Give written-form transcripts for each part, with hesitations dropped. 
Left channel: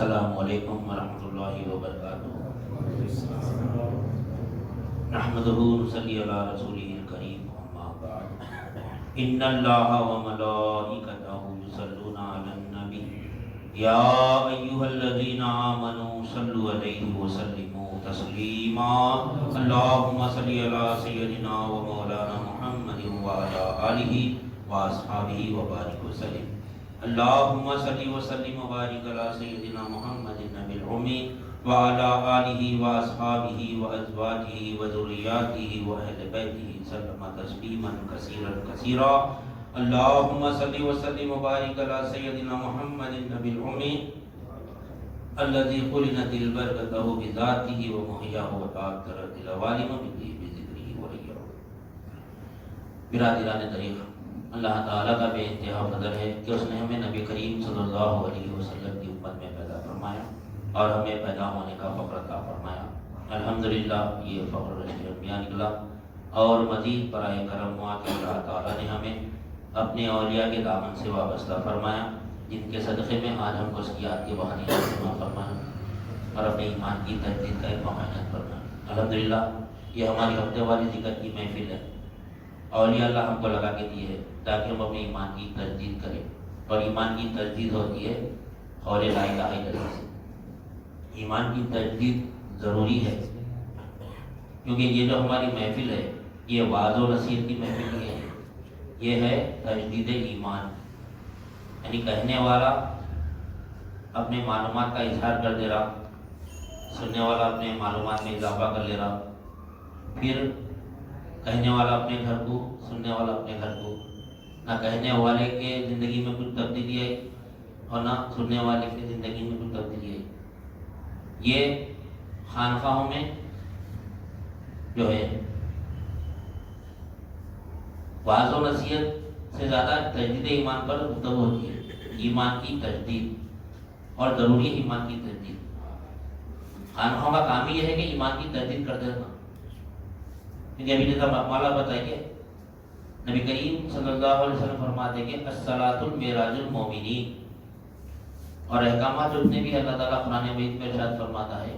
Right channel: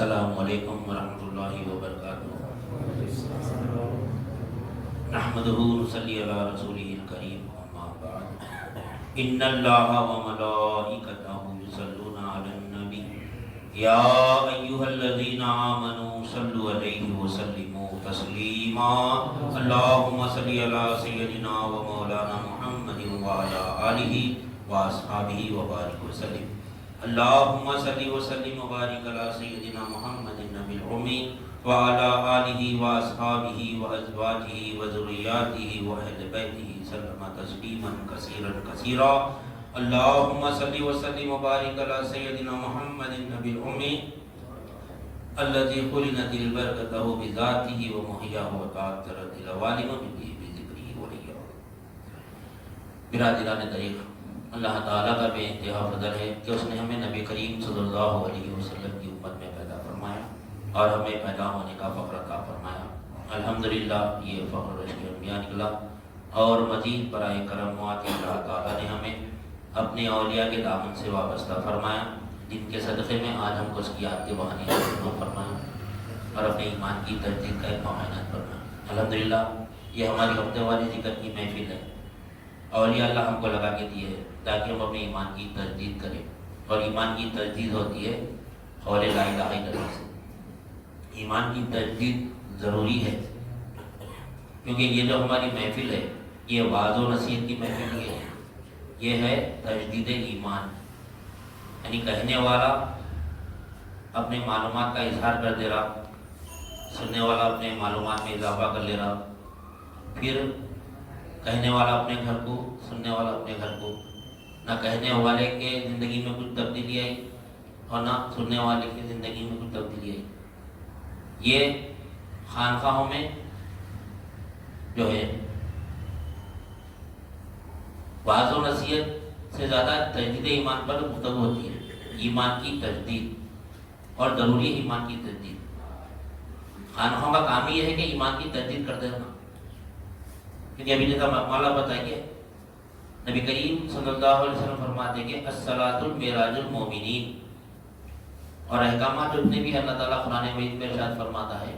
السلام علیکم ورحمۃ اللہ وبرکاتہ۔ نحمدہ ونصلی علی رسولہ الکریم، اما بعد۔ ان اللہ وملائکتہ یصلون علی النبی یا ایھا الذین آمنوا صلوا علیہ وسلموا تسلیما۔ اللہم صل علی سیدنا و مولانا محمد وعلی آلہ واصحابہ وبارک وسلم۔ اللہم صل وسلم وبارک علی سیدنا محمد النبی الامی وعلی آلہ واصحابہ وازواجہ وذریاتہ واہل بیتہ سلم تسلیما کثیرا کثیرا۔ اللہم صل وسلم وبارک علی سیدنا محمد النبی الامی الذی قرنت البرکتہ بذاتہ ومحیاہ وتعطرت العوالم بذکرہ ولیہ۔ برادران طریقہ، اللہ تعالیٰ کا بے انتہا فضل ہے کہ اس نے ہمیں نبی کریم صلی اللہ علیہ وسلم کی امت میں پیدا فرمایا اور ہمیں پیدا ہونے کا فخر عطا فرمایا۔ الحمدللہ یہ فخر رشک انبیاء نکلا، اور مزید برائے کرم ہوا کہ اللہ تعالیٰ نے ہمیں اپنے اولیاء کے دامن سے وابستہ فرمایا، جن کے صدقے میں آج ہم کو اس کی یاد کے بہانے سے فرمایا اور اپنے ایمان کی تجدید کا ایک معائنہ فرمایا۔ الحمدللہ یہ ہماری ہفتے والی ذکر کی محفل ہے۔ اولیاء اللہ ہم کو لگا کے دیے تاکہ ہم اپنے ایمان کی تجدید کریں، اور ایمان کی تجدید ہوتی ہے قول لا الہ الا اللہ سے۔ ایمان کی تجدید ضروری ہے، کیونکہ یہ جو ہماری محفل ہے یہ وعظ و نصیحت کی محفل نہیں ہے، یہ ہے تجدید ایمان، یعنی کہنے والا اپنے معلومات کا اظہار کر دے رہا، سننے والا اپنے معلومات میں اضافہ کر لے رہا، پھر کہنے والا اپنے گھر کو، سننے والا اپنے گھر کو، نہ کہنے والے کے زندگی میں کچھ تبدیلی آئی اور نہ سننے والے کی زندگی میں کچھ تبدیلی آئی۔ یہ خانقاہوں میں جو ہے وعظ و نصیحت سے زیادہ تجدید ایمان پر گفتگو ہوتی ہے، ایمان کی تجدید، اور ضروری ایمان کی تجدید۔ خانقاہوں کا کام یہ ہے کہ ایمان کی تجدید کر دینا، کیونکہ ابھی جیسا مالا بتائیے نبی کریم صلی اللہ علیہ وسلم فرماتے کہ الصلاۃ المعراج المومنین، اور احکامات جتنے بھی اللہ تعالیٰ قرآن مجید میں ارشاد فرماتا ہے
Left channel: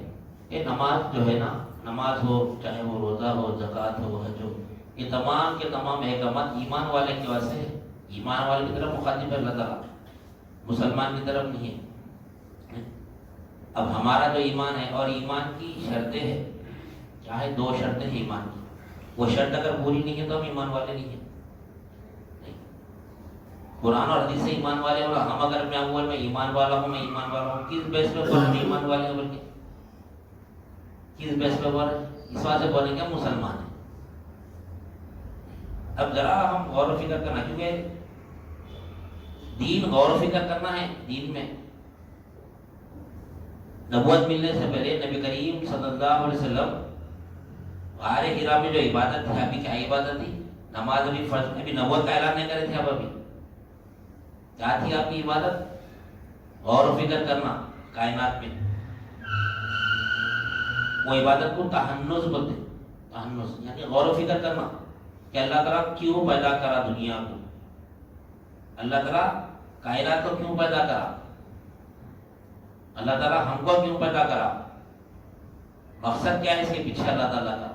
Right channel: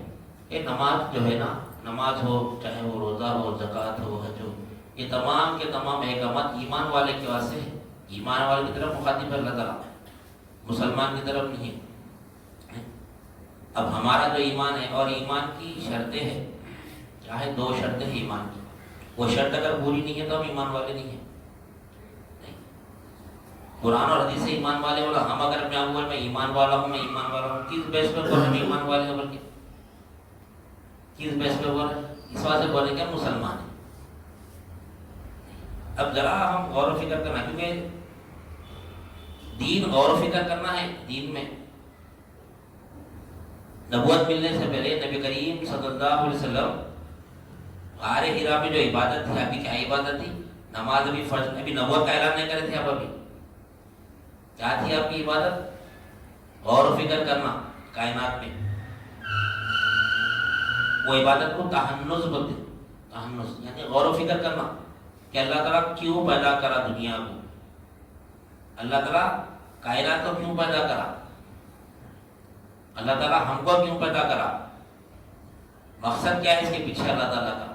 کہ نماز جو ہے نا، نماز ہو چاہے وہ روزہ ہو، زکوٰۃ ہو، حج ہو، یہ تمام کے تمام احکامات ایمان والے کے واسطے ہے۔ ایمان والے کی طرف مخاطب ہے اللہ تعالیٰ، مسلمان کی طرف نہیں ہے۔ اب ہمارا جو ایمان ہے اور ایمان کی شرطیں ہیں، چاہے دو شرطیں ہیں ایمان کی، وہ شرط اگر پوری نہیں ہے تو ہم ایمان والے نہیں ہیں۔ قرآن اور حدیث سے ایمان والے ہوگا، ہم اگر اپنے اول میں ایمان والا ہوں، میں ایمان والا ہوں، کس بیس پہ بولے ہم ایمان والے ہیں؟ بلکہ کس بیس پہ بولے؟ اس واسطے بولیں کہ مسلمان ہیں۔ اب ذرا ہم غور و فکر کرنا، کیونکہ دین غور و فکر کرنا ہے۔ دین میں نبوت ملنے سے پہلے نبی کریم صلی اللہ علیہ وسلم غار حرا میں جو عبادت تھی، ابھی کیا عبادت تھی؟ نماز، ابھی فرض، ابھی نبوت کا اعلان نہیں کرے تھے، ابھی کیا تھی آپ کی عبادت؟ غور و فکر کرنا کائنات میں۔ وہ عبادت کو تحنس بولتے، تحنس یعنی غور و فکر کرنا کہ اللہ تعالیٰ کیوں پیدا کرا دنیا کو، اللہ تعالیٰ کائنات کو کیوں پیدا کرا، اللہ تعالیٰ ہم کو کیوں پیدا کرا، مقصد کیا ہے اس کے پیچھے اللہ تعالیٰ کا۔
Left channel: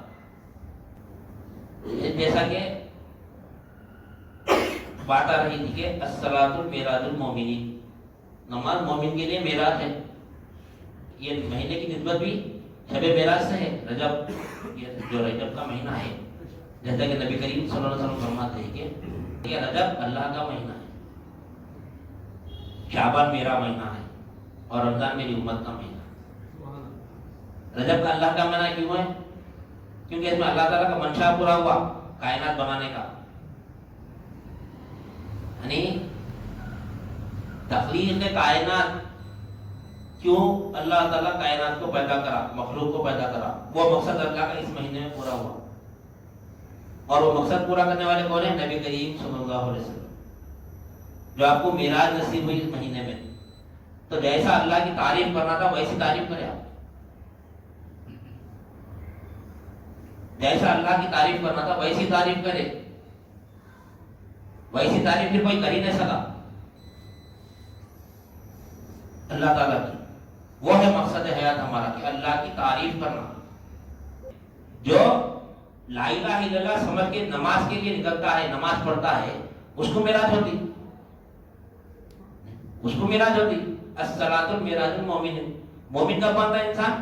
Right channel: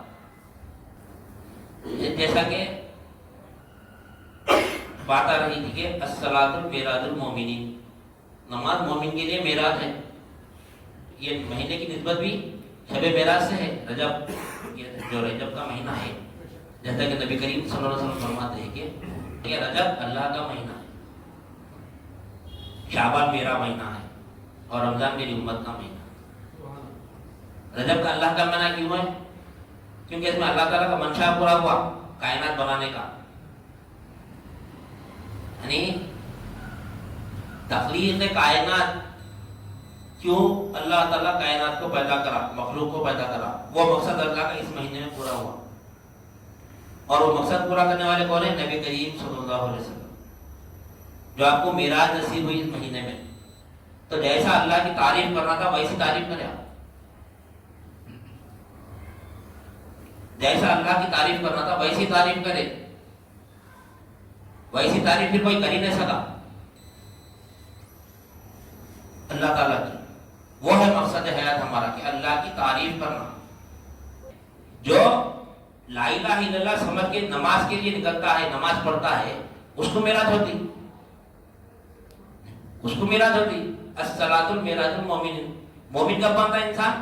جیسا کہ بات آ رہی تھی کہ الصلاۃ المعراج المومنین، نماز مومن کے لیے معراج ہے۔ یہ مہینے کی نسبت بھی شب معراج سے ہے، رجب، یہ جو رجب کا مہینہ ہے، جیسا کہ نبی کریم صلی اللہ علیہ وسلم فرماتے ہیں کہ یہ رجب اللہ کا مہینہ ہے، شعبان میرا مہینہ ہے، اور رمضان میری امت کا مہینہ ہے۔ رجب کا اللہ کا مہینہ کیوں ہے؟ کیونکہ اس میں اللہ تعالیٰ کا منشا پورا ہوا کائنات بنانے کا، یعنی تخلیق کائنات، کیوں اللہ تعالیٰ کائنات کو پیدا کرا، مخلوق کو پیدا کرا، وہ مقصد اللہ کا اس مہینے میں پورا ہوا۔ اور وہ مقصد پورا کرنے والے کون ہیں؟ نبی کریم صلی اللہ علیہ وسلم، جو آپ کو معراج نصیب ہوئی اس مہینے میں۔ تو جیسا اللہ کی تعریف کرنا تھا ویسی تعریف کرے آپ، جیسا اللہ کی تعریف کرنا تھا ویسی تعریف کرے، ویسی تعریف بھی کوئی کر ہی نہیں سکا اللہ تعالیٰ کی۔ وہ ہے مقصد حیات ہمارا کہ اللہ کی تعریف کرنا. جو لا الہ الا اللہ سمجھ کے نماز کے لیے نکلتا ہے، نماز پڑھتا ہے، اس کو معراج ہوتی، اس کو معراج ہوتی. الصلاۃ معراج المومن. مومن کا بنتا ہے انسان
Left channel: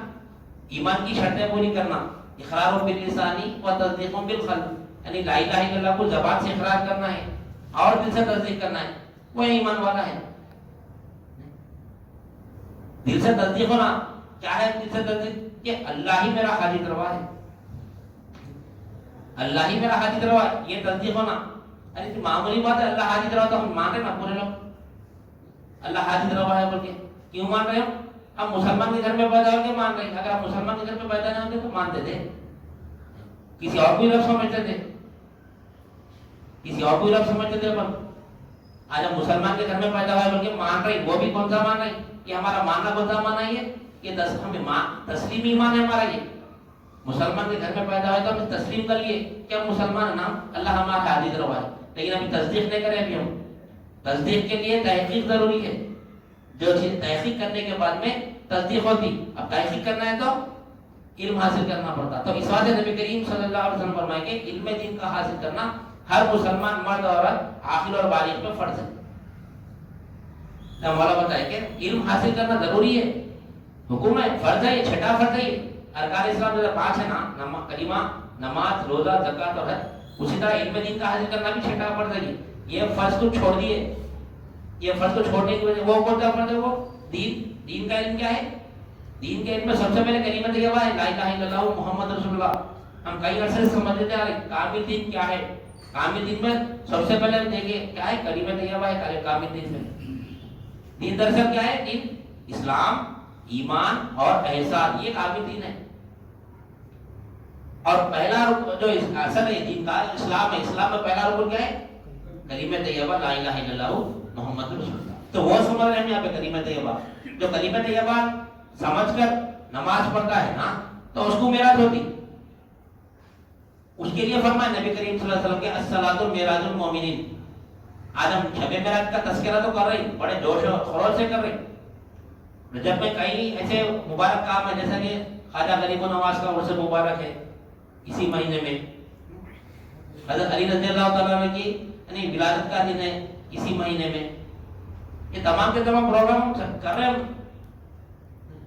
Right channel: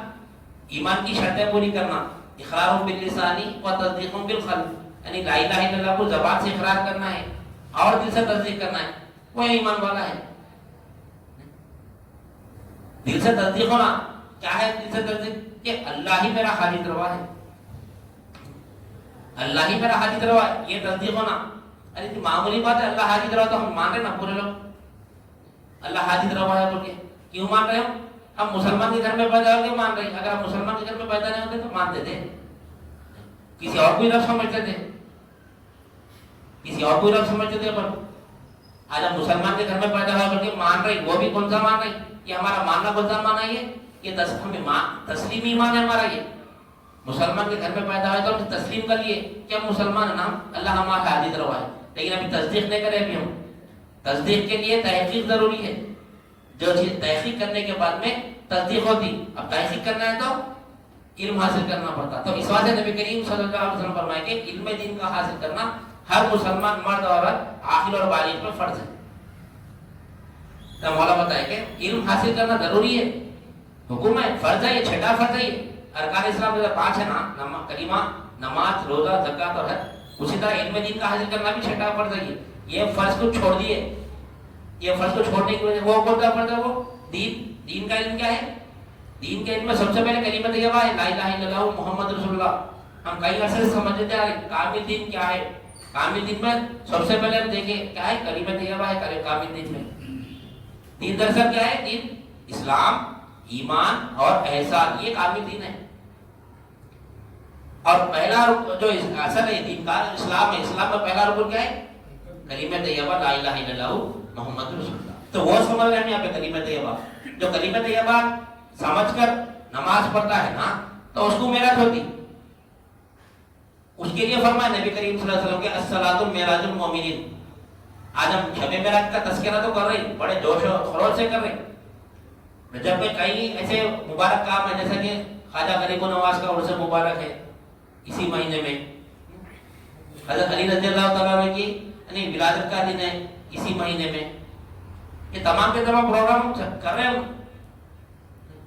ایمان کی شرطیں پوری کرنا، اقرار باللسانی و تصدیق بالقلب، یعنی لا الہ الا اللہ کو زبان سے اقرار کرنا ہے اور دل سے تصدیق کرنا ہے، وہ ایمان والا ہے. دل سے تصدیق ہونا کیا ہے؟ دل سے تصدیق کہ اللہ ہی میرا خالق روا ہے، اللہ ہی میرا حاجت روا ہے، یہ تصدیق ہونا. ارے معمولی بات ہے، اللہ حاجت روا تو ہم مان رہے نا پورے لوگ، اللہ حاجت روا ہے بول کے کیوں مان رہے ہو؟ ہم مسلمان کے گھر میں پیدا ہو کے مان رہے ہیں. اگر ہم مسلمان کے گھر میں پیدا نہیں ہوتے تو مانتے تھے، کسی اور کوئی رب سمجھتے تھے، کسی اور کوئی رب سمجھتے تھے. پر آج ہم مسلمان کے گھر میں پیدا ہوا بول کے مان رہے، وہ بھی کون سا مان رہے؟ یہ ہمارا ماننا کون سا مانا ہے؟ یہ تسلیم ایمان ہے ہمارا. یہ مسلمان کے گھر میں پیدا ہوئے تو ہم تسلیم کر لیے کہ ہم مسلمان ہیں، نام اللہ ہمارا حاجت روا ہے. لیکن ابھی تصدیق نہیں کرے. ابھی ہم تصدیق کے لیے تحقیق ضروری ہے. جو چیز تحقیق کرنے کے بعد میں تصدیق ہوتی. اب تحقیق کرنا ہے تو علم حاصل کرنا پڑتا. تو اس واسطے نبی کریم صلی اللہ علیہ وسلم فرمائے کہ علم دین کا حاصل کرنا ہر مسلمان مرد عورت عاقل اور بالغ پہ فرض ہے. مولا بتائے کہ علم حاصل کرنا ضروری ہے، حکم ہے، فرض ہے. یہ چھٹا فرض ہے. ارکان اسلام جو 5 ہے نا، کلمہ، نماز، روزہ، زکات اور حج، اسی طرح علم دین کا حاصل کرنا بھی چھٹا فرض ہے. یہ فرض کو چھوڑ دیے، یہ فرض کو چھوڑنے کی وجہ وہ کون سا فرض ہے؟ وہ دین کا علم. کیا ہے دین کے علم میں؟ سب سے پہلے کلمہ طیبہ ہے، لا الہ الا اللہ محمد رسول اللہ. ہم کئی عرصے سے سمجھتے آ رہے کامل دین کیا ہے. کامل دین میں سب سے پہلے دیکھیں کیا ہے؟ کلمہ طیبہ ہے. کامل دین میں دین دراصل کیا ہے؟ دین اسلام، ایمان اور احسان، یہ کامل دین ہے. اور پہلا جو اصل ہے دین کا اسلام ہے. اسلام میں پہلا رکن کیا ہے؟ کلمہ طیبہ لا الہ الا اللہ محمد رسول اللہ. تو وہ سمجھ رہے ہیں یہاں پہ کلمہ طیبہ. جو کلمہ طیبہ سمجھ کر نماز پڑھتا ہے نا تو اس کو معراج ہوتی. اس کے لیے فرمایا نبی کریم صلی اللہ علیہ وسلم کے الصلاۃ معراج المومنین. آج ہم شب معراج کا تذکرہ تو کر رہے ہیں، بڑے جوش و خروش سے کر رہے ہیں. جب کہ کئی ایسے مبارک کام ہے جیسا کہ خواجہ غریب نواز کا عرس مبارک ہے اسی مہینے میں، حضرت علی رضی اللہ تعالیٰ عنہ کی یعنی ولادت کا دن ہے اسی مہینے میں. یہ تمام کے تمام پروگرام کر رہے ہیں ہم،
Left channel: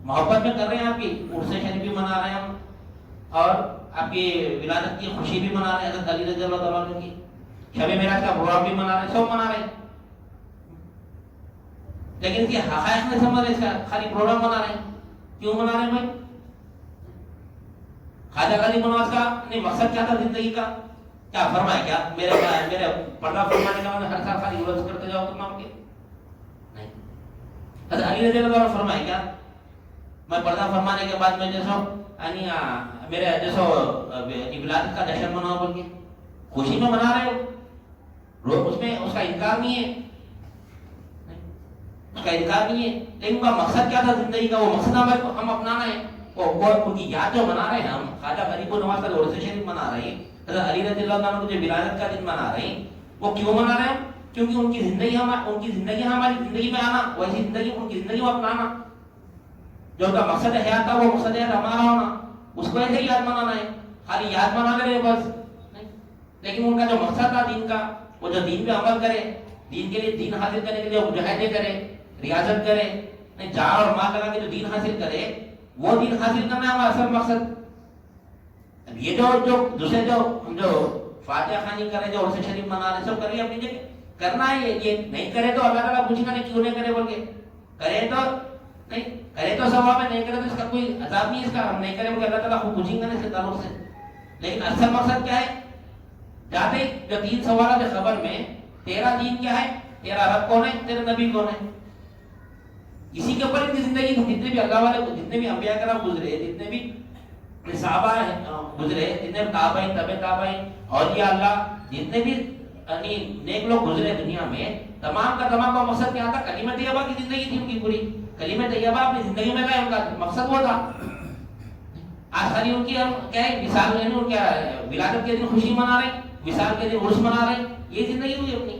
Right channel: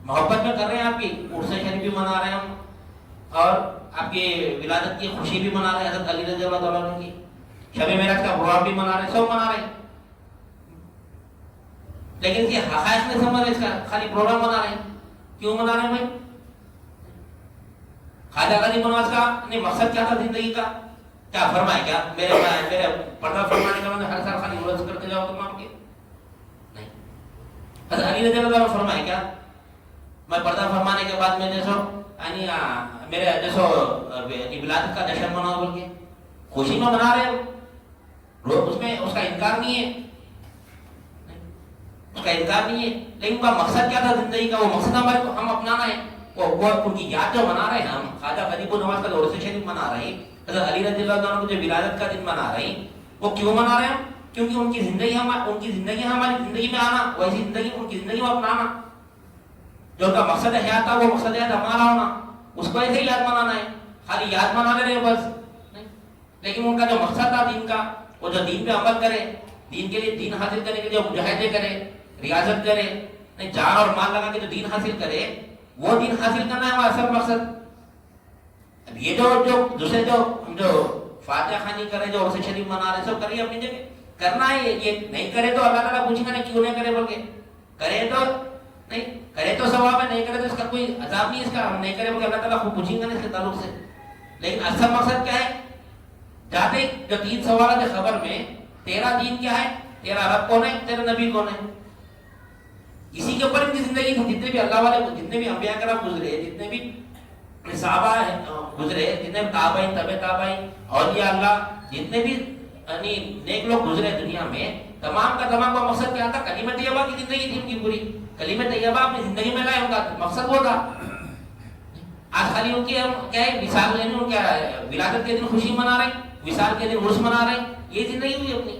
محبت میں کر رہے ہیں. آپ کی عرس شریف بھی منا رہے ہیں ہم، اور آپ کی ولادت کی خوشی بھی منا رہے ہیں حضرت علی رضی اللہ تعالیٰ عنہ کی. شب معراج کا پروگرام بھی منا رہے ہیں، سب منا رہے ہیں. لیکن اس کے حقائق نہیں سمجھ رہے، اس کا خالی پروگرام منا رہے ہیں. کیوں منا رہے ہیں بھائی؟ خواجہ غریب نواز کا مقصد کیا تھا زندگی کا؟ کیا فرمائے؟ کیا میرے پردہ فرمانے کا ہر سال خالی عرس کرتے جاؤ تم آپ کے؟ نہیں. حضرت علی رضی اللہ عنہ فرمائے کیا میں پردہ فرمانے کے بعد میں جیسو یعنی میرے جیسو ولادت کا جشن مناؤ بول کے خوشی میں منا رہے ہو، اس میں اس کا انکار نہیں ہے، اس کا انکار نہیں ہے. لیکن ان کا مقصد کیا تھا زندگی کا؟ وہ مقصد ہمارے کو ہم اپنانا ہے. وہ ان کی یاد جو منا رہے ہیں ہم، خواجہ غریب نواز کا عرس شریف منا رہے ہیں، حضرت علی رضی اللہ عنہ جو ولادت کا دن منا رہے ہیں. وہ کیوں منا رہے ہیں؟ کیونکہ ان کی زندگی ہماری زندگی میں آنا، ویسی زندگی ان کی زندگی میں اپنانا. جو ان کا مقصد حیات تھا وہ مقصد حیات ہمارا ہونا، اس کو ایسے ہی یاد منانا ہے. خالی یاد منا رہے بس نہیں. لیکن ان کا جو مقصد تھا دین کا، وہ جو دین پہ عمل کرے، دین کے لیے دین حاصل کرنے کے لیے مجاہدے کرے، ریاضت کرے، نہیں جان اور مال لگا کے جو دین حاصل کرے، وہ دین حاصل کرنا ہے ہمارا اصل مقصد. اب یہ جو دوسرے جو ہم جو فاتحہ خوانی کرے، جو عرس شریف منا رہے، سب کریے اپنی جگہ. کرنا ہے یہ نہیں کرے تو اللہ تعالیٰ پوچھے گا نہیں کیوں نہیں کرے بول کے. کرے تو نہیں، کرے تو ثواب ہے، نہیں کرے تو اس کا کوئی عذاب نہیں. اس کا ہم نہیں کرے بول کے اللہ تعالیٰ خوب پوچھیں گا نہیں اس کے تعلق سے. لیکن اصل مقصد کیا ہے؟ جاتے جو 3 سوالات ہے خبر میں، تیرا دین کیا ہے، تیرا رب کون ہے، تیرا نبی کون ہے. اسی کے اوپر ان کی زندگی تھی. جتنے بھی اللہ والے، جتنے بھی انبیاء کرام گزرے، جتنے بھی صحابہ گزرے، جتنے بھی تابعین، تبع تابعین، اولیاء اللہ، جتنے بھی یعنی نیک لوگ گزرے دنیا میں، تمام کا تمام کا مقصد کیا تھا؟ کلمہ طیبہ کی زندگی تھی ان کی پوری. کلمہ طیبہ اپنی زندگی میں لائے، ان کا مقصد وہ تھا. آج خالی ان کی کیا ہے وصال، یعنی ان کیا ولادت کے دن خوشی منا رہے ہیں، وصال کے دن عرس منا رہے ہیں، یہ زندگی ہوئی اپنی.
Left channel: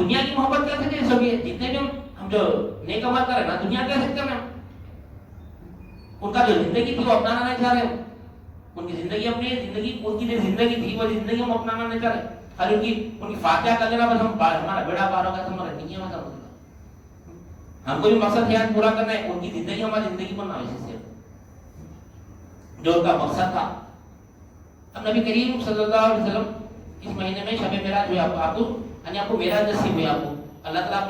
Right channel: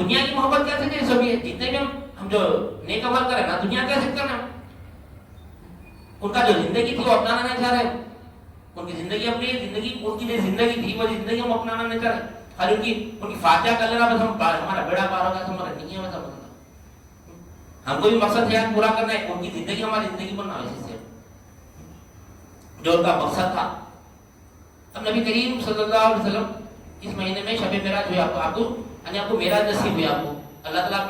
دنیا کی محبت کیسے نہیں سبھی ہے؟ جتنے بھی ہم جو نیک عمل کریں نا دنیا کیسے کرنا، ان کا جو زندگی تھی وہ اپنانا نہیں چاہ رہے، ان کی زندگی اپنی زندگی، ان کی جو زندگی تھی وہ زندگی ہم اپنانا نہیں چاہ رہے، اور ان کی فاتحہ کر لینا بس ہمارا بیڑا پار ہوگا، ہمارا نہیں ہے مطلب ہم کو بھی مقصد حیات پورا کرنا ہے، ان کی زندگی ہماری زندگی بننا ہے، اسی سے جو ان کا مقصد تھا۔ اب نبی کریم صلی اللہ علیہ وسلم اس مہینے میں شب معراج ہوئی، آپ کو معراج نصیب ہوئی، آپ کو اللہ تعالیٰ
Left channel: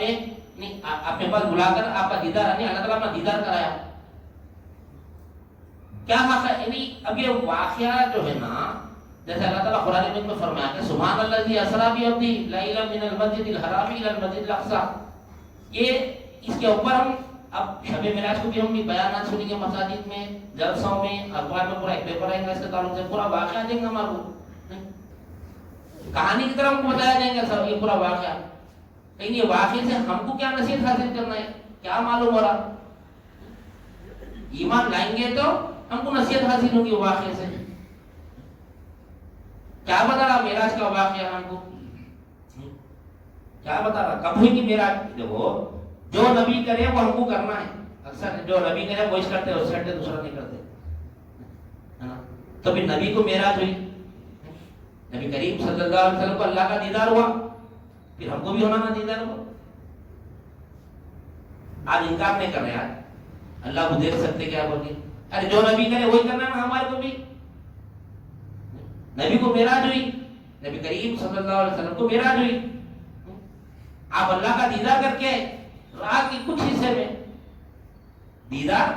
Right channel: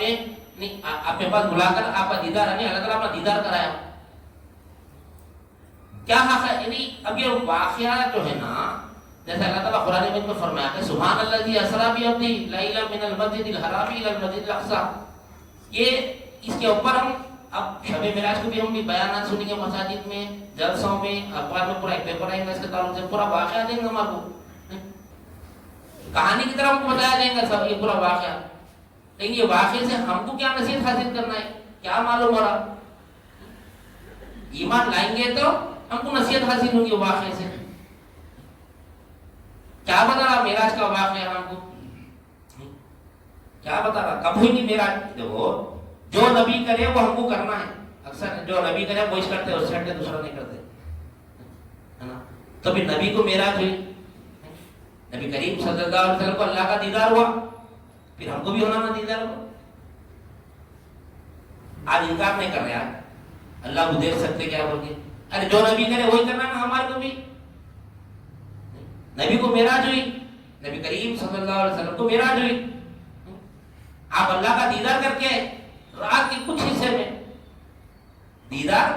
نے اپنے پاس بلا کر آپ کا دیدار اللہ تعالیٰ اپنا دیدار کرایا۔ کیا حق ہے؟ یعنی اب یہ واقعہ جو ہے نا، جیسے اللہ تعالیٰ قرآن مجید میں فرمایا کہ سبحان الذی اسریٰ بعبدہ لیلا من المسجد الحرام الی المسجد الاقصی، یہ اس کے اوپر ہم اب شب معراج کو بھی ہم بھی بیانات سنیں گے مساجد میں، جلسوں میں، اخبار میں پورا ایک پیپر آئے گا اس کے تعلق سے، پورا واقعہ دیں گے ہمارے کو، کہانی کی طرح ہم کو بتایا جائے گا سب یہ پورا واقعہ، لیکن یہ واقعے سے ہم کو کیا نصیحت حاصل کرنا ہے، کیا معلوم ہو رہا؟ ایمان لائیں گے تو ہم کو نصیحت حاصل ہوگی واقعے سے۔ کیا بتا رہا معراج کا واقعہ ہم کو؟ کیا بتا رہا؟ کب ہوئی معراج؟ دیکھو جو نبی کرے وہ ہم کو کرنا ہے، اکثر جو نبی کرے وہ اس کرتے ہیں، اس سے ہٹے دوسرا نہیں کرتے، ہے نا؟ تو پھر نبی کو معراج ہوئی، نبی کریم صلی اللہ علیہ وسلم کو اللہ کا دیدار ہوا، پھر ہم کو بھی ہونا نا دیدار ہوا۔ آج انکار نہیں کر رہے، آج اللہ کو دیکھ سکتے کیا بول کے، ارے جو نبی کرے وہی کرنا نا ہمارے کو بھی۔ نبی کو معراج ہوئی، نبی کریم صلی اللہ علیہ وسلم کو معراج ہوئی، آپ اللہ کا دیدار کر کے رات کے کچھ حصے میں، دیدار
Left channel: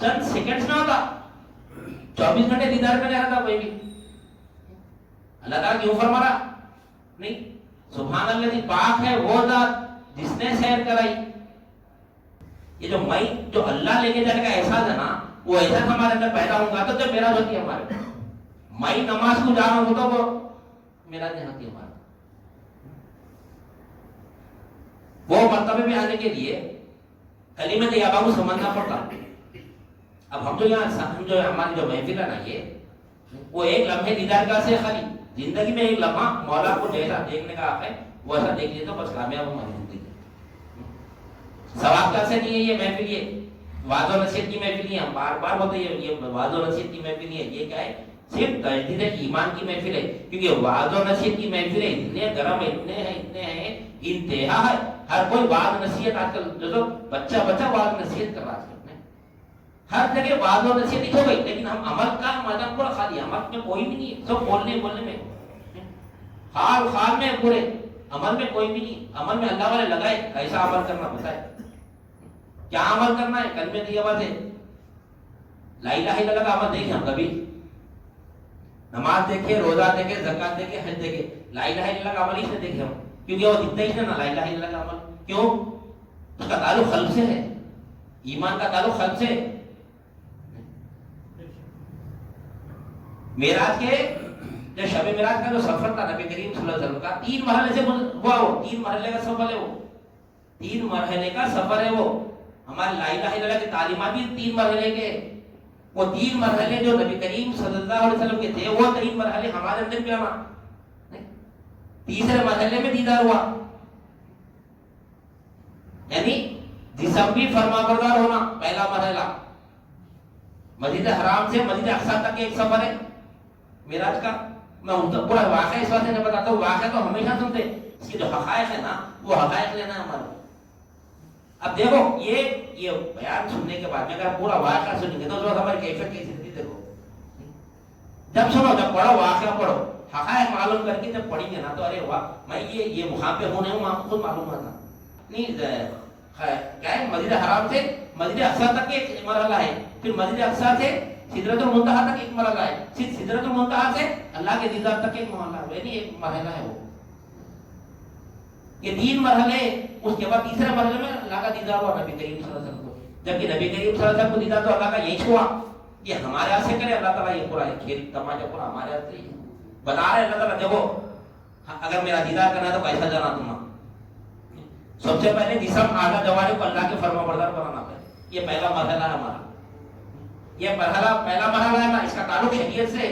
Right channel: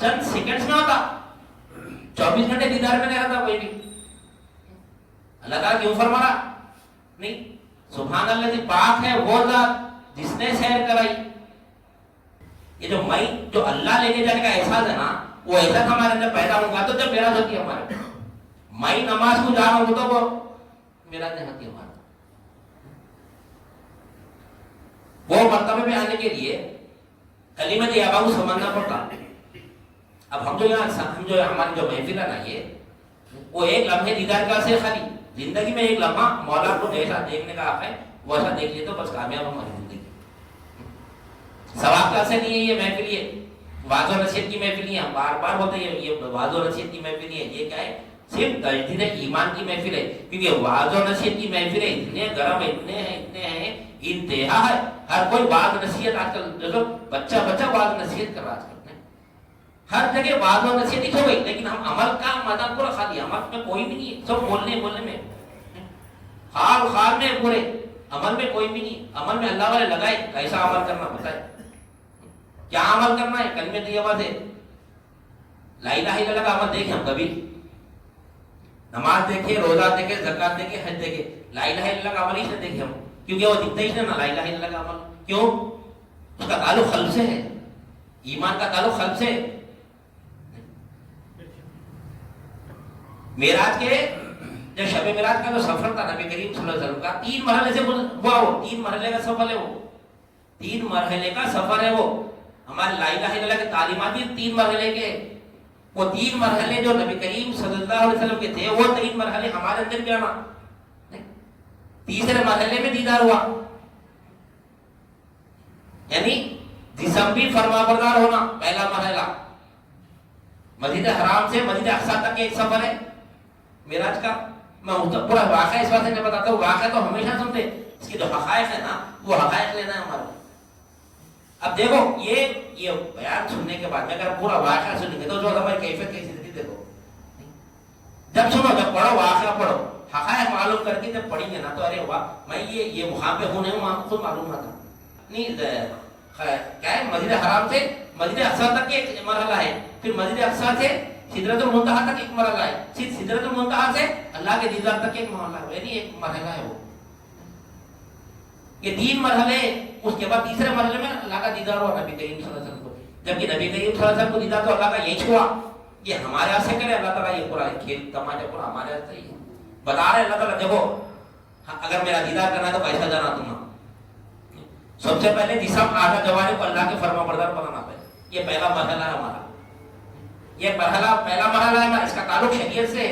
چند سیکنڈز میں ہوتا، 24 گھنٹے دیدار میں نہیں رہتا کوئی بھی۔ اللہ تعالیٰ کیوں فرما رہا؟ نہیں، سبحان اللہ کی پاک ہے وہ ذات جس نے سیر کرائی۔ یہ جو میں جو اللہ لے کے جانے کا احساس ہے نا، وہ احساس ہمارے اندر پیدا ہوگا تو جب معراج ہوتی ہے ہمارے، میں نماز کو جانا ہوتا وہ معراج نہیں ہوتی ہمارے۔ وہ مرتبے میں آنے کے لیے کلمہ طیبہ کو سمجھنا پڑتا۔ اب ہم جو یہاں ہماری جو محفل ہے نا، یہ وہ ایک لمحے دیدار کا سے خالی زندگی میں ایک لمحہ مولا کو جیسا دیکھنے کا حق ہے ویسا دیکھ لیے تو بس کامیاب ہماری زندگی۔ ثواب کا سے نہیں ہے یہ محفل، یہ واضح و نصیحت کی محفل ہے، بار بار بولتے ہیں یہ واضح و نصیحت کی محفل ہے، یہ کیا ہے؟ صرف تجدید ایمان کی محفل ہے، کیونکہ واضح و نصیحت کی محفل ہے، اتنے گرم اتنے ہیں انتہا ہے، ہر کوئی واضح نصیحت آج کل جو بچہ واضح نصیحت کر رہا ہے، ہر جگہ واضح و نصیحت ہو گئی، لیکن ہم عمل کا میدان کو رکھا دیا، عمل میں کوئی بھی نہیں ہے، سب بولنے میں، حال میں پورے، عمل میں کوئی بھی نہیں، عمل میں اللہ والے لگائے ایسا عمل کرنا بتائے، کیا عمل کرنا ہے؟ کلمہ طیبہ سے لا الہ الا اللہ کا عمل دیکھیں ہم کبھی، نماز دیکھیں، روزہ دیکھیں، زکات دیکھیں، حج دیکھیں، لا الہ الا اللہ کا عمل ہی سے دیکھیں ہم، کیونکہ وہ دکھتا ہی نہیں نا لا الہ الا اللہ کا عمل، کیوں؟ اس کا تعلق قلب سے ہے، ایمان کا تعلق قلب سے۔ معراج کے جو شب معراج کا جو سفر تھا نبی کریم صلی اللہ علیہ وسلم کا 3 مرحلے سے ہوا، وہ 3 مرحلے کا سفر ہے، وہ 3 مرحلے کا سفر ہے، وہ ہمارے لا الہ الا اللہ کے تعلیمات بھی 3 مرحلے کے، وہ 3 مرحلے جو نبی کریم صلی اللہ علیہ وسلم کے تھے وہ 3 مرحلے ہمارے اندر بھی آنا، تیسرے مرحلے میں دیدار ہوا، یعنی جسم بھی فرما بردار ہونا، پہلا مرحلہ مسجد حرام سے مسجد اقصی تک ایک سفر ہے معراج کا۔ میں پورا واقعہ اس واسطے میں بتاتا ہوں، واقعہ تو ہمیشہ سنتے، اس کی جو حقائق ہے نا وہ حقائق لینا ہے ہمارا۔ اب دیکھو یہ بیان سننے کے بعد میں اگر پورا واقعہ سنیں گے تو جو ہماری کیفیت کیسی تھی دیکھو، جب سنو جب پڑھو واقعہ پڑھو، حقائق معلوم کر کے جب پڑھیں گے نا تو ارے واہ میں یہ وہاں پہ ہونے وہاں خود معلوم نہ تھا، نہیں کیا ہے مسجد حرام سے مسجد اقصی تک ایک مرحلہ ہے، پھر مسجد اقصی سے سدرۃ المنتہا تک ایک مرحلہ ہے، پھر سدرۃ المنتہا سے اللہ کے دیدار تک ایک مرحلہ ہے، یعنی ایک مرحلہ ہے وہ، یہ 3 مرحلے، اس کے بعد تیسرے مرحلے میں اللہ کا دیدار ہوا نبی کریم صلی اللہ علیہ وسلم کو، جبکہ نبی کریم صلی اللہ علیہ وسلم کو دیدار تو اللہ کا یہی چھوا، یہ ہمارے ہاتھ سے کرے اللہ تعالیٰ، یہ پورا کھیل تماچا پورا ہمارے ہاتھ سے ہی بتا رہے اللہ تعالیٰ، دیکھو اگر میرا دیدار کرنا ہے تو کیسا جانا تم، سب سے پہلے جسم آدھا جوارے کو اللہ کے فرما بردار بنانا پڑے، یہ پہلا مرحلہ ہے ہمارا، یہ پہلا مرحلہ ہے، اس کا تعلق شریعت سے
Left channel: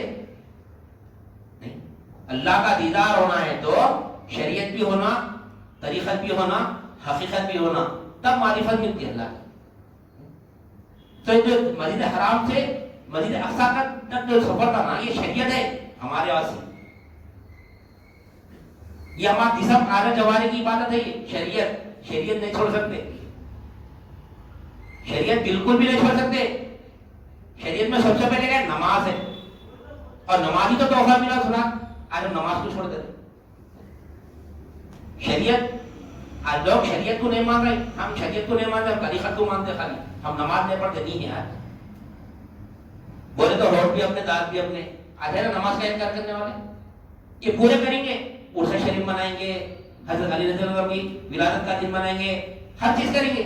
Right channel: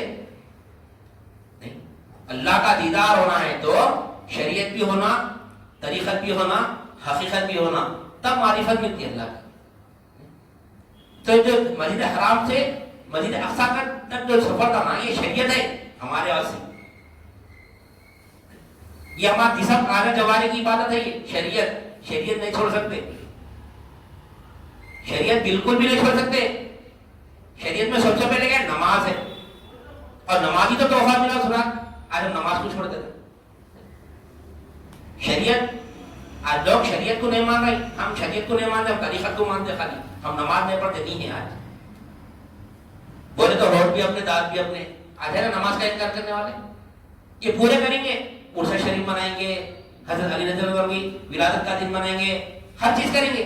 نہیں، اللہ کا دیدار ہونا ہے تو شریعت بھی ہونا طریقت بھی ہونا، حقیقت بھی ہونا، تب معرفت ملتی ہے اللہ کی۔ تو جو مسجد حرام سے مسجد اقصی تک جو سفر کرنا یہ شریعت ہے ہمارے واسطے، یہ ہمارا جسم آگے جوارے کی عبادت ہے، یہ شریعت نہیں چھوڑ سکتے، شریعت بالکل بھی نہیں چھوڑ سکتے۔ شریعت میں سب سے پہلے کیا ہے؟ نماز ہے، اور نماز ہی تو تحفہ ملا سنا، آج ہم نماز کو چھوڑ دیتے۔ شریعت آج لوگ شریعت کو نہیں مان رہے، ہم شریعت کو نہیں مانتے، ہم طریقت کو مانتے، خالی ہم نماز نہیں پڑھتے نہیں ہے آج۔ بولے تو روٹ بھی اپنے، دانت بھی اپنے، آج ہے نا نماز کا انکار کرنے والے، یہ پورے کریں گے، عرس شریف منائیں گے، حضرت علی رضی اللہ عنہ کی ولادت کا دن منائیں گے، ہر چیز کریں گے،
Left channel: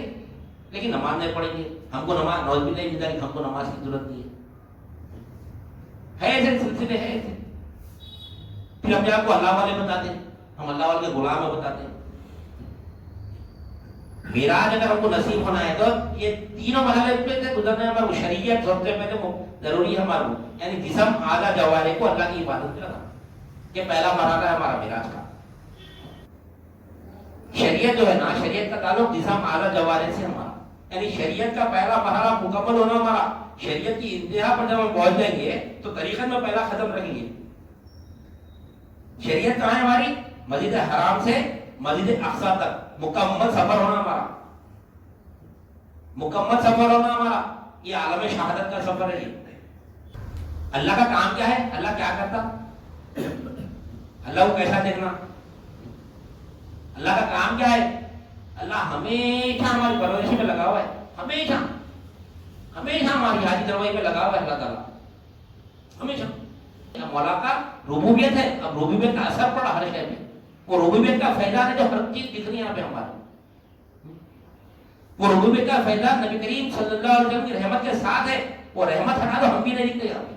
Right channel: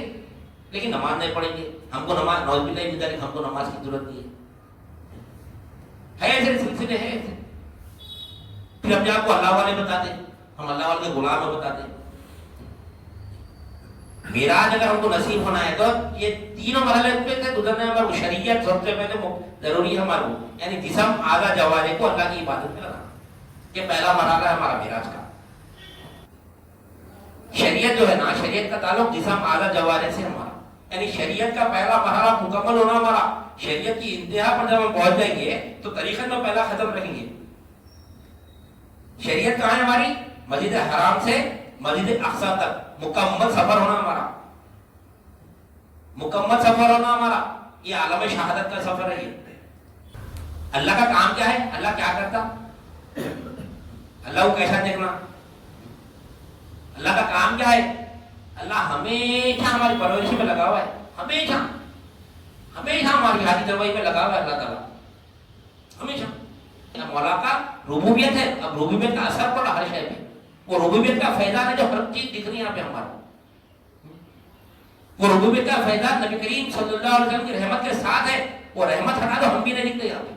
لیکن نماز نہیں پڑھیں گے۔ ہم کو نماز نوز بھی نہیں ملتا، ہم کو نماز کی ضرورت نہیں ہے ایسے سلسلے ہیں ایسے۔ پھر ہم آپ کو اللہ والے بتاتے، ہم اللہ والے کے غلام بتاتے۔ معراج اگر ہم کو نصیب ہونا ہے تو یہ تینوں مرحلے پہ سے گزرنا ہے، ہمارا شریعت سب سے پہلے ضروری ہے ہمارا، یعنی جسم آدھا جوارے کو اللہ کی عبادت کرنا، یہ پہلا مرحلہ ہے ہمارا معراج کا۔ شریعت جو ہے نا، شریعت کا تعلق جسم آدھا جوارے سے ہمارا، یعنی شریعت کا پہلا مرحلہ مکمل ہونا ہمارا۔ شریعت کی انتہا پر جب ہم پہنچ جائیں گے تو طریقت میں پہلا ختم رکھیں گے۔ شریعت کہاں ہے ہماری؟ مسجد حرام سے مسجد اقصی تک مکمل سفر ہونا ہمارا، مکمل سفر ہونا ہمارا، یہ عالم شہادت کا سفر ہے۔ یہ اللہ کا کام کیا ہے؟ اللہ کیا کرتا؟ اللہ کو کیسا دیکھنا؟ اللہ کا کام کیا ہے؟ اللہ ہمیشہ ہماری پرورش میں لگا ہوا ہے، ہمیشہ ہمیشہ ہماری حاجی دروائی میں لگا ہوا ہے اللہ تعالیٰ، ہمیشہ۔ مولا کا ربوبیت ہے، اب ربوبیت کا اثر پڑا ہر شے میں، وہ ربوبیت کا فیضان ہے جو ہر چیز دکھ رہی ہے یہاں پہ ہمارے، وہ ربوبیت کا فیضان نبی کریم صلی اللہ علیہ وسلم کی رحمت کے ساتھ ہے، وہ رحمت ہٹا دو ہم بھی نہیں دکھتے یہاں پہ،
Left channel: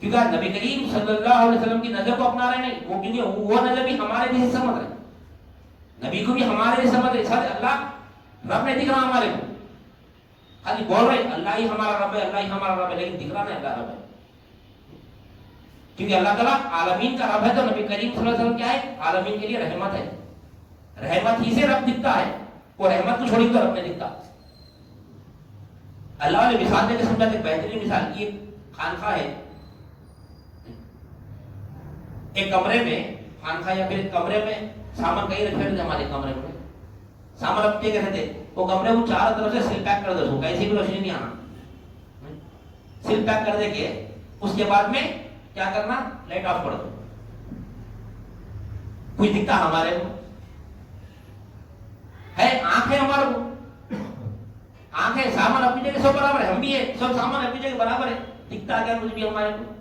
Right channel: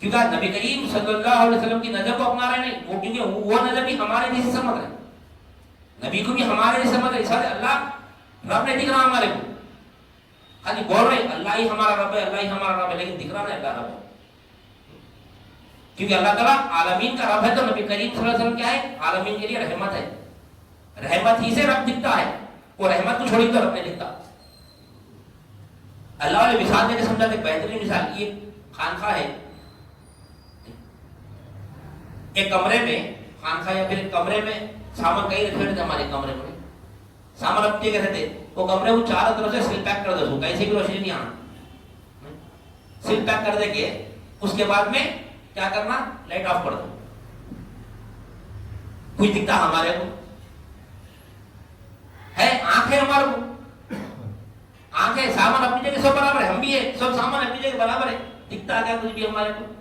کیونکہ نبی کریم صلی اللہ علیہ وسلم کی نظر کو اپنا رہے نہیں، وہ کیونکہ وہ نظر بھی ہمارے جیسے سمجھ رہے، نبی کو بھی ہمارے جیسے سمجھ رہے، اللہ رب نہیں دکھ رہا ہمارے کو، خالی بول رہے اللہ ہی ہمارا رب ہے، اللہ ہی ہمارا رب ہے، لیکن دکھ رہا نہیں اللہ رب ہے، کیونکہ اللہ تعالیٰ عالمین کا رب ہے، تو نبی کریم صلی اللہ علیہ وسلم کیا ہے؟ عالمین کے لیے رحمت ہے، رحمت ہی سے رب دکھتا ہے، وہ رحمت کو چھوڑی تو رب نہیں دکھتا۔ اللہ والے مثال دے کے سمجھاتے، بہترین مثال یہ خانقاہ ہے، ایک کمرے میں خانقاہ یا پھر کمرے میں سامان کہیں رکھے رہتے، ہمارے کمرے میں سامان رکھتے کے رہتے، وہ کمرے کو چاروں طرف سے سیل پیک کر دو، کیسے بھی روشنی نہیں آنا، سیل پیک کر دے کے اس کے بعد میں کیا کرنا؟ لائٹ آف کر دو، کچھ دکھتا ہمارے کو ہے؟ آنکھ ہے ہمارے کو، آنکھ ہے، سامان اپنی جگہ سب برابر ہے، ہم بھی ہے، سب سامان اپنی جگہ برابر ہے، دکھتا کیا کچھ بھی ہمارے کو؟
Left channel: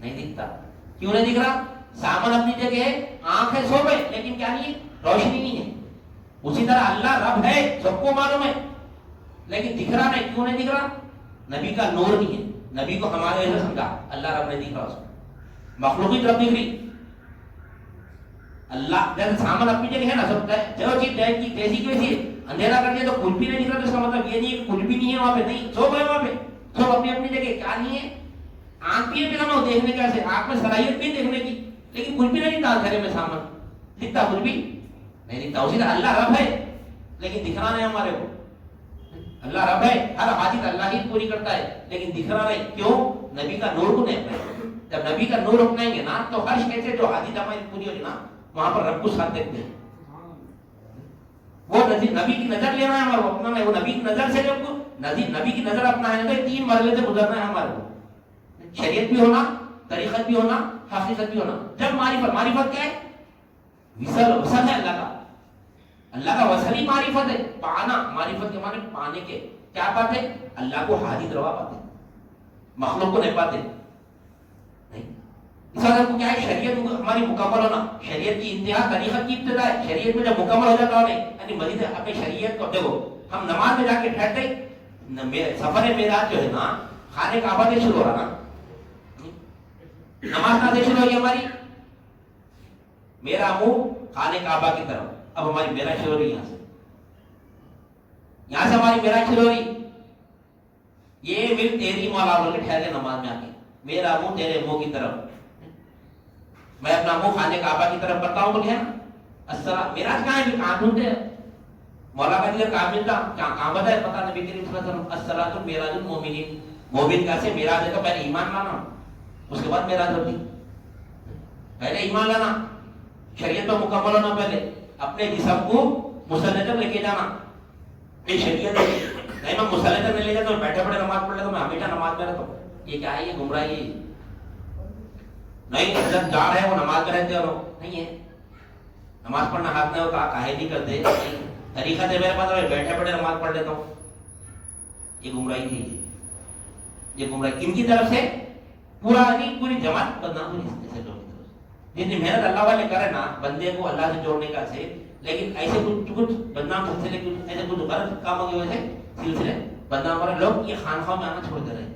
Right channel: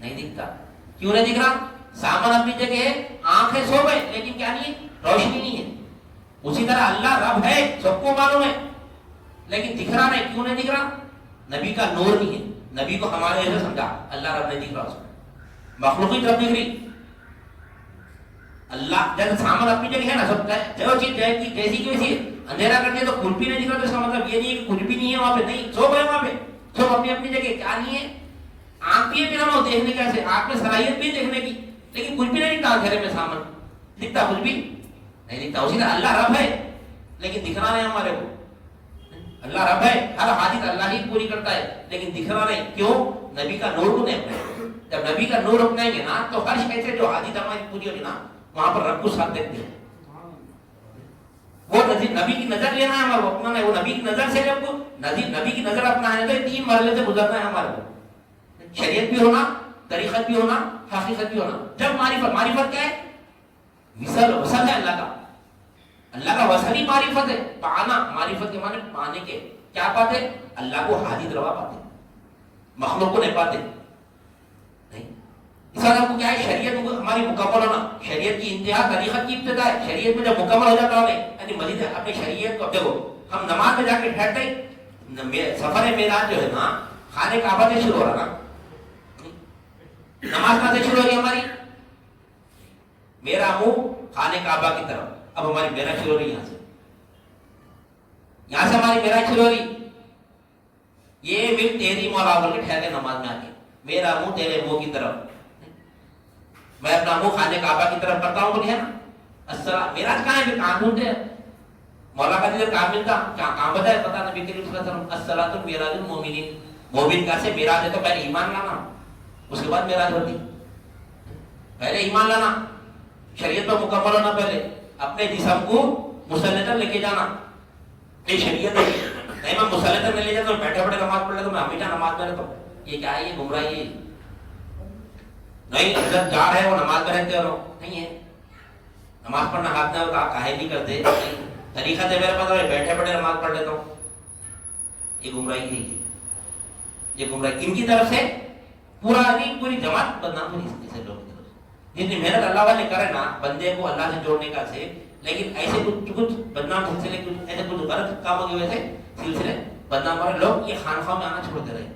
نہیں دکھتا۔ کیوں نہیں دکھ رہا؟ سامان اپنی جگہ ہے، آنکھ ہے، سب ہے، لیکن کیا نہیں ہے؟ روشنی نہیں ہے۔ اسی طرح اللہ رب ہے، سب کو معلوم ہے، لیکن دکھ رہا نہیں۔ کیوں نہیں دکھ رہا؟ نبی کا نور نہیں ہے، نبی کو ہمارے ایسے سمجھا، اللہ رب نہیں دکھ رہا، اس کو مخلوق کی طرف دکھ رہی۔ اللہ جیسے سامان اپنی جگہ ہے نا، سب جو چیز جیسی کی ویسی ہے، اندھیرا کر دیا تو کچھ بھی نہیں دکھ رہا، تو اس کا مطلب یہ نہیں ہے کہ کچھ بھی نہیں ہے وہاں پہ، نہیں، سب ہے وہاں پہ، سب اپنی اپنی جگہ۔ کیا نہیں ہے؟ آنکھ بھی ہے پھر ہم دیکھنے کے، ایسے آنکھ میں صلاحیت بھی دیکھنے کی، لیکن کچھ بھی نہیں دکھتا، اندھیرے میں سامان دکھتا کچھ بھی نہیں دکھتا۔ اسی طرح اللہ رب ہے، لیکن دکھ رہا نہیں ہمارے کو۔ اللہ رب ہے، ہر حاجت اللہ ہی پوری کرتا ہے، لیکن دکھ رہا نہیں۔ کیوں؟ نبی کا نور کو نہیں اپنائے۔ جب نبی کا نور اپنائیں گے نا تو ہر شے سے جو حاجت ہماری پوری ہوگی نا، وہاں پر رب کو ساتھ دیکھتے ہیں۔ وہ نبی کی نظر لینا ہے ہمارے کو، اپنا ہے، وہ نبی کی نظر سے جب کو نبی کی نظر اپنا ہے تو تین مرحلے سے گزرنا ہے ہمارے کو، شریعت بھی ہونا، طریقت بھی ہونا، حقیقت بھی ہونا۔ جب معرفت کیا ہے؟ وصل ہے اللہ کا، اللہ کا وصل ہی معرفت ہے۔ پانا، معرفت کے معنی پانے کے، کیا پاتے؟ اللہ کو حاجت روا پاتے، مخلوق کو نہیں پاتے۔ نہیں، اس طرح کو کیا ہے؟ شریعت ہماری مکمل ہونا، شریعت کی انتہا طریقت کی ابتدا ہے۔ شریعت میں جب مکمل ہو جاتا ہے، یعنی مزید اپنے شریعت کو دیکھو، ہم نماز میں جا کے ٹھہرتے، سفر معراج جو ہے نا، خانہ کعبہ سے شروع ہو رہا نا، نماز کہاں سے شروع ہوگی ہماری؟ میرا منہ خانہ کعبہ کی طرف، اب ہماری معراج شروع ہو رہی یہاں سے، یہاں سے ہماری معراج شروع ہو رہی۔ یہ بھی تیری مولا بول کے ٹھہر کے نماز میں آ کے، میرا منہ تیرے منہ کی طرف، میں اپنا منہ خانہ کعبہ کی طرف کرتا ہوں، بولیے نا، میراج کہاں ہے کہ کہاں ڈھونڈتے ہیں؟ مولا کا دیدار کہاں ملتا؟ کہاں بتایا پتا نبی کریم صلی اللہ علیہ وسلم الصلاۃ میراج المومنین، مومن کا سے میراج ہے تو پہلے ایمان لانا، اس کے بعد میراج ہوتی، پہلے ایمان لانا، شریعت پر مکمل ہونا، پہلے اپنے جسم کو مسلطن لے کے جانا، نہیں شریعت ہے نہیں میں مسلطن نہیں لے جاتا، بیٹھے بیٹھے نماز پڑھ لیتا، میں ہمیشہ نماز میں رہتا ہوں، یہ کیا ہے؟ یہ گمراہی ہے، نہیں عزت دار ہے وہ نماز میں رہتے ہو نہیں ہے، نماز پڑھنا ہاتھ میں ہوتا کاہے نہیں کرتے، طریقہ ہے میرے پاس بیٹھے بیٹھے نماز پڑھ لیتا ہوں، یہ گمراہی ہے، یہ گمراہی کن کی طرف سے؟ پورا نہیں پوری جماعت بدنام ہوئی اس سے لوگ، جتنی محنت اللہ والے کرے نا بندے کو اللہ سے جوڑنے کا سے، لیکن ایسے کچھ بدنام سلسلے ایسے کچھ غلط کاموں کی وجہ سے سلسلے بدنام ہو رہے، لوگ یہ خانخواہ میں آنا چھوڑ دے رہے،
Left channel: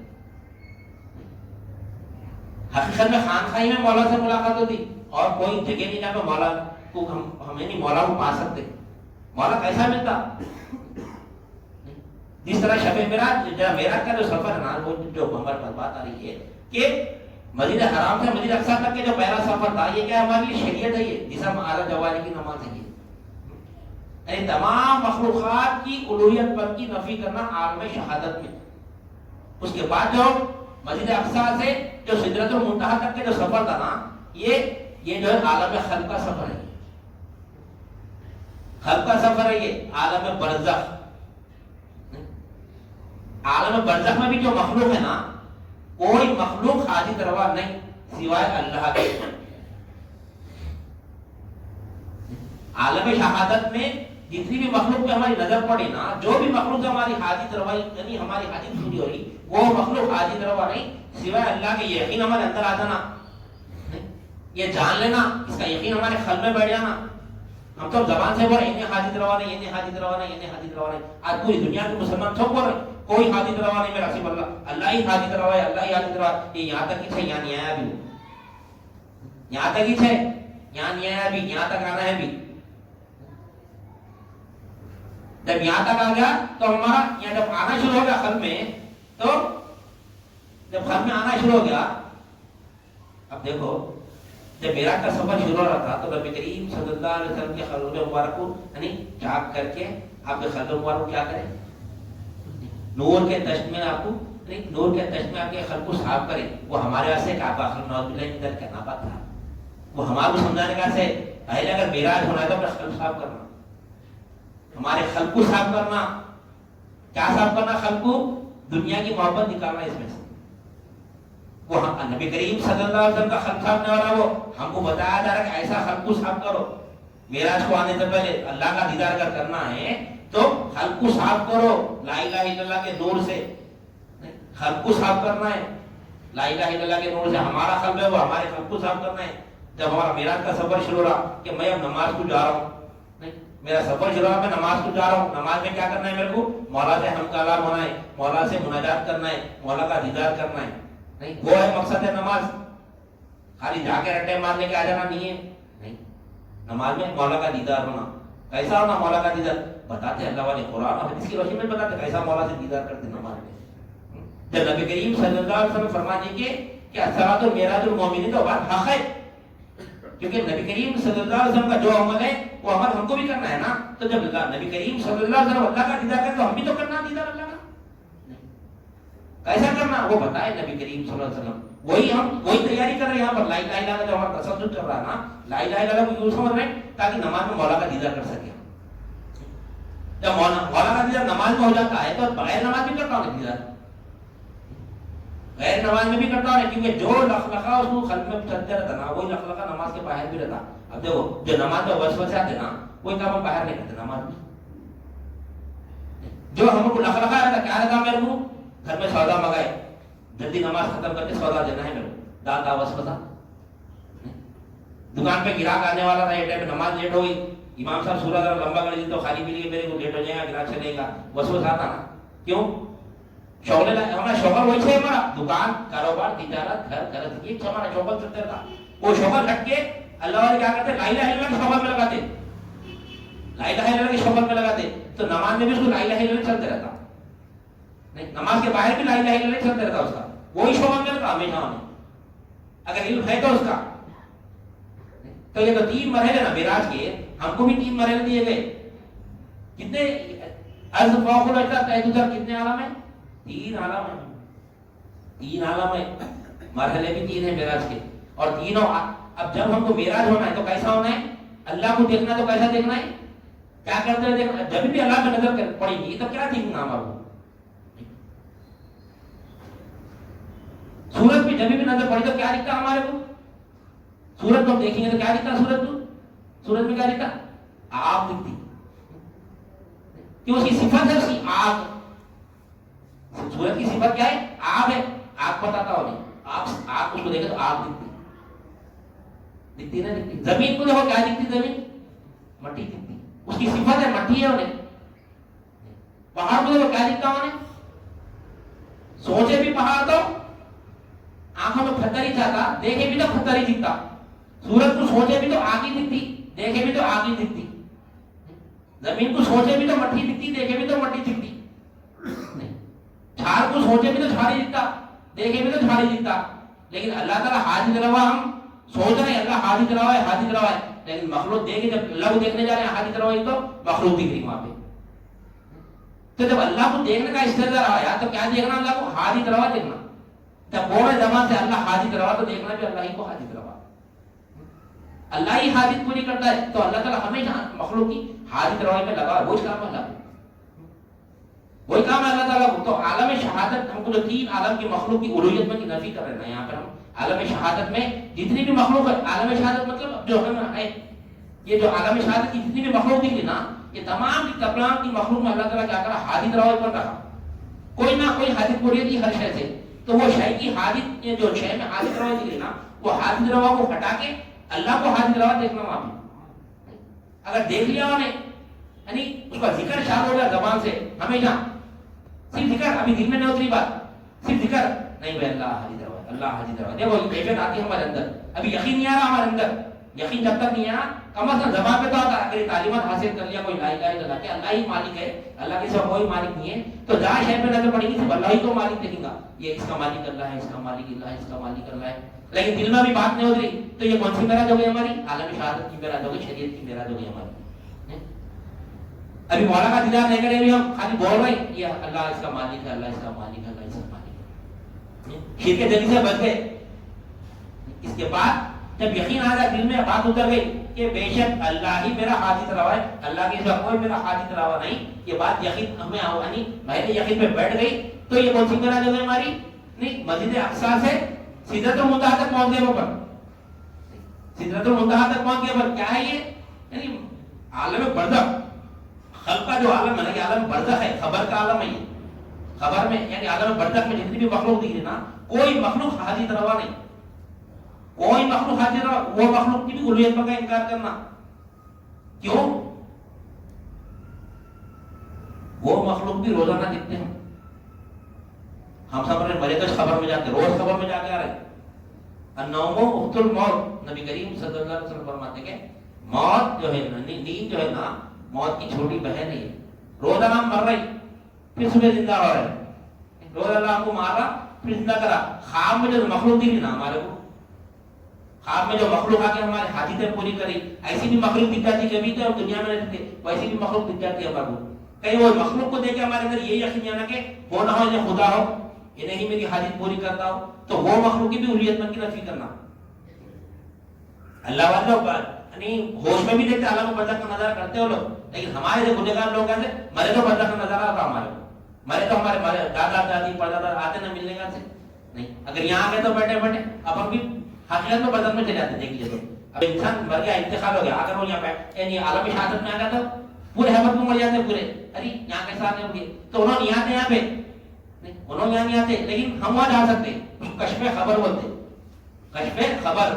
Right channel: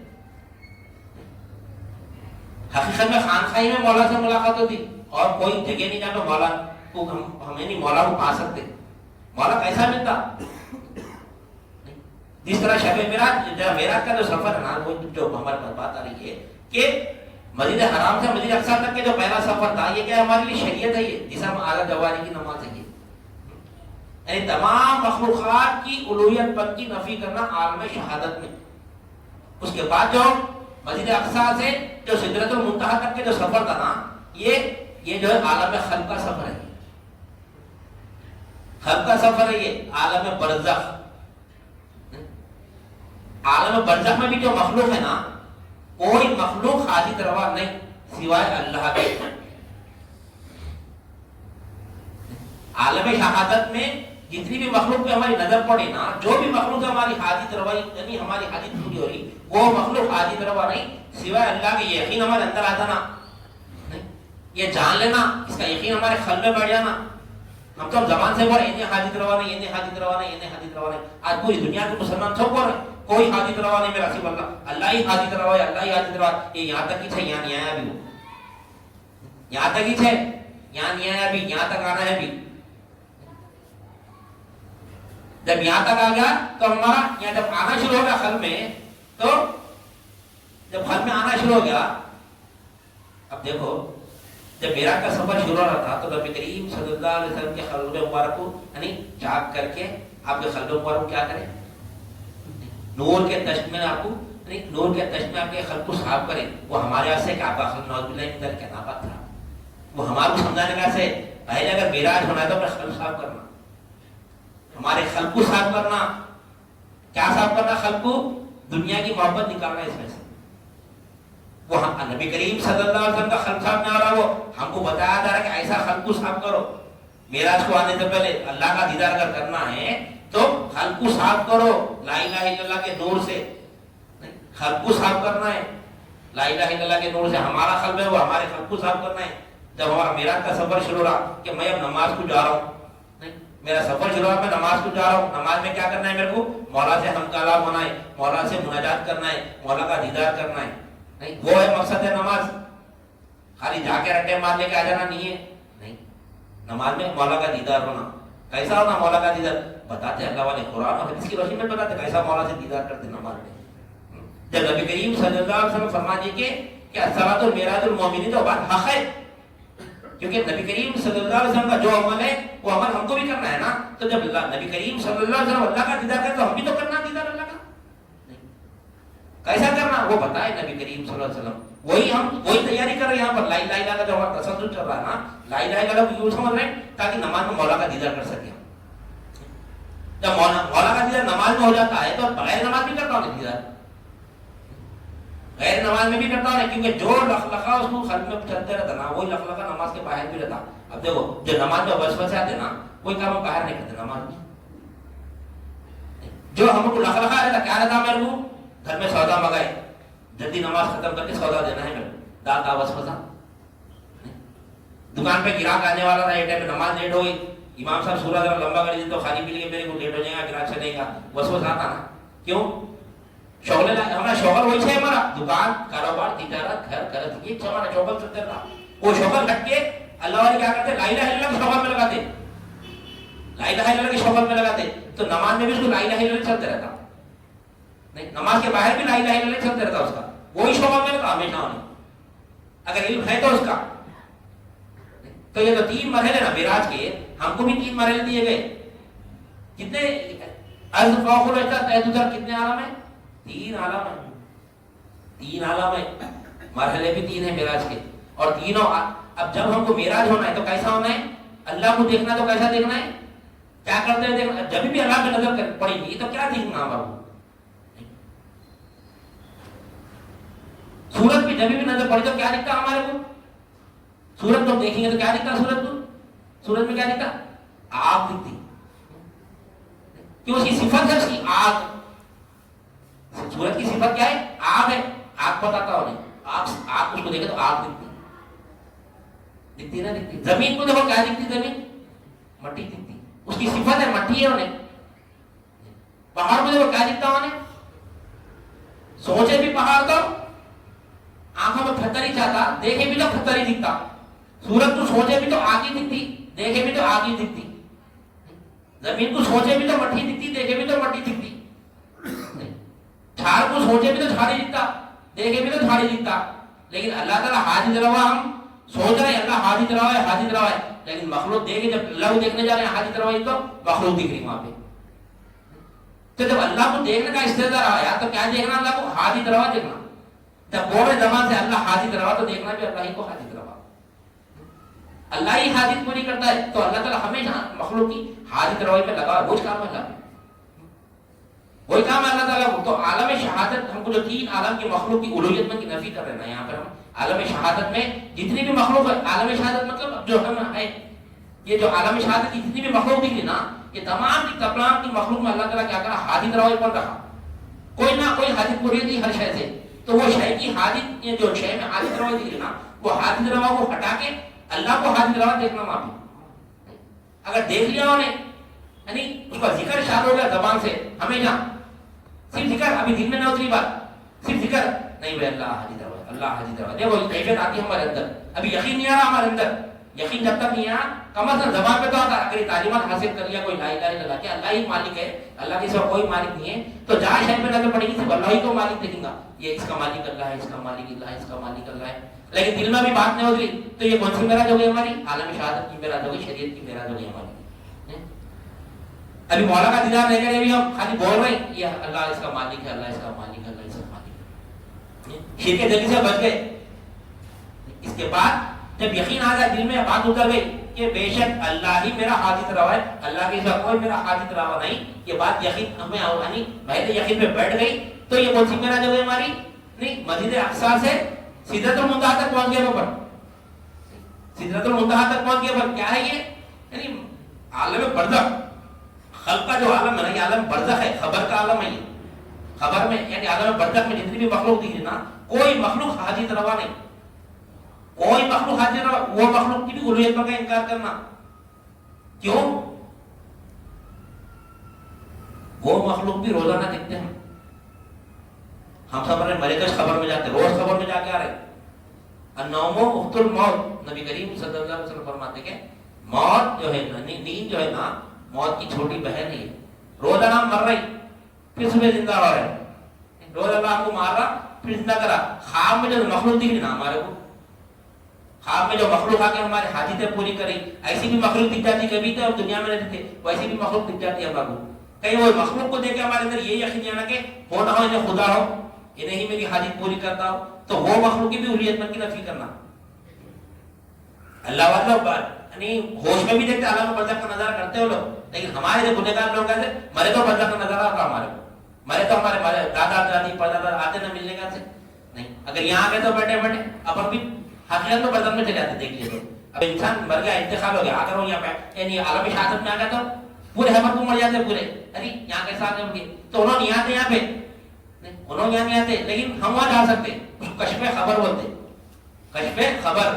حقیقت میں خانخواہی میں مولا سے ملاقات ہوتی، اور کوئی جگہ نہیں جہاں پہ مولا کو ہمیں نہیں مولا کو پا سکتے، مولا کیسا ملتا؟ جس طرح شب معراج کا جو سفر ہے نا، وہ جو ہمارے بات آ رہی ہے کہ مسجد حرام سے مسجد اقصی تک کے جو پہلا سفر تھا، یہ کیا ہمارے لیے شریعت ہے، یہ جسے ہم اعلیٰ جواری کی نماز ہے، یعنی تمام مخلوقات کی الوہیت پر کی نفی کرنا عالم شہادت میں، اس کے بعد جو مسجد اقصی سے جو سدرۃ المنتہا تک کے جو سفر تھا نا، یہ جو ہے عالم خلق کا سفر ہے، خلق کا سفر ہے، یہ عالم برزخ، عالم برزخ میں بھی جو مخلوق ہے نا، کوئی مخلوق حاجت روا نہیں سوائے اللہ کے، عالم شہادت میں جتنی بھی مخلوق پہ ہماری نظر پڑے نا، جو بھی مخلوق ہماری حاجت روائی یعنی ہماری حاجت پوری ہو رہی، وہ مخلوق حاجت روا نہیں سوائے اللہ کے، یقین ہمارے اندر آ جانا، یہ جان لینا، اس کا یقین ہمارے قلب میں بیٹھ جانا، ہم تو زبان سے بولے انہیں حاجت روا نہیں، انہیں حاجت روا نہیں، انہیں حاجت روا نہیں، آج پوری دنیا کے مسلمان سب بول رہے کوئی حاجت روا نہیں میرا، صرف اللہ ہی حاجت روا ہے، اللہ ہی حاجت روا، یہ یہاں تک ہی تھے، یہاں نہیں آیا بھی، یہاں تک ہی تھے، یہاں نہیں آیا بھی، یہاں تک آنا ہے بھی، جب یہاں تک آ گیا تو ہمارا یہاں جب آنا شروع ہو گیا قلب میں، تو جب قلب میں آنا شروع ہو گیا، اب دیکھو جب معراج کا سفر شروع ہو رہا تھا تو نبی کریم صلی اللہ علیہ وسلم کے قلب مبارک کو یعنی جھانک کر کے آپ کے قلب مبارک کو کیا کریں، نور کے تشت میں آپ کو نور کے تشت میں آپ کے قلب کو صاف کریں، وہ ہمارے واسطے کا آپ کا قلب نعوذ باللہ من ذلک کہنا بات تھا، وہ ہمارے کو سمجھانے کا سے پہلے اگر معراج ہونا ہے تو اپنا قلب صاف کرنا، ہمارے قلب کو صاف کرنا، کیا صاف کرنا؟ قلب کو دنیا کی محبت نکالنا اس میں سے، وہ نبی کریم صلی اللہ علیہ وسلم کا قلب صاف نہ ہو رہا، وہ ہم کو بتایا جا رہا ہے کہ ایسا قلب کو صاف کرو، معراج کو آنے سے پہلے اللہ کا دیدار اگر کرنا ہے تو قلب کو صاف کرو لا الہ الا اللہ کے نور سے، قلب کو صاف کرنا ہے لا الہ الا اللہ کے نور سے، ہمارا قلب ہے وہ ہمارے قلب کو صاف کرنا ہے، جب ہمارا معراج کا سفر شروع ہوا کہ میں اب نماز کو جا رہا ہوں، میرا سفر شروع ہوا میں نماز کو جا رہا ہوں، نماز میں کیا کرنا ہے میرے کو؟ مولا سے ہم کلام ہونا ہے، مولا سے مناجات کرنا ہے، مولا کا دیدار کرنا ہے، نہیں وہ ہے مقصد ہے نماز، خالی جا کے رٹے مار لے کے آ جانا نہیں ہے، نہیں نماز میں مولا کا دیدار ہونا، کیسا ہونا مولا کا دیدار؟ بتاتے اللہ والے قرآن اور حدیث کی روشنی میں بتاتے کیسا مولا سے دیدار کرتے نماز میں، جب نبی کریم صلی اللہ علیہ وسلم فرما دیے کہ الصلاۃ معراج المومنین تو بات حق ہے، کیونکہ نبی کریم صلی اللہ علیہ وسلم کا جو عمل ہے وہ عمل ہم کو بھی کرنا ہے نا، تو جب نبی کریم صلی اللہ علیہ وسلم اللہ کا دیدار کرے تو ہم بھی تو کرنا دیدار اللہ کا، کیسا کرنا وہ بتائے نبی کریم صلی اللہ علیہ وسلم، وہی تیاری کر رہے ہیں یہاں پر، لا الہ الا اللہ جو ہمارا تصدق چل رہا ہے نا، لا الہ الا اللہ کو یوں سمجھ رہے ہیں تاکہ نماز میں مولا کا دیدار کر سکے، جب مولا کا دیدار نماز میں ہو جاتا ہے تو بغیر نماز بھی کرتا ہوں دیدار، غیر نماز میں بھی کرتا ہوں، کیونکہ جو لخلقہ اس کو قلب میں چلتے رہتا نا وہی لخلقہ نماز کے باہر بھی رہتا، اب دیکھو جو نماز میں وسوسے آتے نا کوئی کام ہم باہر نہیں کرتے نماز میں، جو ہم کو لخلقہ رہتا کیا رہتا میرے کو گھر میں سودا منگائے جلدی نماز ختم کر کے سودا دینا ہے میرے کو، دال کا وسوسہ، دکان پہ گراہک آنے والا تھا، یہ ٹائم پہ نماز لیٹ ہو گئی، امام صاحب سورہ ذرا لمبا کر دی تو خالی پی لیے میرے کو لیٹ ہو جائے گا، گراہک چلے گا، وسوسہ آتا نا، کیوں؟ شغل ہمارا شوگر وہی سے ہمارا دکان کاروبار تجارت گھر گھر یہ ہمارا شوگر چلتے رہا، وہ شوگر ہٹ کے اللہ والے کیا کرتے لا الہ الا اللہ کے شوگر میں لگاتے، لا الہ الا اللہ کے شوگر میں لگاتے، تو نماز میں بھی اس کو لا الہ الا اللہ چلتے رہتا، نہیں نماز کے باہر بھی لا الہ الا اللہ چلتے رہتا اس کا، وہی شوگر میں لگا ہمیشہ ہونا، اگر علم ہے تو اس کا، تو یہ تو تین مرحلے نا معراج کے، ہم کو بھی 3 مرحلے دیے گئے. کتنے از فوق الوجہ ادھر کتنے عالم ہیں؟ 3 عالم ہیں. 3 عالم ہیں. مرحلے بھی 3 ہیں معراج کے. اور تینوں اب جب ہم کو معراج ہونا ہے تو کیسا ہونا ہے؟ اللہ کو دیکھنا تو کیسا دیکھنا ہے؟ کیا کرتے ہیں دیکھنا. جب بھی اللہ کی نظر پڑے گی تو کیا دیکھنا ہمارا؟ سورج پہ جب بھی نظر پڑی تو کیا دکھتا ہمارے کو؟ سورج کو دیکھیں گے تو کیا دکھتا سورج کو؟ سورج میں کیا دکھتا؟ آگ دکھتی. کیوں؟ اس کی صفت ہے اس کی آگ. سورج کی صفت کیا ہے؟ آگ ہے. آگ بتاتا ہو نہیں. آگ اس کو دیکھے تو آگ دکھتی. دکھتی نہ دکھتی. زمین کو دیکھو کیا دکھتی؟ زمین مٹی دکھتی. اس کی صفت ہے مٹی ہے انہیں. پہاڑ کو دیکھو کیا دکھتا انہیں؟ سوچے بھی پہاڑ تو آنکھوں میں پتھر ہی چاہتا, دیکھے بھی تو پتھر ہی دکھتا. سورج کو سوچے بھی تو آگ ہی دکھتی, دیکھے بھی تو آگ ہی دکھتی. زمین کو سوچے بھی تو مٹی دکھتی, دیکھے بھی تو مٹی دکھتی. جھاڑ کو سوچے بھی تو جھاڑ ہی دکھتا, دیکھے بھی تو جھاڑ ہی دکھتا. لیکن اللہ تعالیٰ حاجت روا, ہم سوچ رہے ہیں اللہ حاجت روا ہے, حاجت روا ہے, لیکن مخلوق دیکھے جب اللہ کو دیکھنے جا رہے ہیں حاجت روا ہی تو مخلوق دکھ رہی وہاں پہ. تو جب اللہ کو دیکھنے کا استعداد آیا تو کیا دیکھنا؟ اللہ کو حاجت روا دیکھنا. جب بولے زمان سے اللہ حاجت روا تو دیکھنا بھی اللہ ہی کو حاجت روا. اللہ ہی حاجت پوری کرتا ہے تو اللہ تعالیٰ ہمیشہ مخلوق کی حاجت روائی پہ لگا. وہی کام ہے اللہ, وہی کام ہے اللہ تعالیٰ کو. تو عالم شہادت ہم کو جو 3 عالم کی مخلوق کی الوہیت میں کی نفی کر رہے ہیں یہاں پر ہم. عالم شہادت میں جتنی بھی مخلوق ہے, عالم شہادت مطلب جو ہم ہے, یہ جو عالم شہادت کی جتنی بھی مخلوق دکھ رہی نا, یہ تمام کی تمام کی مخلوق میں اللہ تعالیٰ کیا کرا؟ حاجت روائی کون رہا؟ کوئی نہ کوئی حاجت پوری تھی ہر شے سے. تو وہ شے کی حاجت, یہ جو شے میں حاجت روا دکھ رہی نا, وہ حاجت روا کو ہٹا کے اللہ کو حاجت روا دیکھنا وہاں پہ. اگر دیکھ لیا انہیں, یعنی اس کا ذکر شامل ہو گیا زبان سے ہمیشہ, صرف ذکر, ابھی دل میں نہ اتری بات, صرف ذکر نہیں بھائی اللہ حاجت روا, اللہ حاجت روا. دیکھو کیفیت آتی ہے ہمارے اندر, ابھی یقین نہیں آ رہا ہمارے اندر. یقین جب تک نہیں آیا, کم از کم زبان پہ تو آتا. اگر یہ تعلیمات حاصل کر لیا کوئی لا الہ الا اللہ کہ اللہ ہی مالک ہے, اللہ کے سوا کوئی مالک نہیں ہے, تو جہاں شہر پہ نظر پڑے گی صرف اللہ ہی کو مالک دیکھیں گا. یہ اس کا مالک اللہ ہے, اس کا مالک اللہ ہے, اس کا مالک اللہ ہے. لیکن دل میں بھی بات نہیں اتری تو یہ کون سی معراج ہو گئی ہماری؟ عالم شہادت کی معراج ہو گئی, شریعت کی معراج ہو گئی ہماری. ابھی مولا کا دیدار لے کر ابھی ہم خالی بول رہے ہیں یہ اللہ اس کا مالک ہے, اللہ اس کا مالک ہے, اللہ اس کا مالک ہے. شرک دلی سے بچ گئے. اس کے بعد جب یقین آ گیا دل میں, بات اتر گئی کہ بے شک اللہ ہی میرا حاجت روا ہے, اللہ کے سوا کوئی میرا حاجت روا نہیں, یہ بات یقین ہمیں یعنی محض یقین پہ بیٹھ گئی, تو یہ کون سی معراج ہو گئی ہماری؟ نہیں, مسجد اقصی سے سدرۃ المنتہا تک پہنچ گئے. وہ پر سدرۃ المنتہا تک پہنچ گئے. پر کیا ہے یہ؟ یعنی عالم برزخ, خلق کا جو عالم ہے نا, یہ عالم برزخ ہے, خبر کا عالم ہے. یہ خبر میں یعنی عالم برزخ میں جتنی بھی مخلوق دکھ رہی نا, کوئی مخلوق حاجت روا نہیں, کوئی مخلوق حاجت روا. وہ مخلوق کی بھی الوہیت کا انکار کرنا. کیوں؟ وہ مخلوق بھی روزانہ دکھتے ہیں. ہم سب مرے تو خبر میں جاتے, روز خبر میں جا کے آ رہے. النوم اخت الموت, نبی کریم صلی اللہ علیہ وسلم فرماتے کہ موت جو ہے, نیند جو ہے نا, موت کی چھوٹی بہن ہے. روز اللہ مر رہی پھر صبح زندہ ہو رہے, روز اللہ کو مار رہا پھر زندہ کرا. خواب میں جو مخلوق دکھ رہی نا ہمارے کو, خواب میں جو مخلوق آ کے ہماری حاجتیں پوری کری, ایسی بھی مخلوق دکھ جاتی. کبھی تو دنیا میں رہتے تھے ویسی بھی مخلوق دکھ جاتی ہے ہمارے کو. کہیں وہ مخلوق کو دیکھ کے ہمارے اندر یہ یقین آنا کہ ہو نہ ہو یہ خدا ہو, یہ نہیں میری حاجت پوری کرتا ہو, تو وہ مخلوق کی بھی الوہیت میں کی نفی کرنا. اللہ والوں یعنی ہوش میں بھی دیکھتے اللہ کو برزخ کا نظارہ کرتے ہو لوگ, لیکن ہمارے جو گنہگار لوگ ایسے مرے تو برزخ کا نظارہ آتا ہمارے کو, مرے تو ہمارے دادا دادی پردادا آتے نہ ملنے کا سے نہیں. اگر یہاں آ گئے تو بیٹھے بیٹھے اپن بھی حقیقت میں برزخ میں چلے جاتے. دیکھ لیے تو اب انسان مر گیا, انتقال ہو گیا, اگر وہ یہاں پہ یعنی عالم شہادت میں آ گیا تو پورے حمد کو مر جاتے پورے. ارے یہاں کیسے آتے ہوں گے, تو انہوں نے آتے یہاں پہ, انہوں یہاں نہیں آتے, لیکن ہم وہاں جا سکتے. کشف خبر بولتے, کشف خبر,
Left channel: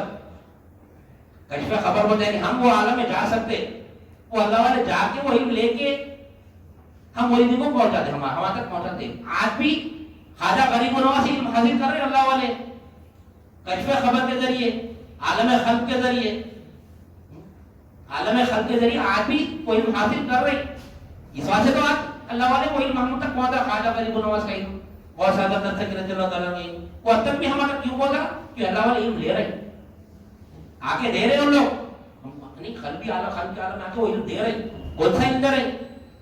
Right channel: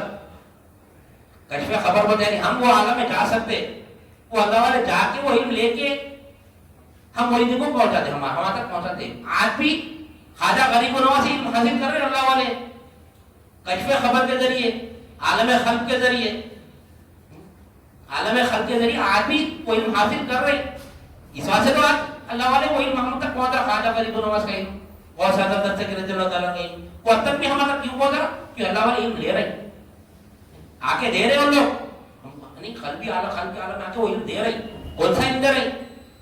کشف خبر بولتے ہیں. ہم وہ عالم میں جا سکتے, وہ اللہ والے جا کے وہ علم لے کے ہم وہی دن کو پہنچاتے, ہمارے تک پہنچاتے. آج بھی خواجہ غریب نواز علم حاصل کر رہے اللہ والے کشف خبر کے ذریعے, عالم خلق کے ذریعے, عالم خلق کے ذریعے آج بھی کوئی علم حاصل کر رہے. اس وجہ سے تو آج اللہ والے وہ علم ہم تک پہنچا, خواجہ غریب نواز کا علم, اور زیادہ تر سے رضی اللہ تعالیٰ کا علم, وہ اب تک بھی ہمارا کیوں پہنچا کہ اللہ والے علم لے رہے, آ کے دے رہے ان لوگ. یعنی قلبی عالم میں آ کے وہ علم دے رہی. کون سا علم دے رہی؟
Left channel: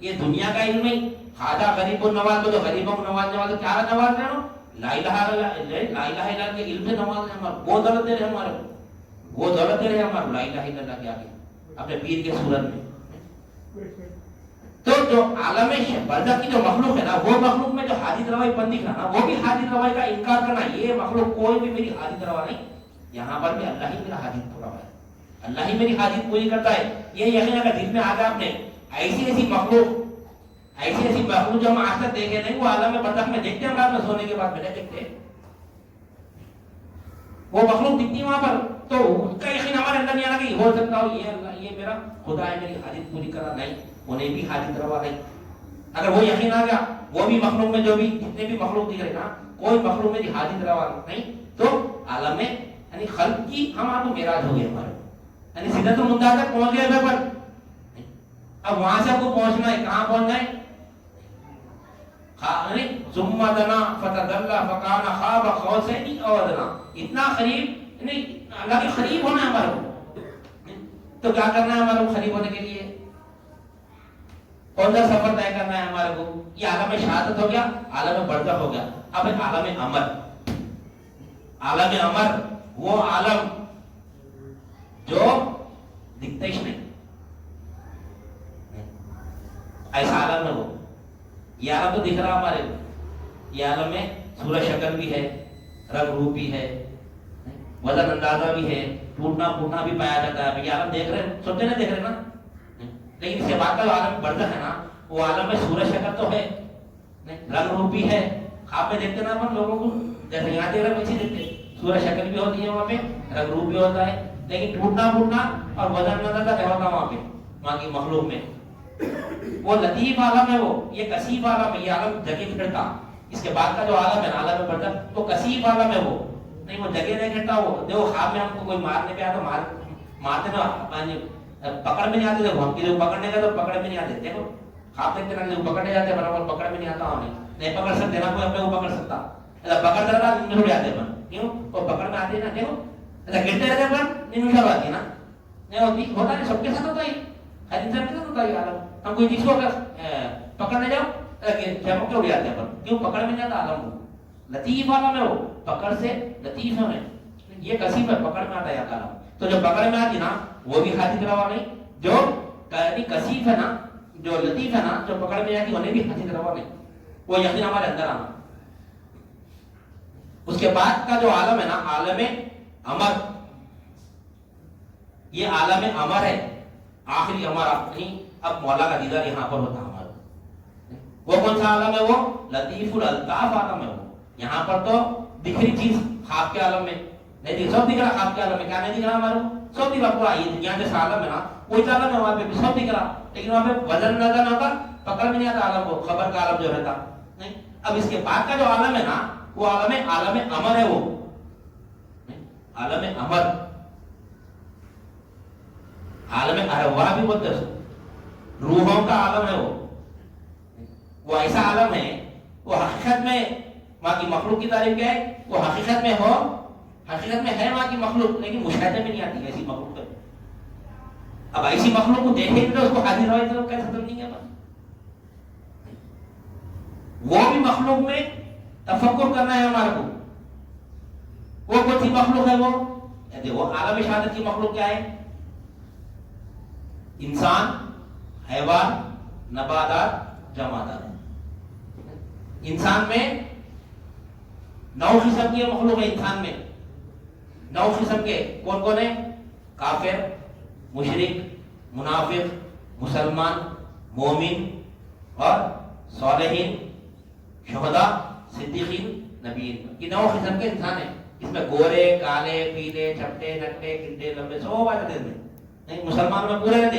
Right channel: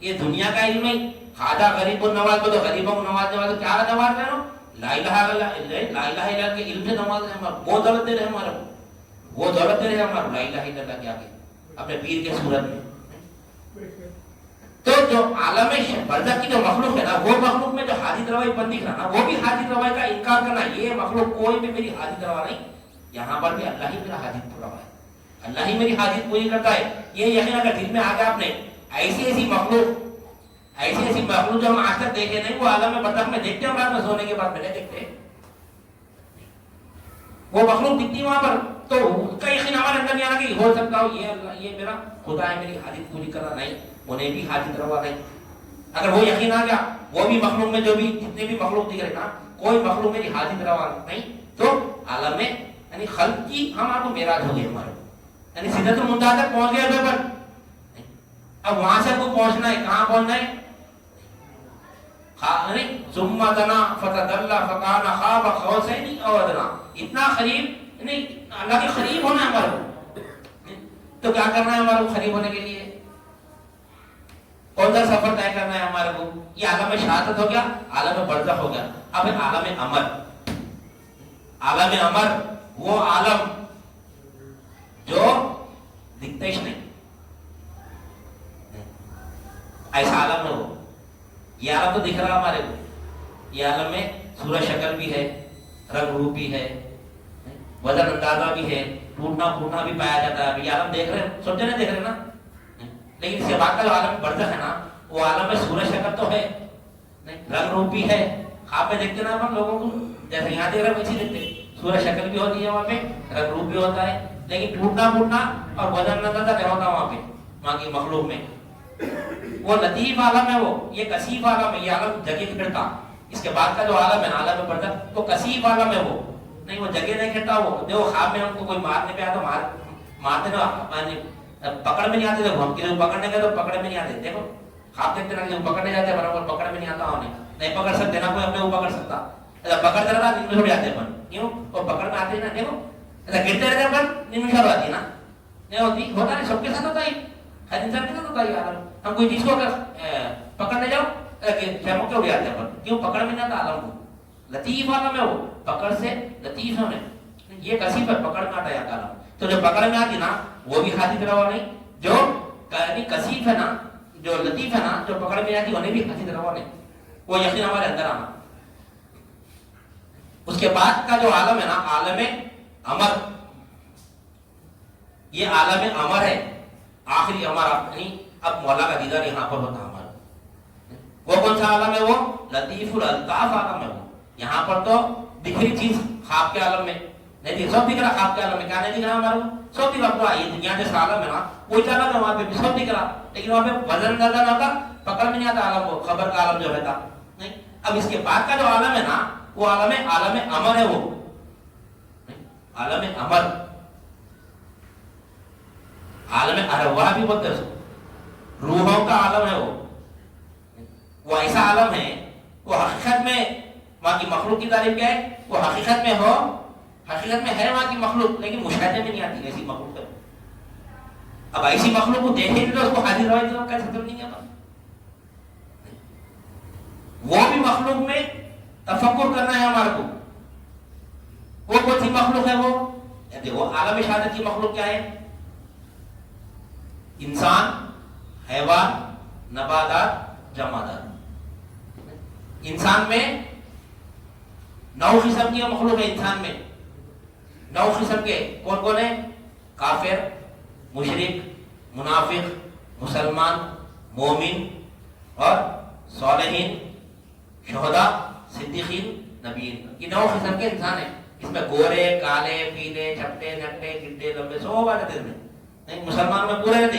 یہ دنیا کا علم ہے. خواجہ غریب النواز کو تو غریبوں کو نوازنے والے کیا نواز رہے ہو؟ لا الہ الا اللہ کے علم سے نواز رہے ہمارے. وہ دولت دے رہے ہمارے, وہ دولت دے رہے ہمارے لا الہ الا اللہ کے آگے اپنے پیر کے صورت میں. تو جو عالم برزخ کی جو مخلوق ہے نا, وہ مخلوق میں جو حادث روائی بندی کرنا, وہ بھی حادث روائی کا انکار کرنا, یہ مخلوق کوئی بھی میری حادث روا نہیں. یہاں پر بھی اللہ ہی میرا حادث روا ہے, اللہ ہی میری حادث پوری کرتا ہے. یہ یقین اگر دل میں آ گیا آپ نے, ایسی مخلوق جو ہم آج تک دیکھے نہیں, وہ عالم برزخ میں دیکھتے ہیں, رات میں سونے کے بعد میں نہیں دیکھتے. وہ مخلوق دکھتی وہاں پر, تو ان کا یقین ہمارے اندر نہیں آنا کہ ہو سکتا ہو یہ اللہ, یہ میرا خدا ہے میری حاجت پوری کرا. نہیں, انہیں بھی حاجت روا نہیں. اگر وہ یقین آ گیا, وہ بھی مخلوق میں جو بھی جتنے بھی مخلوق دکھ رہے نا, کوئی مخلوق میری حاجت روا نہیں, تو عالم میں یعنی خلق کی ہمارا تو معراج ہو گیا ہمارا, یعنی سدرۃ المنتہا تک پہنچ گئے تھے. پر اب وہاں سے کو پہنچنا ہے, کہاں پہنچنا ہے؟ ثم دنا فتدلى فكان قاب قوسين او ادنى. اتنا قریب, یعنی اللہ کے قریب ہونا ہے ہمارے کو. تو کیا کرنا ہے ہمارے کو قریب ہونے کے لیے؟ کون سا سفر طے کرنا ہے ہمارے کو؟ یہ عالم شہادت ہو گیا, عالم برزخ ہو گیا. اب عالم امر, عالم امر وہ عالم جو دکھتا ہی نہیں, ایسا عالم ہے وہ. یہ عالم تو دکھ رہا ہمارے کو, یہ عالم میں صورت شکل بھی ہے, رنگ روپ بھی ہے, وزن اندازہ بھی ہے, ٹوٹنا پھوٹنا بھی پایا جاتا ہے. یہ عالم دیکھ رہے ہیں, سوچے نہیں دیکھ رہے نا. لیکن اس کے بعد کا جو عالم برزخ ہے نا, وہ عالم میں صورت شکل تو ہے, رنگ روپ بھی ہے. خواب میں دیکھتے نا ہم لوگوں کو, جیسے یہاں دیکھ رہے ہیں ویسے دیکھتے, صورت شکل بھی ہوتی ہے وہاں پہ, رنگ روپ بھی ہوتا ہے. لیکن ٹوٹنا پھوٹنا اور وزن اندازہ نہیں ہوتا وہاں پہ, وہاں کی مخلوق میں. وہ لطیف عالم ہے, وہ یہ کثیف عالم ہے. یہ عالم جگہ نہیں کرتا. اس کے بعد کا جو عالم ہے عالم برزخ, وہ کثیف عالم ہے. وہ نہیں, وہ جگہ نہیں کرتا. وہ دیکھو خواب میں ہم کو کوئی مارنے پہ آیا تو مارتے نا, پکڑ میں نہیں آتے. دیکھو ہم کسی کو پکڑنے گئے تو پکڑ میں نہیں آتے. دیکھو خواب دیکھتے نا, کسی کو پکڑنے جاتے برابر پکڑ میں نہیں آتا. انہیں نہیں پکڑ سکتے نا, کوئی اپنے کو پکڑ سکتا. پکڑ کر رہا دن میں چھوڑ جاتے پر, کیوں؟ وہ پکڑ میں آتے نا. دیکھو ایسا گرتے رہتے پر نمشہ آتی ہے نا, نہیں ہوتی, ہوتا نہیں, سب کے ساتھ ہوتا ہے, ہر انسان کے ساتھ ہوتا ہے. عالم ہم کوئی چیز کو پکڑنے جاؤ شرم کے اڑ جاتے ہیں, پر کیوں؟ پکڑ میں نہیں آتا. عالم کو لطیف عالم ہے, وہ پکڑ سے لطیف ہونے. یہ کثیف ہے, پکڑ میں آتا ہے عالم. تو جو پکڑ میں آتی نا, وہ بھی حادث روا نہیں. جو کثیف ہے نا, جو لطیف ہے نا, جو پکڑ میں آتی انہیں بھی حادث روا نہیں. وہ یقین ہمارے اندر آنا. اس کے بعد کا جو عالم ہے نا, عالم امر, یہ عالم امر ہے, آخری ہمارا نہیں. اب مولا کا دیدار یہاں پر ہوتا ہمارا. وہ کون سا عالم ہے؟ وہ لطیف الالطاف عالم ہے. وہ یہاں پر تو دکھری چیز خواب کے عالم میں نہیں دکھ, سب دکھ رہا خواب کے عالم میں. کیا نہیں دکھ رہا ہمارا؟ سب دکھ رہا. یہ دنیا جیسا عالم ہے نا, وہی عالم ہے وہاں پہ بھی سب دکھ رہا. لیکن وہاں پہ وزن اندازہ نہ ہوتا, پکڑ میں نہیں آتا عالم کو, خبر کا عالم جو رہتا نہیں. اب اس کے بعد کا جو عالم ہے نا, وہ عالم امر ہے. وہ عالم امر, عالم ارواح بھی بولتے ہیں, روحوں کا عالم ہے. وہ ایسا عالم ہے, وہ حقیقت میں وہاں کی مخلوق کی تعریف کیا ہے, وہ حقیقت میں ہو, حقیقت میں ہے وہاں کی مخلوق, لیکن مشاہدے میں نہیں آتی ایسی مخلوق ہے. اب ایسی مخلوق کو دیکھیں تو اس کو حاضر روائی کا ختم نہیں ہے. وہ بھی مخلوق میں تفکر کرنا ہے ہمارے کو. وہ کون سی مخلوق ہے؟ وہ دیکھو عالم شہادت کی مخلوق کیا ہے؟ انسان, حیوان, نباتات, جمادات. انسان میں 9 قسم کی مخلوق ہے. انسان میں 9 قسم کے کون کون ہیں؟ کافر, مشرک, منافق, مسلمان, مومن اور صالحین, شہداء, صدیقین, نبیین. یہ 9 قسم کے انسان ہیں. اس میں گورے, کالے, پیلے, چھٹے, نٹے, گڈے, لمبے, سب آ جاتے ہیں. مسلمان میں پورے رہتے,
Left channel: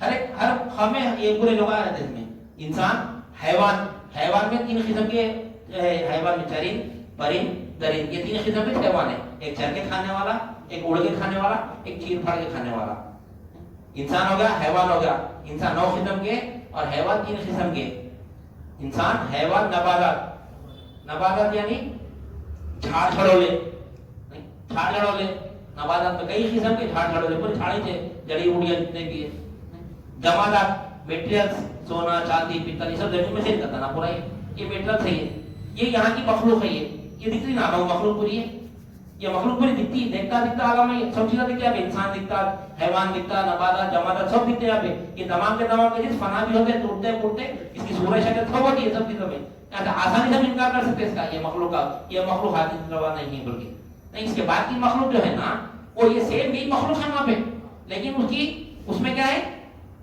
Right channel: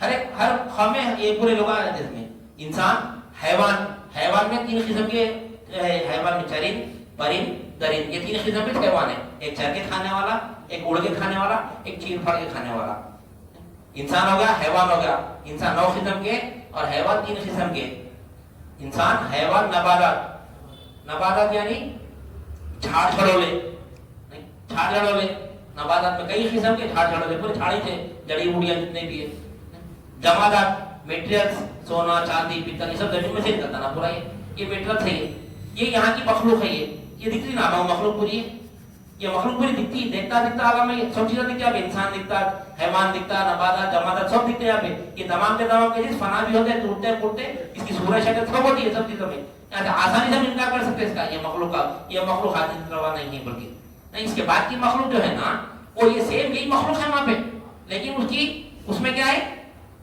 ہر قوم میں یہ پورے لوگ آ جاتے ہیں. انسان, حیوان, حیوان میں 3 قسم کے حیوان میں چرند, پرند, درند. یہ 3 قسم کے حیوان ہیں. ایک چر کے کھانے والا, ایک اڑ کے کھانے والا, ایک چیر پھاڑ کے کھانے والا. انسان ہو گیا, حیوان ہو گیا. انسان 9 قسم کے اور حیوان 3 قسم کے. انسان, حیوان, نباتات. نباتات یعنی جھاڑ چھڑولے, جھاڑ چھڑولے نباتات میں کئی قسم کے جھاڑ جھاڑ پورے جھاڑ ہی تھے، جڑی بوٹیاں جتنے بھی ہے. جمادات میٹیریلز سونا چاندی پتل یہ سب زمین میں سے نکلتا نا پورا. یہ میٹریلز ہے، یہ یہاں کی مخلوق ہے. یہ دکھتی نا وہ مخلوق پوری ہے. یہ مخلوق پوری دکھتی، دیکھتا آگا میں سب چیزیں دکھتی. اب انسان دکھتا، حیوان دکھتا، نباتات جمادات سب دکھتے یہاں پہ. یہ تمام کے تمام کے چیز فنا بھی ہوتے ہیں، ٹوٹتے پھوٹتے، اس کی صورت شکل سب ہوتی ہے سب چیزوں میں. آسانی سے ہم انکار کر سکتے اس کا. یہ مخلوق کا یہ مخلوق حادث روا نہیں بلکہ نہیں. اس کے بعد کی مخلوق جو ہے نا وہ یہ سیم یہی مخلوق ہے وہاں پہ، لیکن اس میں کیا ہے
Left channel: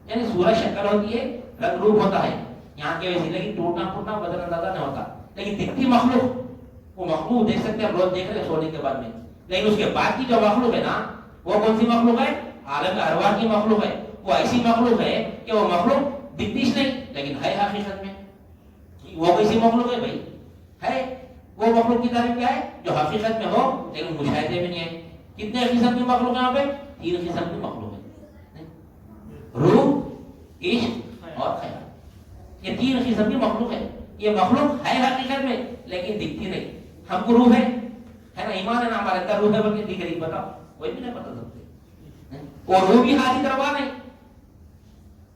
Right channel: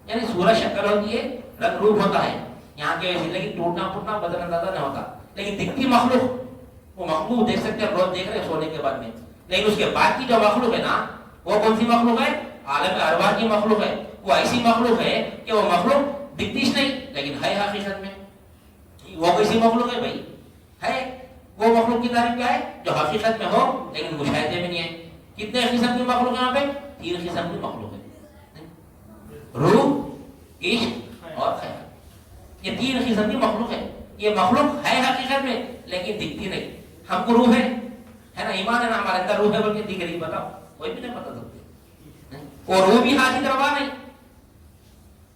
یعنی صورت شکل ہوتی ہے، رنگ روپ ہوتا ہے. یہاں کے زندگی ٹوٹنا پھوٹنا بدل اندازہ نہیں ہوتا. لیکن دکھتی مخلوق وہ مخلوق دیکھ سکتے ہم روز دیکھ رہے ہیں سونے کے بعد میں. لیکن اس کے بعد کی جو مخلوق ہے نا وہ کون سی مخلوق ہے؟ عالم ارواح کی مخلوق ہے. وہ ایسی مخلوق ہے کہ وہ مخلوق دکھتی نہیں لیکن ہے حقیقت میں. وہ کیسی مخلوق ہے بھائی؟ ہے وہ مخلوق کی تعریف کیا ہے؟ جو حقیقت میں ہو لیکن مشاہدے میں نہیں ہے. کتنے قسم کی مخلوق ہے یہاں پہ؟ 3 قسم کی مخلوق ہے. روح، عشق اور خیال. یہ 3 قسم کی مخلوق ہے. یہ مخلوق ہے حقیقت میں لیکن دکھتی نہیں. ہم کو روح ہے نا، ایمان ہے نا ہمارے اندر روح ہے بلکہ دکھ رہی. بتاؤ کوئی بھی نہیں پتا سکتا. وہ روح بھی حاجت روا نہیں،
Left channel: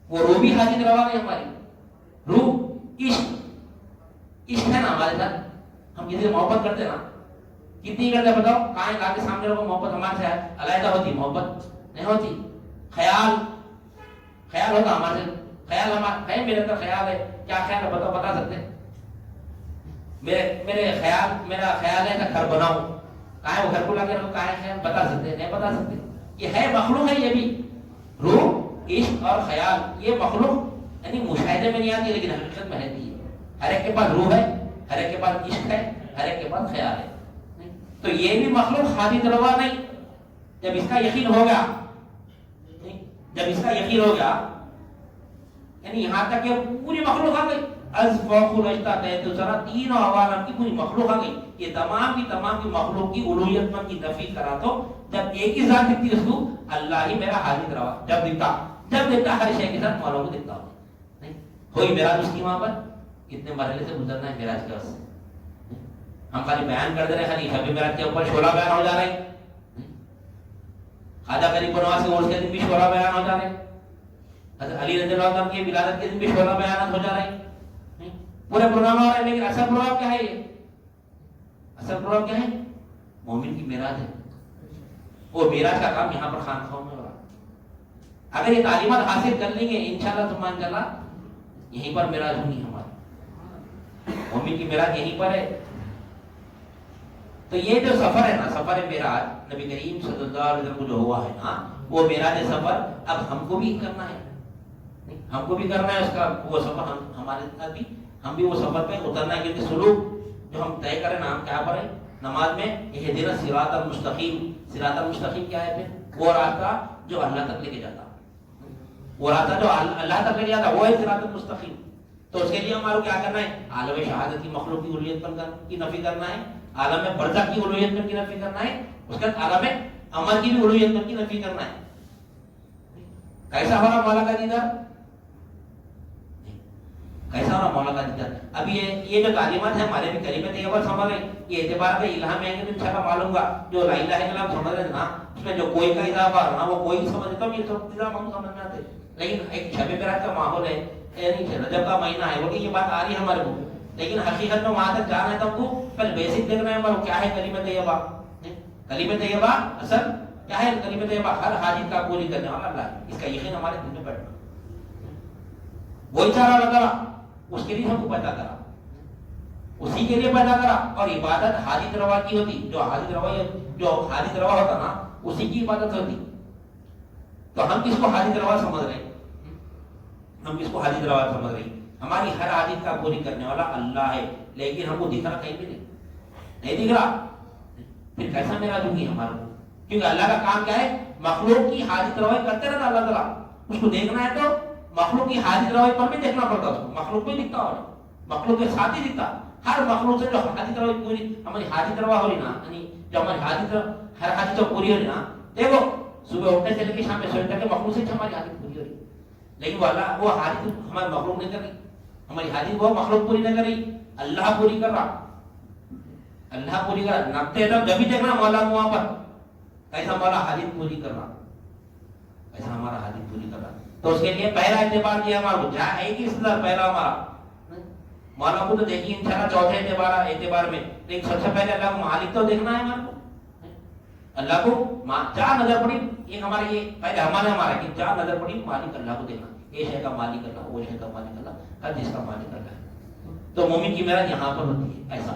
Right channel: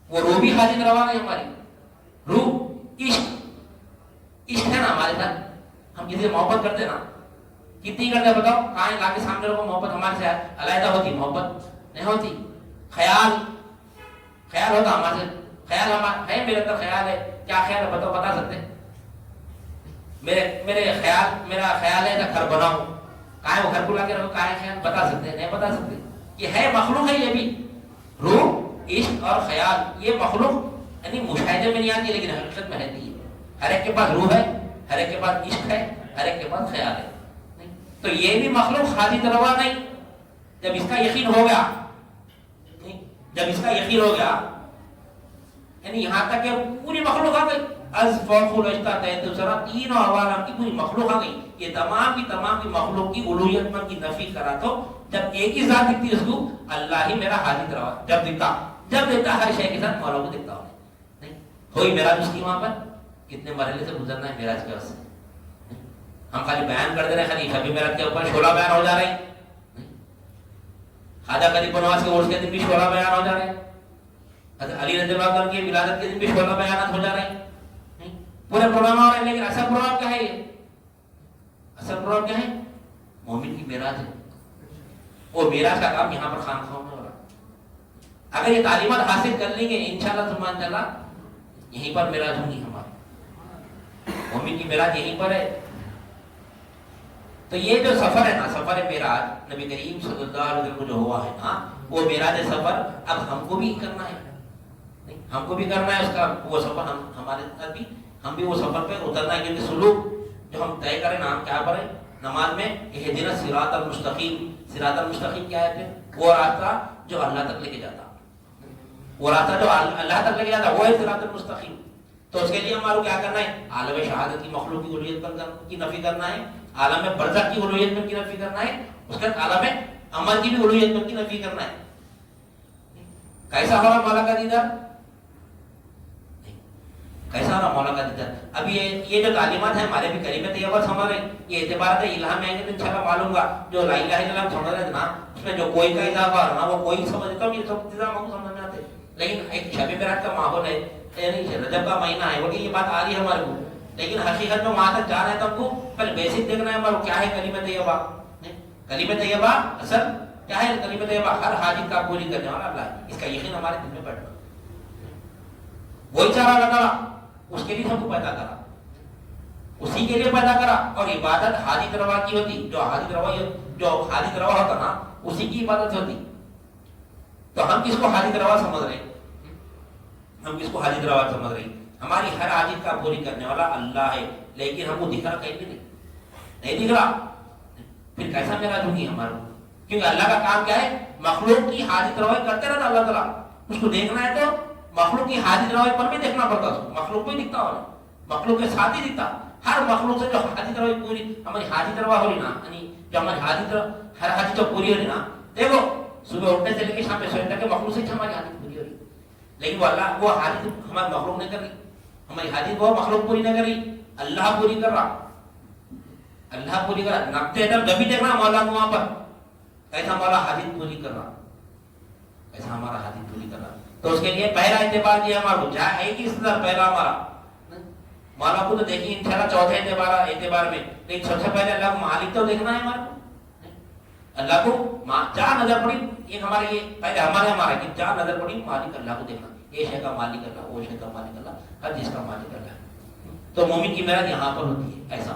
وہ روح بھی حاجت روا نہیں ہماری. روح عشق ہے نا ہمارے ساتھ. ہم کسی سے محبت کرتے نا، کتنی کرتے بتاؤ؟ کہاں لا کے سامنے لوگوں محبت ہمارے سے علیحدہ ہوتی؟ محبت نہیں ہوتی. خیال ہوتا ہمارے سے. خیال ہمارا ہے، میرے اندر خیال ہے. کیا خیال ہے بتاؤ؟ بتا سکتے؟ میرا خیال ہے کہ گھر بناؤں. کہاں ہے وہ گھر کو لا کے رکھو؟ کہاں ہے خیال؟ بتا سکتے؟ نہیں بتا سکتے. یہ ہے مخلوق ہے. یہ بھی روح، عشق اور خیال یہ مخلوق یعنی مشاہدے میں نہیں آتی لیکن حقیقت میں رہتی ہے. ہر ایک کے پاس روح ہے، ہر ایک کے پاس عشق ہے، ہر ایک کے پاس خیال ہے. تو یہ بھی مخلوق حادث روا نہیں. جب اس کا یقین ہو گیا یعنی یہاں تک کہ پوری مخلوق آ گئی. از فوق الاشتا تحت سرا، 3 عوالم کی پوری مخلوق آ گئی. یہ تمام کی مخلوق کی الوہیت پر کی نفی کرا تو جب ایک ہی ذات دکھتی اس کو اللہ ہی میرا حادث روا. جب دیکھتا ہر شے کے ساتھ معلوم دکھتا ہو نہیں. ہوئی معراج اس کی وہاں پر کتنے مرحلے سے گزرنا ہے معراج کے واسطے. ہم خالی بیان کر دے رہے ہیں، خالی شب معراج کے اوپر شعلہ بیان ہو جا رہے ہیں. خواجہ غریب نواز کے عرس کے دن بھی شعلہ بیان ہو جا رہے ہیں. حضرت علی رضی اللہ عنہ کی ولادت کے دن بھی شعلہ بیانات ہو جا رہے ہیں. پورے پروگرام ہو رہے ہیں. لیکن اصل پروگرام کیا ہے؟ اصل پروگرام کیا ہے؟ مومن کی معراج ہے. وہ معراج کا کام یہاں پر خانقاہوں میں ہو رہا ہے. اگر یہ تعلیمات حاصل کر لیں گے انشاءاللہ سبحان اللہ یہیں پر معراج ہونی ہماری. مومن کی معراج یہیں پر ہے. تو یہ جو سفر ہے نا، سفر معراج نبی کریم صلی اللہ علیہ وسلم کو جو ہوا ہے نا، وہ معراج سفر اب ہم کو بھی کرنا ہے. ہم کو بھی کرنا ہے اس کا وہ سفر. ہمارے ساتھ بھی ہم بھی وہ سفر پہ اترنا ہے. کیونکہ سلوک جو ہم طے کریں نا کیا پر ہے نماز میں، اہدنا الصراط المستقیم. صراط المستقیم کیا ہے؟ وہ راستہ جو اللہ تک لے کے جاتا، وہ راستہ جو اللہ تک لے کے جاتا وہ ہے صراط المستقیم. تو اس کے لیے ہمارا کیا کرنا ہے؟ عالم شہادت کی مخلوق کی الوہیت کی نفی کرنا ہے، عالم برزخ کی الوہیت کی نفی کرنا ہے، اس کے بعد عالم عمل کی بھی الوہیت کی نفی کرنا ہے. کیسا ہمارا مولا کا دیدار؟ کیسا ہمارا مولا کا دیدار؟ اب یہ جو تعلیمات ہیں ہمارے بھی کلمہ طیبہ سمجھ رہے ہیں. یہ اعتبارات الہام میں آئیں گے تو انشاءاللہ معلوم گا. جو لا الہ الا اللہ سمجھ رہے ہیں نا اس میں جو کوئی کا اضافہ نا وہ کوئی سمجھتا ہوں، یہ سب چیزیں ہم سمجھ میں آتے. لیکن ایک شب معراج کا ماحول ہے، یعنی رجب کا مہینہ ہے، وہ یہ بات آ رہی ہے ہمارے کو. لیکن حقیقت میں وہاں تک جا رہے ہیں تو ہم کو پہلے بیسک دیکھ رہے ہیں ہمارا کیا ہے کلمہ طیبہ. کلمہ طیبہ اصل کیا ہے؟ کلمہ طیبہ ہر حاجت کا پوری کرنے والا اللہ. اس کا یقین ہمارے دل میں بیٹھا. وہی چارہ لگا اس کے لیے ہم کو پیدا کرا، اسی کے لیے پیدا کرا. اور عبادت حاجت روا کی ہوتی. جو حاجت روا ہوتا نا اسی کی عبادت ہوتی. تو ہم کس کو حاجت روا سمجھ رہے ہیں؟ ہم کس کو حاجت روا سمجھ رہے ہیں؟ ہماری ہر حاجت کا پوری کرنے والا اللہ ہے. لیکن ہم کو دکھ رہا کہیں بھی نہیں دکھ رہا. پھر کیسا معراج ہوگی ہمارا؟ کیونکہ اللہ کا کام کیا ہے؟ مخلوق کی حاجت روائی کرتے رہتا اللہ تعالیٰ. اس کو دیکھنا ہے تو مخلوق کی حاجت روائی پر بھی دیکھنا پڑتا. اس کو مخلوق بھی دکھتا ہو، مخلوق کے ساتھ ہی دکھتا. ہر مخلوق سے جو حاجت روائی پوری ہماری حاجت روا ہو رہی نا، یعنی جو ہماری ہر حاجت جو پوری ہو رہی نا، دیکھو صبح اٹھنے سے لے کے شام میں سونے تک مخلوق سے ہماری حاجت پوری ہو رہی. لیکن وہ حاجت ہماری مخلوق نہیں کر رہی. ہماری حاجت وہ مخلوق پوری نہیں کر رہی، اللہ پوری کر رہا. اللہ پوری کر رہا. نقطے تک جب بھی دیکھنا مولا کو وہاں پر ایسا ہمارا حاجت پوری کر رہا، ایسا ہمارا حاجت پوری کر رہا. تو اس کے لیے پہلا اعتبار یہ ہمارا جہاں ایک ہی صدر پہلا ہمارا مولا کو تو دیکھیے انشاءاللہ چوتھے اعتبار میں، لیکن سب سے پہلے اللہ کو مالک تو دیکھنا ہے ہمارے کو. اللہ کو جہاں نظر پڑی یہ ہمارے یہ پہلے ہمارا کہ جہاں نظر پڑی مالک اللہ کو دیکھنا، یہ شے کا مالک اللہ، وہ شے کا مالک اللہ، ہر چیز کا مالک اللہ. تو مومن کی محنت یہاں پر ہوتی ہے ایسا.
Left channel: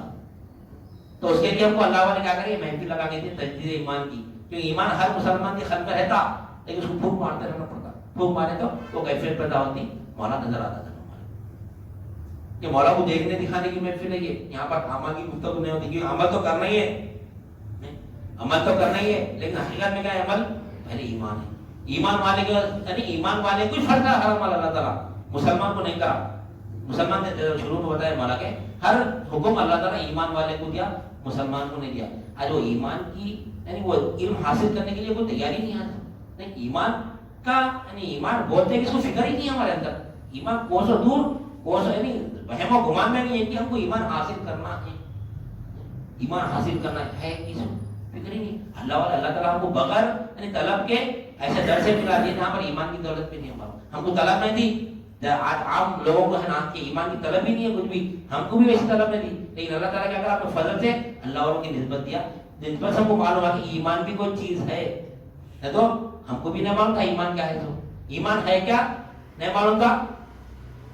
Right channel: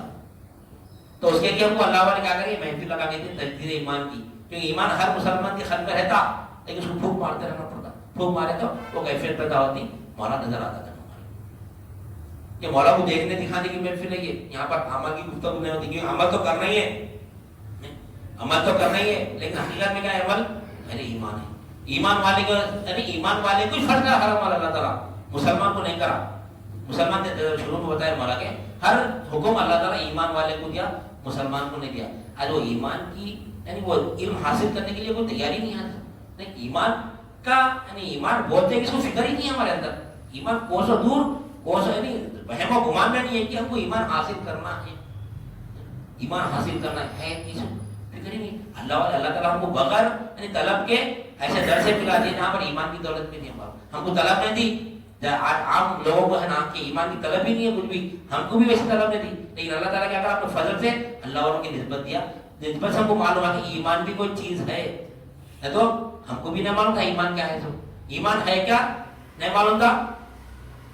تو اس کے لیے ہم کو اللہ والے کیا کریں، محفل لگا کے دیں تجدید ایمان کی، کیونکہ ایمان ہر مسلمان کے قلب میں رہتا لیکن اس کو پھونک مارتے رہنا پڑتا. پھونک مارے تو کیفیت پیدا ہوتی، مولا نظر آتا تھا. کہ مولا کو دیکھنے دکھانے کی محفل نہیں ہے، یہاں پر عمل کی گفتگو نہیں ہوتی، کیونکہ عمل تو کرنا ہی ہے، عمل تو کرنا ہی ہے، لیکن حقیقت میں کیا ہے عمل؟ یعنی ایمان ہے. ایمان والے کو یعنی ایمان والے کو فرض ہے ہر عمل اللہ تعالیٰ، مسلمان کو نہیں کرا. مسلمان نے شروع میں بتایا مولا کے ہر حکم اللہ تعالیٰ ایمان والے کو دیا، مسلمان کو نہیں دیا. آج وہ ایمان کی یعنی وہ علم حاصل کرنے کے لیے کوئی تیاری نہیں ہے. نہیں ایمان کا یعنی ایمان بولتے ہیں کہ اس کو فکر ہی نہیں ہے ہمارے اندر. ایمان کوسوں دور کوسوں یعنی وہم و گمان میں نہیں ہے کہ ہم کو ایمان حاصل کرنا ہے. ایمان حاصل کرنا ہے اس فکر ہی نہیں. اللہ تعالیٰ ہم کو بغیر یعنی طلب کے ایسے در سے ملا دیے جہاں پر ایمان کی دولت بھی نہیں ہمارا. ہم کو طلب نہیں دی، عام لوگوں کو ہے نا کہ ایمان کی طلب ہی نہیں ہے کچھ بھی، ہم کو بھی ویسی طلب نہیں دی. لیکن اللہ تعالیٰ کیا کرا اپنے فضل سے اللہ والوں کی نسبت دیا. نسبت سے ہم کو معلوم ہے کہ ایمان بھی کوئی چیز ہے. تو ہم کو بھی نہیں معلوم تھا ایمان کیا ہے. تو ایمان ہے کیا نہیں معلوم تھا،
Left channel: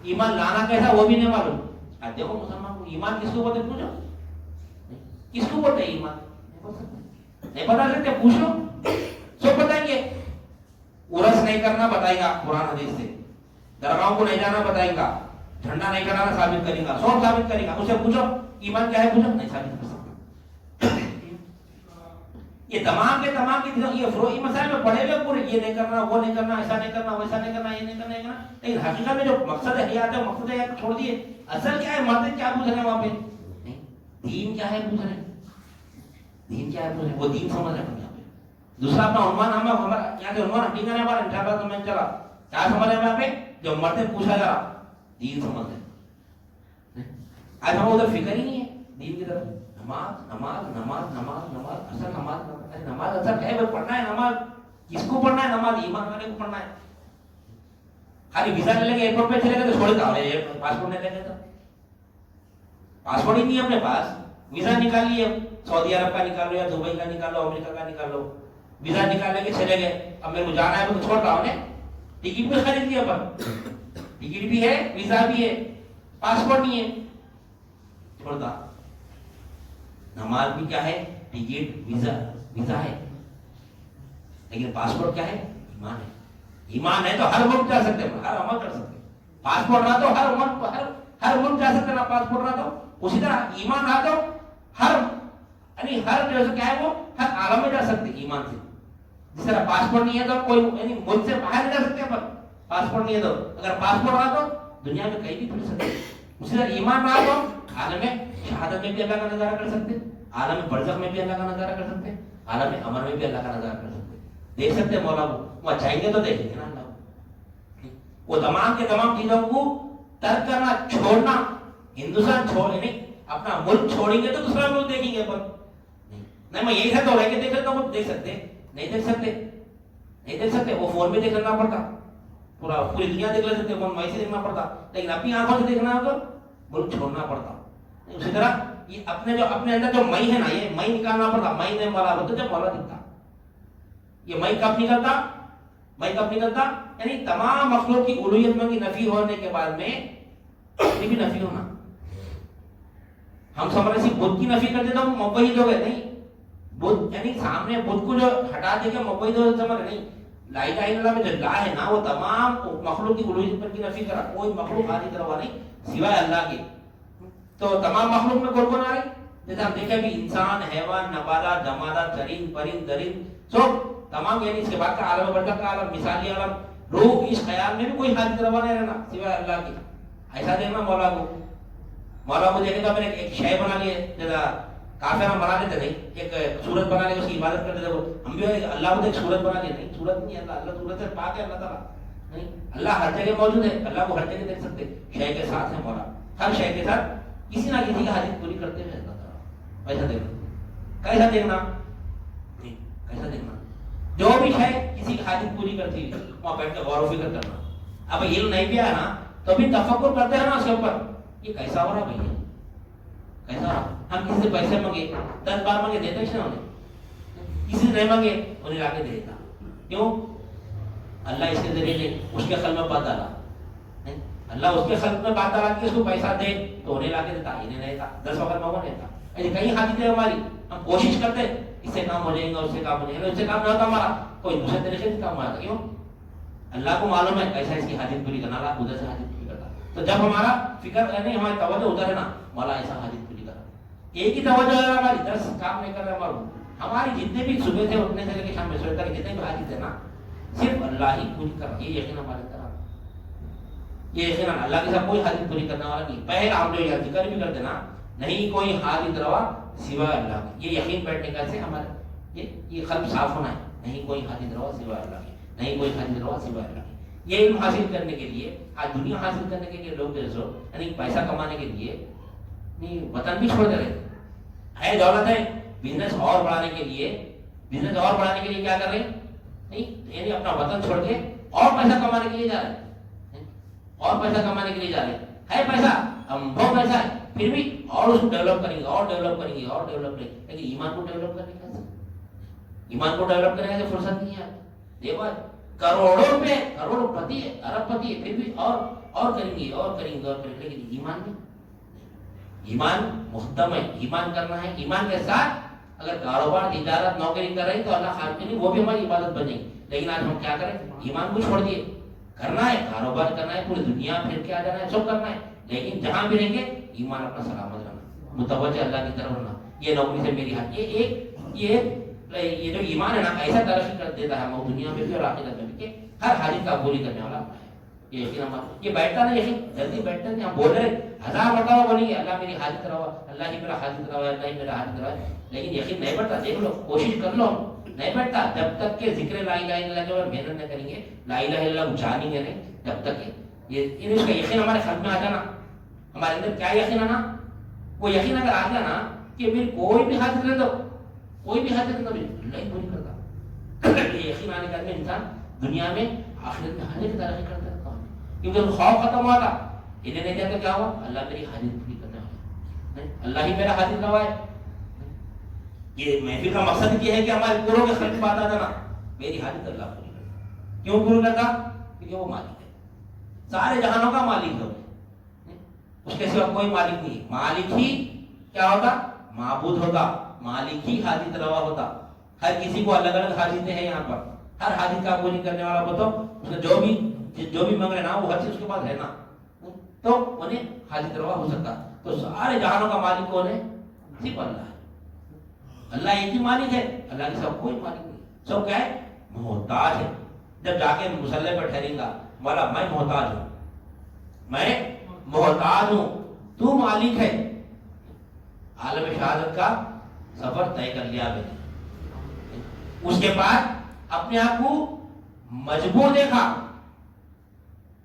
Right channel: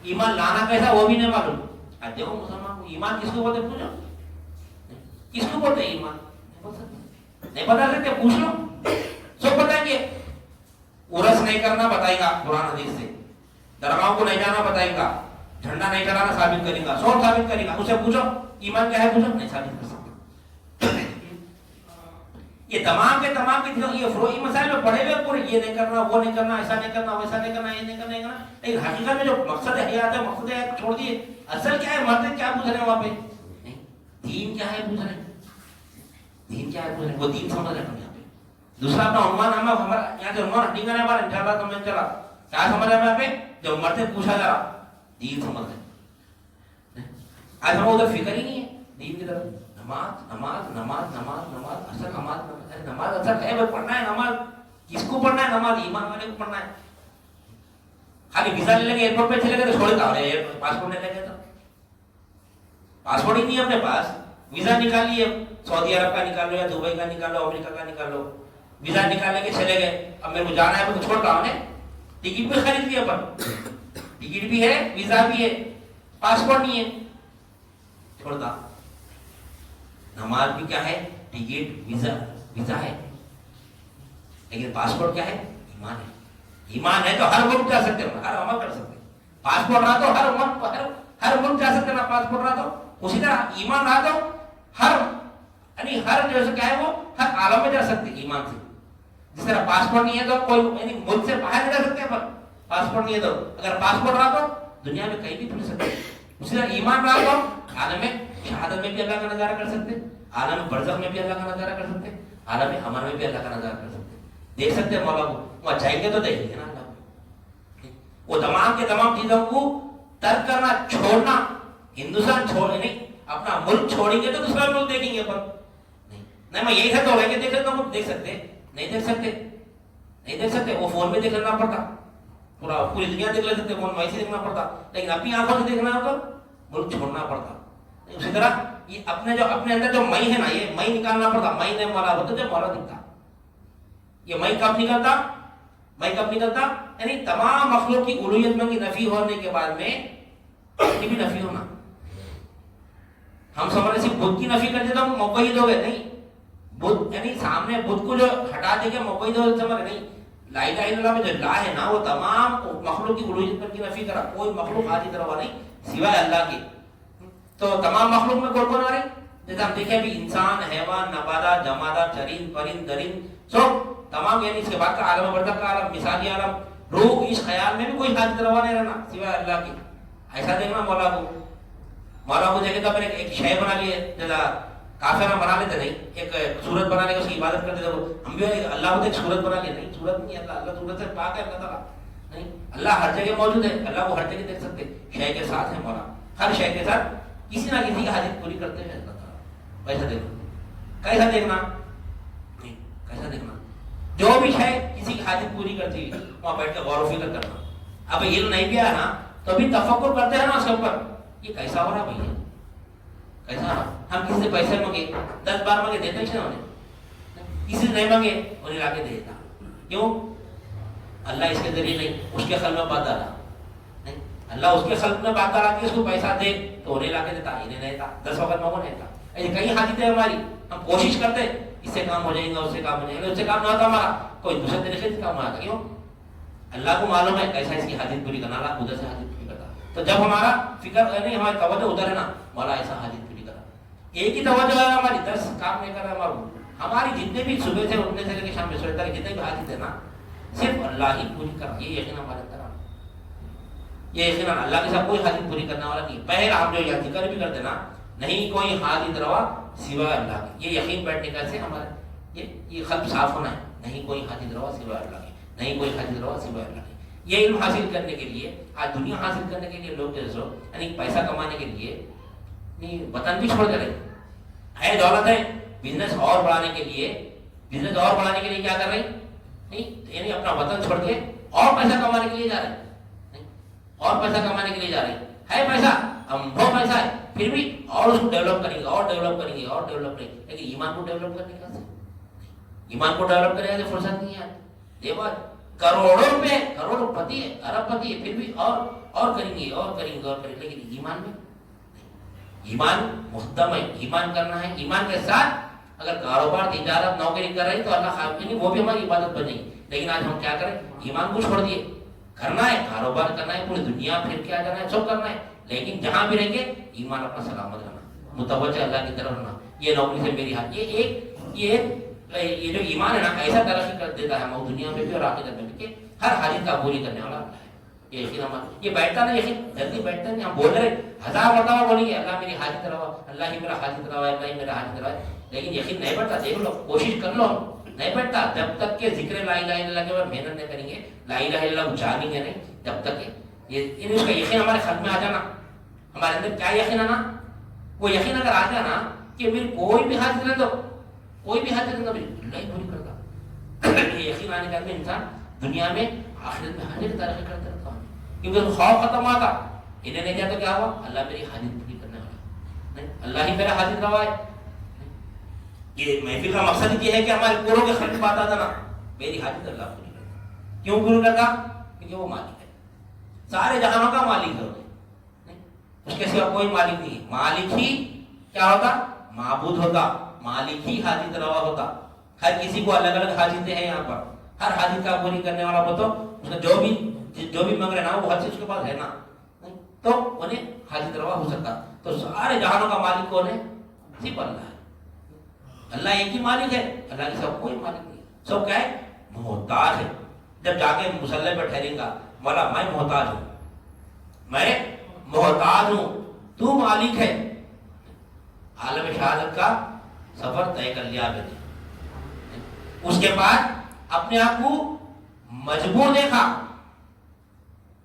ایمان لانا کیسا وہ بھی نہیں معلوم. اب دیکھو مسلمان کو ایمان کس کو بولتے پوچھو، کس کو بولتے ایمان نہیں بتا سکتے، پوچھ لو سب بتائیں گے. عرس نہیں کرنا بتائے گا قرآن حدیث سے، درگاہوں کو نہیں جانا بتائے گا، جھنڈا نہیں چڑھانا ثابت کرے گا، سب ثابت کرے گا. اسے پوچھو ایمان کیا ہے، پوچھو نہیں ثابت کر سکتے. یہ تمام کے تمام کی یہ فروعی مسائل میں پڑھے ہوئے پورے، یہ نہیں کرنا وہ نہیں کرنا ایسا نہیں کرنا ویسا نہیں کرنا یہ نہیں کرنا یہ کرنا. لیکن حقیقت میں جو مقصد حیات ہے مقصد حیات کو چھوڑ دیے. اصل کیا ہے، مرتے کیا پوچھ رہے ہیں وہاں پہ، دین کیا ہے پوچھ رہے ہیں، دین کیا ہے پوچھ رہے ہیں، وہ دین سمجھ رہے ہیں یہاں پہ. دوسرا اپنا عنوان ہمارا یہاں سے عنوان حقیقت ہے ہمارا انشاءاللہ سمجھ چلا کیا سمجھ رہے ہیں یہاں پہ، جو مرتے پوچھا جا رہا دین سمجھ رہے ہیں. آج ہم ادھر فکر ہی نہیں ہے دین کی طرف. نماز نماز نماز نماز نماز اصل نماز اصل ہے وہ پڑھنا ہے. نماز کس کو پڑھنا ہے، نماز ایمان والے کو پڑھنا ہے. خالی ویزا لے لیں گے ایئرپورٹ پہ چلے گئے تو چھوڑ دیں، پاسپورٹ نہیں لے گئے تو پاسپورٹ ہی نہیں ہے اپنے پاس. ویزا نکال لیے، سعودی عرب کا نکال لو یا دبئی کا نکال لو امریکہ کا نکال لو، ویزا نکال کے چلے گئے. اب میرے کو جانا ہے تو چھوڑتا ہوں نے ٹکٹ بھی خرید لیا، پر ٹکٹ بھی ہے ویزا بھی ہے پاسپورٹ نہیں ہے چھوڑتا. نماز بھی کیا ہے، ٹکٹ ویزا ہے، لیکن پاسپورٹ کیا ہے، ایمان ہے. ایمان ہے تو ہر ملک جا سکتے ہیں، ہر عمل کر سکتے ہیں. پاسپورٹ رہا تو ہر ملک جا سکتے ہیں، پاسپورٹ رہا تو. اسی طرح ایمان رہا تو ہر جیسے کیا ہے وہ ہر عالم میں جا سکتے ایمان سے. جس طرح پاسپورٹ نہیں ہے تو کوئی یعنی ملک سے باہر نہیں جا سکتے، پر پاسپورٹ نہیں ہے تو اگر پاسپورٹ رہا تو دنیا میں کہیں بھی پھر سکتے. اسی طرح ایمان رہا تو عالم میں شہادت میں بھی اللہ کا نظارہ کر سکتے، عالم برزخ میں بھی اللہ کا نظارہ کر سکتے، عالم امن میں بھی اللہ کا نظارہ کر سکتے. دیکھ سکتے ہیں مولا کو، وہ چاہیں گے تو دیکھیں گے نا اللہ کو. وہ تمام کے تمام چیزوں کو ترک کرنا چھوڑنا، ہندوستان چھوڑ نہیں اپنا ملک چھوڑیں گے تو دوسرا ملک دیکھیں گے. پر نہیں میں یہی ہے تو لے کے دیکھ سکتا ہوں، دیکھ سکتے نہیں دیکھ سکتے. وہ فون میں دیکھ لینا پڑتا، پوری دنیا دیکھ لے سکتے، فون میں سے دیکھنا پڑتا. لیکن اپنی آنکھوں سے دیکھنا ہے تو ملک چھوڑنا پڑتا. اسی طرح یہ اپنے اندر جو مئی ہے نا، یہ مئی نکالنا پڑتا. مئی نہیں مولا ہوتا جب مولا دکھتا. یہ مئی کب نکلتا یعنی تمام مخلوق کی الوہیت میں کی نفی ہونے کے بعد میں یہ بھی نفی ہونا. ہم سمجھ رہے بدھ کی نفی کر دیتا ہوں موقعید ہو گئے، نہیں. بدھ یعنی سامنے بدھ کو جو ہٹا دے گا موقعید ہو سمجھ نہیں. لا الہ الا اللہ میں جو لا ہے نا وہ تمام مخلوق کی الوہیت پر کی نفی کرا. کوئی مخلوق حاجت روا نہیں سوائے اللہ کی. تو تمام مخلوق میں کون آ رہی، جیسے ہم دیکھیں بھی انسان، حیوان، نباتات، جمادات، چرند، پرند، درند سب تمام، یعنی اس کے بعد کا عالم برزخ کا عالم، مثالی عالم، روح، اس خیال میں بھی کوئی حاجت روا نہیں رہنا سوائے اللہ کی. ایسا دیکھنا مولا کو دیکھے تو اپنے ایک شے بنا لیے، جیسا کافر ہم بنا لیتے نہیں، ایک صورت بنا لے کے اس کی عبادت کرتے تھے. ہم بھی اللہ کو ایک صورت بنا لیے، نہیں صورت نہیں ہے اللہ صورت سے پاک ہے اللہ تعالیٰ. نہیں، اللہ ہر جگہ موجود ہے، اللہ کو ہر جگہ دیکھ سکتے. شے کے ساتھ ہے مولا، ہر شے کے ساتھ کسی نہ کسی کی حاجت پوری کرتے ہیں اللہ تعالیٰ. ایسا دیکھنا کیسا دیکھنا نہیں ایسا دیکھنا جو بھی ہے کسی کی حاجت پوری کرتی وہاں بیٹھ کے غور و فکر کرنا. اب علم نہیں بھی آیا نا تو بھی تفکر کرتے ہیں نا اس کے اوپر یہ کیسا ہو رہا ہے بھائی, کیسا ہو رہا. ہم کسی سے پیسے مانگے 10 بار مانگے دیتے ہی انہیں, کسی سے نہیں مانگے انہیں لا کے دے دیتا. کیوں؟ اللہ اس کے ذریعے نہیں, اس کے خلق میں بات ڈالا, اللہ اس کے خلق میں بات ڈالا کہ اس کو پیسہ دے تو انہیں لا کے دیتا, انہیں نہیں دیتا. 10 وقت مانگو نہیں دیتا. ایسے کئی حاجتیں ہیں ہماری, ہم کوشش کرتے اس سے کام ہو جائیں گے, اس سے کام ہو جائیں گے, اس سے کام نہیں ہوتا ہمارا, کوئی دوسرے طریقے سے کام نہیں ہوتا. کیوں؟ اللہ کو معلوم ہے ایسا اس کی حاجت پوری کرنا, اللہ ادھر سے حاجت پوری کرتا. تو جب ہمارا فکر نہیں, ہماری توجہ ادھر ہے نا, مولا ایسا حاجت پوری کرنا. ایک ہی توجہ ہے ہماری, 10 کام نہیں کر رہا ہماری جتنے بھی صبح سے اٹھنے سے لے کے شام میں سونے تک جتنے بھی حاجت ہے نا صرف اللہ ہی پوری کرنا. یہ یقین ہمارے طرح, یہ یقین اللہ کے ساتھ کوئی حاجت پوری کرنے والا نہیں. پہلا ہم جو ذکر بھی کرتے نا, نہیں کوئی حاجت روا سوائے اللہ کی. یہ یقین بیٹھنے کا سے ہمارے یہ قلب صاف ہونا ہے. نہیں کوئی حاجت روا سوائے اللہ کی, نہیں کوئی حاجت روا سوائے اللہ کی. یہ علم حاصل کرنے کے لیے, آج دنیا حاصل کرنے کے لیے لوگ جو یعنی پیسہ کمانے کے لیے وطن بھی چھوڑ دے رہے ہے. دولت ہے, بزنس اور بڑھانے کے لیے, بزنس اور بڑھانے کے لیے کیا کر رہے ہیں, نہیں یعنی اپنا وطن چھوڑ کے اور پیسہ کمانے کے لیے جا رہے ہیں, اور پیسہ کمانے کے لیے جا رہے ہیں. ہے پیسہ, ہم بہت پیسہ ہے, پھر بھی اور اس کو ڈیولپ کریں گے, اور ڈیولپ کریں گے, اور ڈیولپ کریں گے. لیکن ایمان کو ڈیولپ کرنے کا, ایمان کو ڈیولپ کرنے کا فرصت نہیں ہے. دیکھو کروڑوں روپے, کروڑوں پتی ہے, ارب پتی ہے, پھر بھی اور کریں گے, اور کریں گے, اور کریں گے. لیکن ایمان میں, ایمان مقدم ہے, ایمان کرنا ہے. ایمان کے ساتھ اگر کاروبار تجارت نوکری کر رہے ہیں تو اللہ خالق کے لیے وہ بھی ہماری عبادت بنے گی. لیکن آج ہم کیا کریں, ایمان کو چھوڑ دیے. کرنا ہے کاروبار کرنا ہے, پوری دنیا پھر کیا جانا ہے, سب کرنا ہے, لیکن جہاں بھی رہیں گے ایمان اپنا سلامت رہنا, متوجہ اللہ کی طرف رہنا. یہ نوکری سے میری حال, یہ جو ایمان ہے نا ایسا ترقی کر دیتا ہے ہم دنیا میں بھی اور آخرت میں بھی کہ ہر حاجت کا پوری کرنے والا ہے. یہ یقین ہمارا, یہ بیٹھتا نہیں, یقین جلدی بیٹھتا نہیں. ہم بول رہے 1000 مرتبہ بولیں گے اللہ میری حاجت روا, اللہ ہی میرا حاجت روا ہے, اللہ ہی میرا حاجت روا ہے, لیکن یقین نہیں بیٹھتا. دیکھ لو, کوشش کر لو, نہیں بیٹھتا. جب تک کہ ذکر لا الہ الا اللہ کے بعد محنت نہیں کریں گے, لا الہ الا اللہ جانیں گے نہیں, جب تک کہ یہ اس کا یقین ہمارے قلب میں آ جانا. ہمارے اندر کیا یقین آنا, وہ یقین اگر آ جانا کہ میری کوئی بھی حاجت لے دو, کوئی بھی حاجت لے دو, اللہ پوری کرتا. یہ یقین آنے کا انسان دنیا میں آخرت میں ہر ایک ترقی کرتا ہے. کیونکہ خوف ختم ہوا تھا, انہیں نہیں کیا تو کیا ہوا, اللہ میری حاجت پوری کرنے والا, اللہ ہی میرا حاجت روا ہے. یہ محفل کا مقصد یہ ہے کہ ہمارے پوروں کے خلاف بات آتا نا, میری حاجت اللہ پوری کرتا. کیوں پوری کرتا, کیونکہ وہ مالک ہے, سارے جہانوں کا مالک ہے, اس کے سوا کوئی مالک نہیں. مالک ہی کیا ہوتا, معبود ہوتا, مالک ہی حاجت روا ہوتا. ہر کسی کو الگ الگ حاجتیں ہیں یہاں پر, ہر حاجت کا پوری کرنے والا کو تو اس نے جو بھی مانگ رہے نا وہ ہر چیز اس کے پاس ہے نا, تو انہیں حاجت روا ہو سکتا. تو سارے جہانوں کا مالک کون ہے, صرف اللہ ہے. اللہ ایک ہی مالک ہے, اللہ کے سب کوئی مالک نہیں. سب کیا ہے, محتاج ہے. جب جا کے مصلی پر ٹھہریں گا, مولا میں محتاج ہوں, میں محتاج ہوں, تو مالک ہے. عالم شہادت کا سفر طے کر لیا میں نے. اس کے بعد اپنے آپ کو مجبور دیکھا,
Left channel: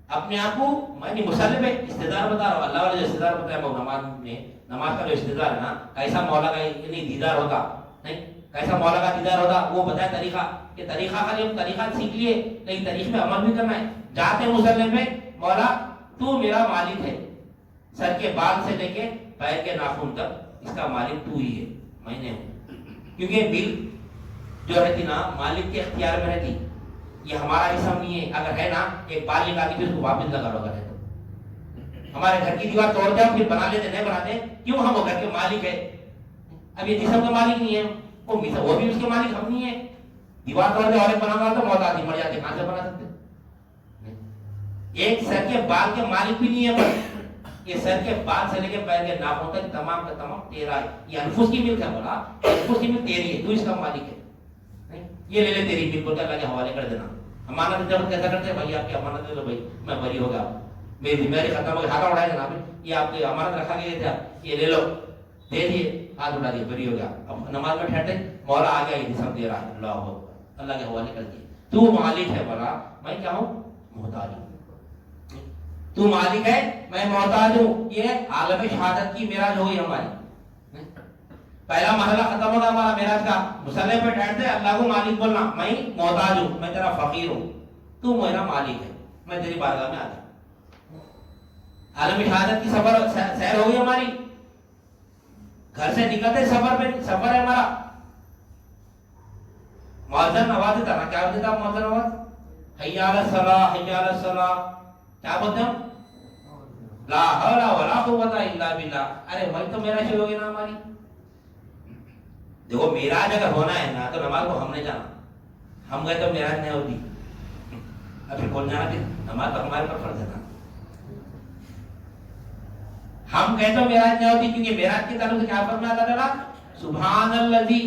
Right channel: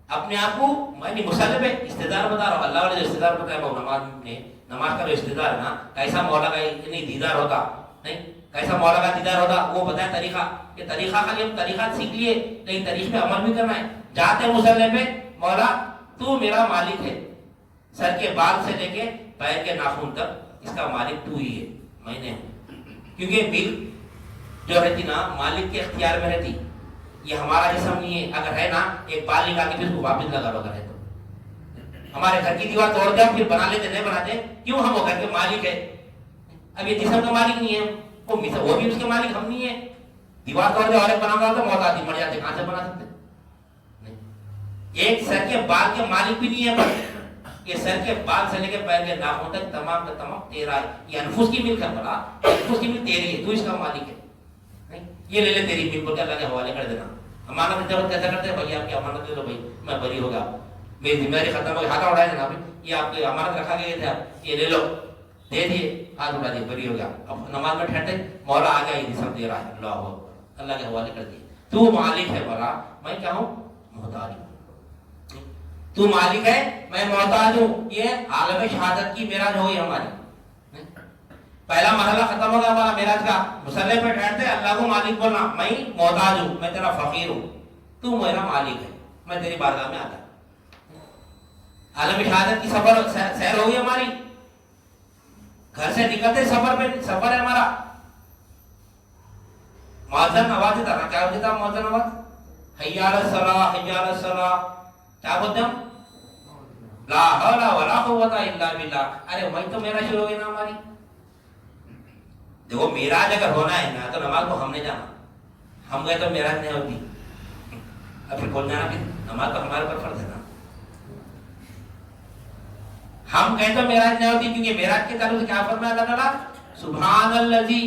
اپنے آپ کو میں مصلی پہ استدار بتا رہا ہوں. اللہ والے جو استدار بتایا وہ نماز میں, نماز کا جو استدار ہے نا, کیسا مولا کا نہیں دیدار ہوتا, نہیں کیسا مولا کا دیدار ہوتا, وہ بتایا طریقہ. کہ طریقہ خالی ہم طریقہ سیکھ لیے, لیکن طریقے پہ عمل بھی کرنا ہے. جاتے مصلی پہ, مولا تو میرا مالک ہے, سر کے بال سے لے کے پیر کے ناخن تک اس کا مالک تو ہی ہے, میں نے ہوں. کیونکہ ملک جو رہتی نا مالک کے اختیار میں رہتی, یہ ہمارا جسم نہیں ہے. اگر ہے نا ایک بال نکال کے پھر اس کو واپس لگا لو کرے تو ہمارے گھر کی دیوار توڑ دیں پھر بنا لیتے, نہیں بناتے, کیوں, ہم وہ گھر کے مالک ہے. اب یہ جسم کا مالک نہیں ہے, وہ بھی اس کے مالک ہم نہیں ہے. دیوار توڑ دے اور ایک بنا تو موت آتی, مر جاتی, کہاں سے بنا سکتے. ایک سر کے بال کے مالک بھی نہیں ہے, یہ سر کے بال سے لے کے پیر کے ناخن تک تمام کا تمام تیرا ہے. یہ انفس کی ملک ہے, بولا انفس کی ملک تیری ہے, تو اس کا مالک ہے. یہ لے لے تیری ملک کو اللہ کے حوالے کر دینا. امانت جب کیسا کرتے ہیں, بھائی آپ کی امانت دے دو, بھائی میں بری ہو گیا, میری ذمہ داری ختم ہو گئی, ہاتھ اڑائے جناب, یہ آپ کی امانت رکھا گیا تھا, یہ لے لو, دے دیے, ہاتھ اڑا دیے, بری ہو گیا. اب نماز میں ٹھہرتے, مولا آ گیا, یہ جسم دے رہا ہے, اللہ کے حوالے کر دیے. تو مالک ہے, بولا میں کیا ہوں, محتاج ہوں. تو مالک ہے, میں محتاج ہوں. یہ عالم شہادت کی معراج ہوئی ہماری. پہلا مرحلہ ختم ہوگا ہمارا معراج کا. مصلی پہ بیٹھتے اللہ کو مالک بولنا, میں محتاج ہوں, میں تیرا فقیر ہوں, تو میرا مالک ہے, میں تیری بارگاہ میں آتا. عالم شہادت کی سیر ہوگی ہماری. گھر سے نکلتے سفر ہے ہمارا. مؤذن آواز دیتا نا, کیا دیتا مؤذن آواز؟ حی علی الصلاۃ, حی علی الصلاۃ. کیا بولتے ہم؟ لا حول ولا قوت الا باللہ. ارے وہی تو معراج شروع ہوگی نا ہماری. دیکھو معراج اگر ہونا ہے نا تو نماز کو ہم نے جانا, ہم گئے تو معراج نہیں ہوتی. اب پھر کون جانا کہ نماز تو ہمارے پر فرض ہے نا. ہم گئے تو معراج نہیں ہوتی, کیونکہ معراج کے تعلق سے کیا فرمایا اللہ تعالیٰ؟ سبحان الذی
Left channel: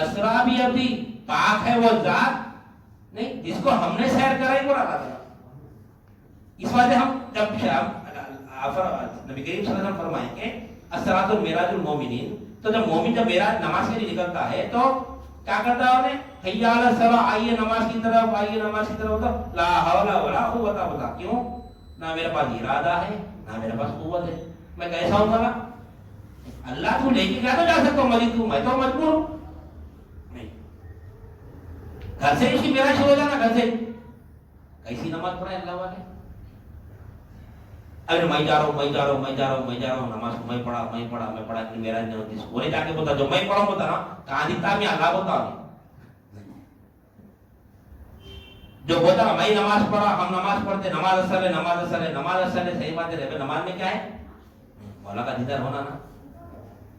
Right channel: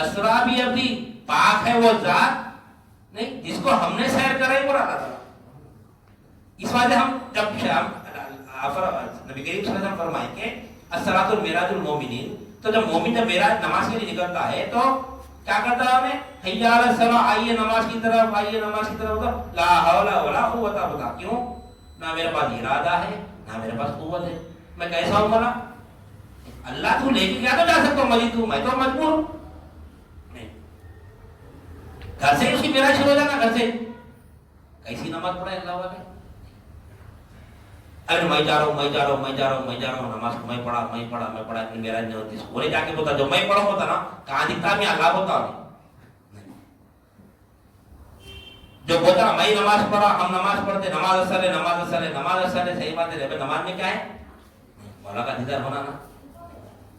اسریٰ بعبدہ, پاک ہے وہ ذات نہیں جس کو ہم نے سیر کرے وہ اللہ تعالیٰ. اس وجہ سے ہم جب نبی کریم صلی اللہ علیہ وسلم فرمائیں کہ الصلاۃ معراج المومنین, تو جب مومن جب معراج نماز کے لیے نکلتا ہے تو کیا کرتا ہے انہیں؟ حی علی الصلاۃ, آئیے نماز کی طرف, آئیے نماز کی طرف. لا حول ولا قوت الا. کیوں؟ نہ میرے پاس ارادہ ہے نہ میرے پاس قوت ہے, میں کیسا ہوں بھلا؟ اللہ تو لے کے کیا تو جا سکتا ہوں مزید, تو میں تو مجبور ہوں. گھر سے اس کی معراج شروع ہو جانا, گھر سے کیسی نماز پڑھے اللہ والے. ارے میں جا رہا ہوں نماز کو میں پڑھا اتنی معراج نہیں ہوتی. انہیں جا کے بولتا جو میں پڑھا ہوتا نا, کہاں دکھتا میں اللہ ہوتا. جو بولتا نا میں نماز پڑھا, ہم نماز پڑھتے, نماز اصل ہے, صحیح بات ہے. نماز میں کیا ہے؟ مولا کا دیدار ہونا نا.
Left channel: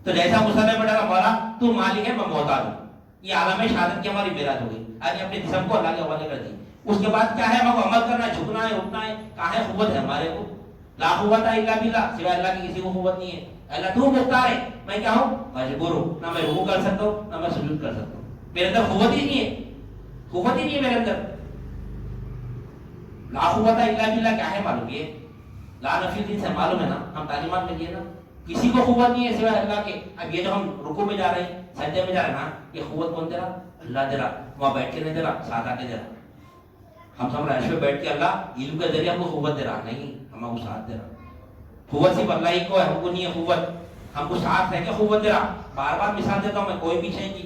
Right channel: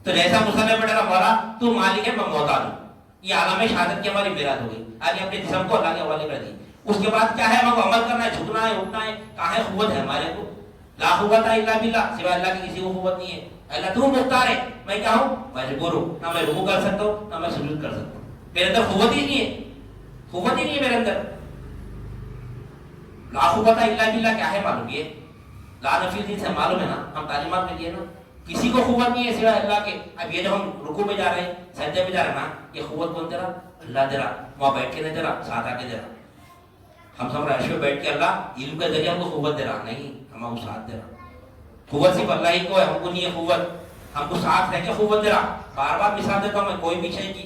تو جیسا مصلی پہ ڈالا مولا تو مالک ہے, میں محتاج ہوں. یہ عالم شہادت کی ہماری معراج ہو گئی. آج اپنے جسم کو اللہ کے حوالے کر دی. اس کے بعد کیا ہے؟ ہم کو عمل کرنا ہے, جھکنا ہے, اٹھنا ہے. کہاں ہے قوت ہے ہمارے کو؟ لا قوت الا باللہ, سوائے اللہ کی کسی کو قوت نہیں ہے. اللہ تو مختار ہے, میں کیا ہوں؟ مجبور ہوں. نہ میں رکوع کر سکتا ہوں نہ میں سجود کر سکتا ہوں. میرے اندر قوت ہی نہیں ہے, میرے اندر. لا قوت الا باللہ کیا ہے معلوم؟ یہ لا نفی دین سے معلوم ہے نا, ہم تعلیمات میں دیے نا, کسی کو قوت نہیں ہے سوائے اللہ کے. اب یہ جو ہم رکوع میں جا رہے ہیں, سجدے میں جا رہے ہیں نا, یہ قوت کون دے رہا؟ اللہ دے رہا. وہاں بیٹھ کے نہیں دے رہا, ساتھ آ کے دے رہا. ہم سب عرش پہ بیٹھ کے اللہ علم کے ذریعے ہم کو قوت دے رہا نہیں, ہم کو ساتھ دے رہا. قوت صرف اللہ ہی کو ہے, ہم کو نہیں ہے قوت. ہم کو ساتھ رہ کے قوت دے رہا. بار بار مثال دیتا ہوں میں, کوئی بھی شے کی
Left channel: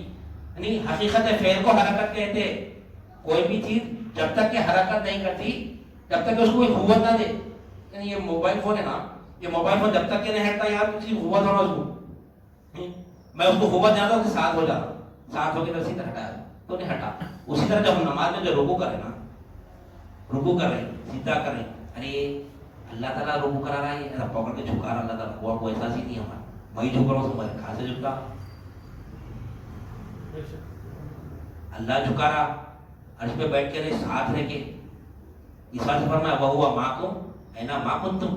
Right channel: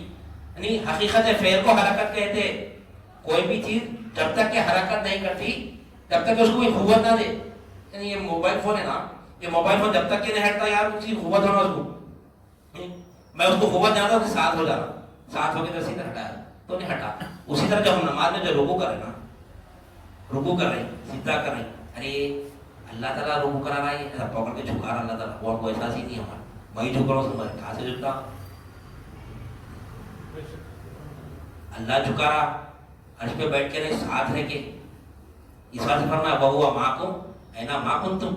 یعنی حقیقت فعل کو حرکت کہتے. کوئی بھی چیز جب تک کہ حرکت نہیں کرتی جب تک کہ اس کو کوئی قوت نہ دے. یعنی یہ موبائل فون ہے نا, یہ موبائل فون جب تک کہ نہیں ہٹتا یار اس کی قوت ہونا, اس کو میں اس کو قوت دینا تھا, ساتھ ہو جا رہا, ساتھ ہو کے تو سیدھا ہٹایا تو نہیں ہٹا. اسی طرح جب ہم نماز میں جو رکوع کریں نا, رکوع کریں سیدھا کریں, ارے اللہ تعالیٰ رکوع کرا رہا ہے, ایسا پکڑ کے جھکا رہا اللہ تعالیٰ, ہوا کوئی احساس ہی نہیں ہمارا. میں جھک رہا ہوں, تمہارے کہاں سے جھکتا؟ اللہ جھکا رہا, عرش پہ بیٹھ کے نہیں, ساتھ رہ کے. اس بات سے فرمایا وَهُوَ مَعَكُمْ أَيْنَمَا مَا كُنتُمْ,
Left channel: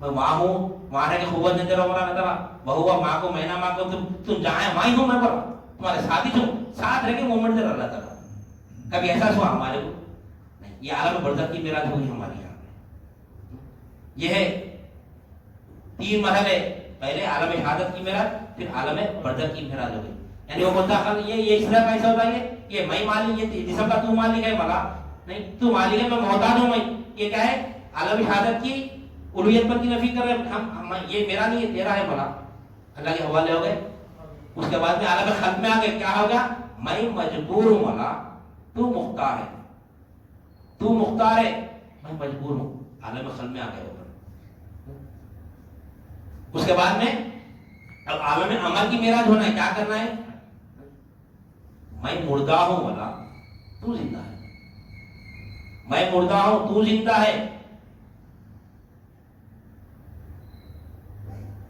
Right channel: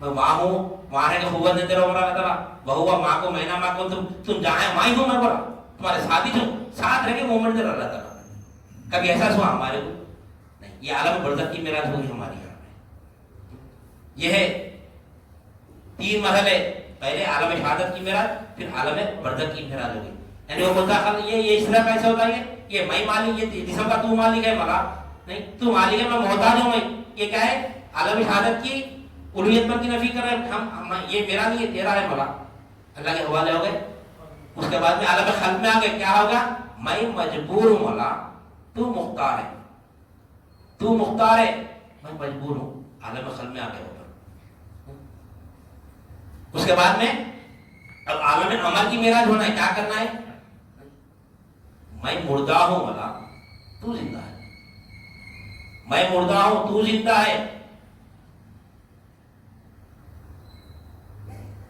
میں وہاں ہوں, وہاں رہ کے قوت نہیں دے رہا اللہ تعالیٰ. وَهُوَ مَعَكُمْ أَيْنَمَا مَا كُنتُمْ, تم جہاں ہیں وہاں ہی ہوں, میں بولا تمہارے ساتھ ہی ہوں, ساتھ رہ کے مومنٹ دے رہا اللہ تعالیٰ. کبھی احساس ہوا ہمارے کو نہیں. یہ عالم برزخ کی معراج ہوگی ہماری یہاں پہ. یہ ہے 3 مرحلے, پہلے عالم شہادت کی معراج, پھر عالم برزخ کی معراج ہوگی. یعنی وہ مستقل یہ اس طرح کیسا ہوتا ہے, یہ میں مالک, یہ جسم کا تو مالک ہے, ملا نہیں تو مالک ہے, میں محتاج ہوں. میں یہ کیا ہے؟ عالم شہادت کی الوہیت پر کی نفی کر رہے ہیں ہم. یہ میرا نہیں ہے, تیرا ہے, ملا اللہ کے حوالے ہو گئے. اس کے بعد میں عالم خلق میں آ گئے, کیا ہوگا؟ میں مجبور ہوں مولا, تو مختار ہے, تو مختار ہے, میں مجبور ہوں. عالم خلق میں آ گئے. اس کے بعد میں اب عالم عمل کی معراج ہونا ہے, کیا کرنا ہے؟ میں مردہ ہوں مولا, تو زندہ ہے. میں مردہ ہوں, تو زندہ ہے.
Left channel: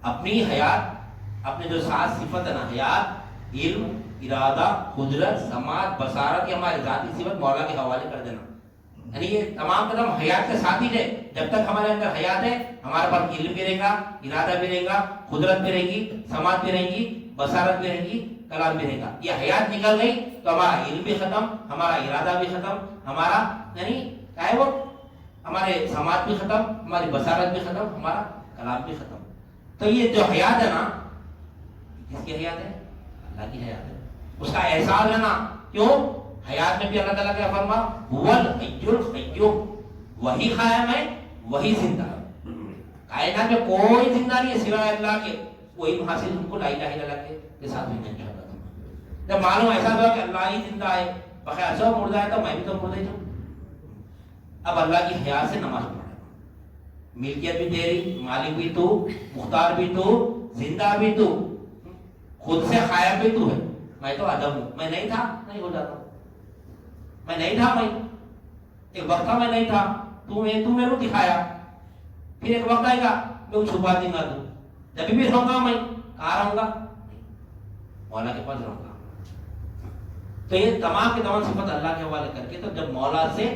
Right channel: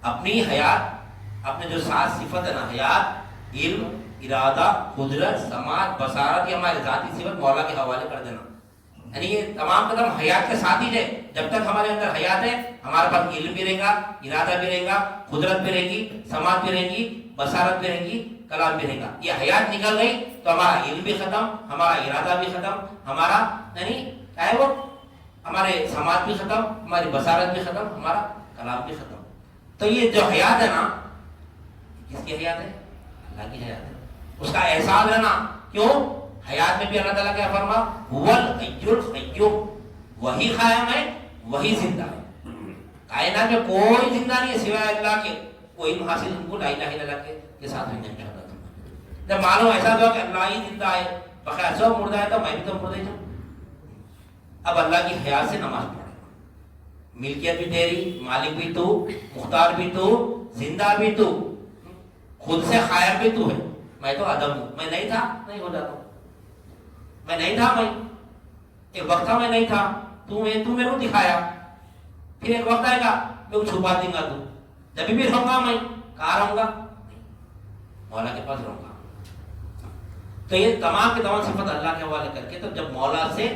اپنی حیات, اپنے جو 7 صفت ہے نا, حیات, علم, ارادہ, قدرت, سماعت, بصارت, یہ ہماری ذاتی صفت مولا کے حوالے کر دینا. یعنی یہ تمام قدم حیات کے ساتھ ہی ہے. جب تک ہمارے اندر حیات ہے, ہمارے پاس علم بھی رہے گا, ارادہ بھی رہے گا, قدرت بھی رہے گی, سماعت بھی رہے گی, بصارت بھی رہے گی, کلام بھی رہے گا. یہ حیات نکل گئی تو ہمارا علم بھی ختم, ہمارا ارادہ بھی ختم, ہمارا یعنی کیا ہے وہ, ہمارے سماعت بھی ختم, ہماری بصارت بھی ختم, ہمارا کلام بھی ختم. تو یہ جو حیات ہے نا, کس کی حیات ہے؟ اللہ کی حیات ہے. اس کا احساس ہے نا. کیوں؟ حیات میں بھی اللہ تعالیٰ کیا فرما, هو الحی القیوم, وہی قائم ہے, وہی زندہ ہے. کائنات میں کوئی زندہ نہیں ہے سوائے اللہ کے. کوئی حاصل ہم کو لا الہ الا اللہ کے ساتھ ہوئی نہیں انشاءاللہ. جب معلوم ایسا ہوا کہ اللہ ہی زندہ ہے بقیہ سب مردہ ہے تو میں بھی تو مردہ ہی ہوں. اب اللہ کی حیات سے نماز پڑھے. ملکیت بھی تیری، مالک بھی تو، مختار بھی تو، زندہ بھی تو، خود سے قائم بھی تو ہے. میں تو عدم ہوں، میں نہیں تھا نہیں ہو جاتا. میں نہیں تھا، میں ایک وقت تھا میں نہیں تھا، تو میرے کو دکھایا. پھر ایک وقت آئے گا میں وہ چھپا دوں گا. تو جب بھی رہوں گا میں کہاں رہوں گا؟ مولا کے پاس رہوں گا. تو یہ تمام کے تمام صفت اللہ کے حوالے کر کے تو جب مولا سے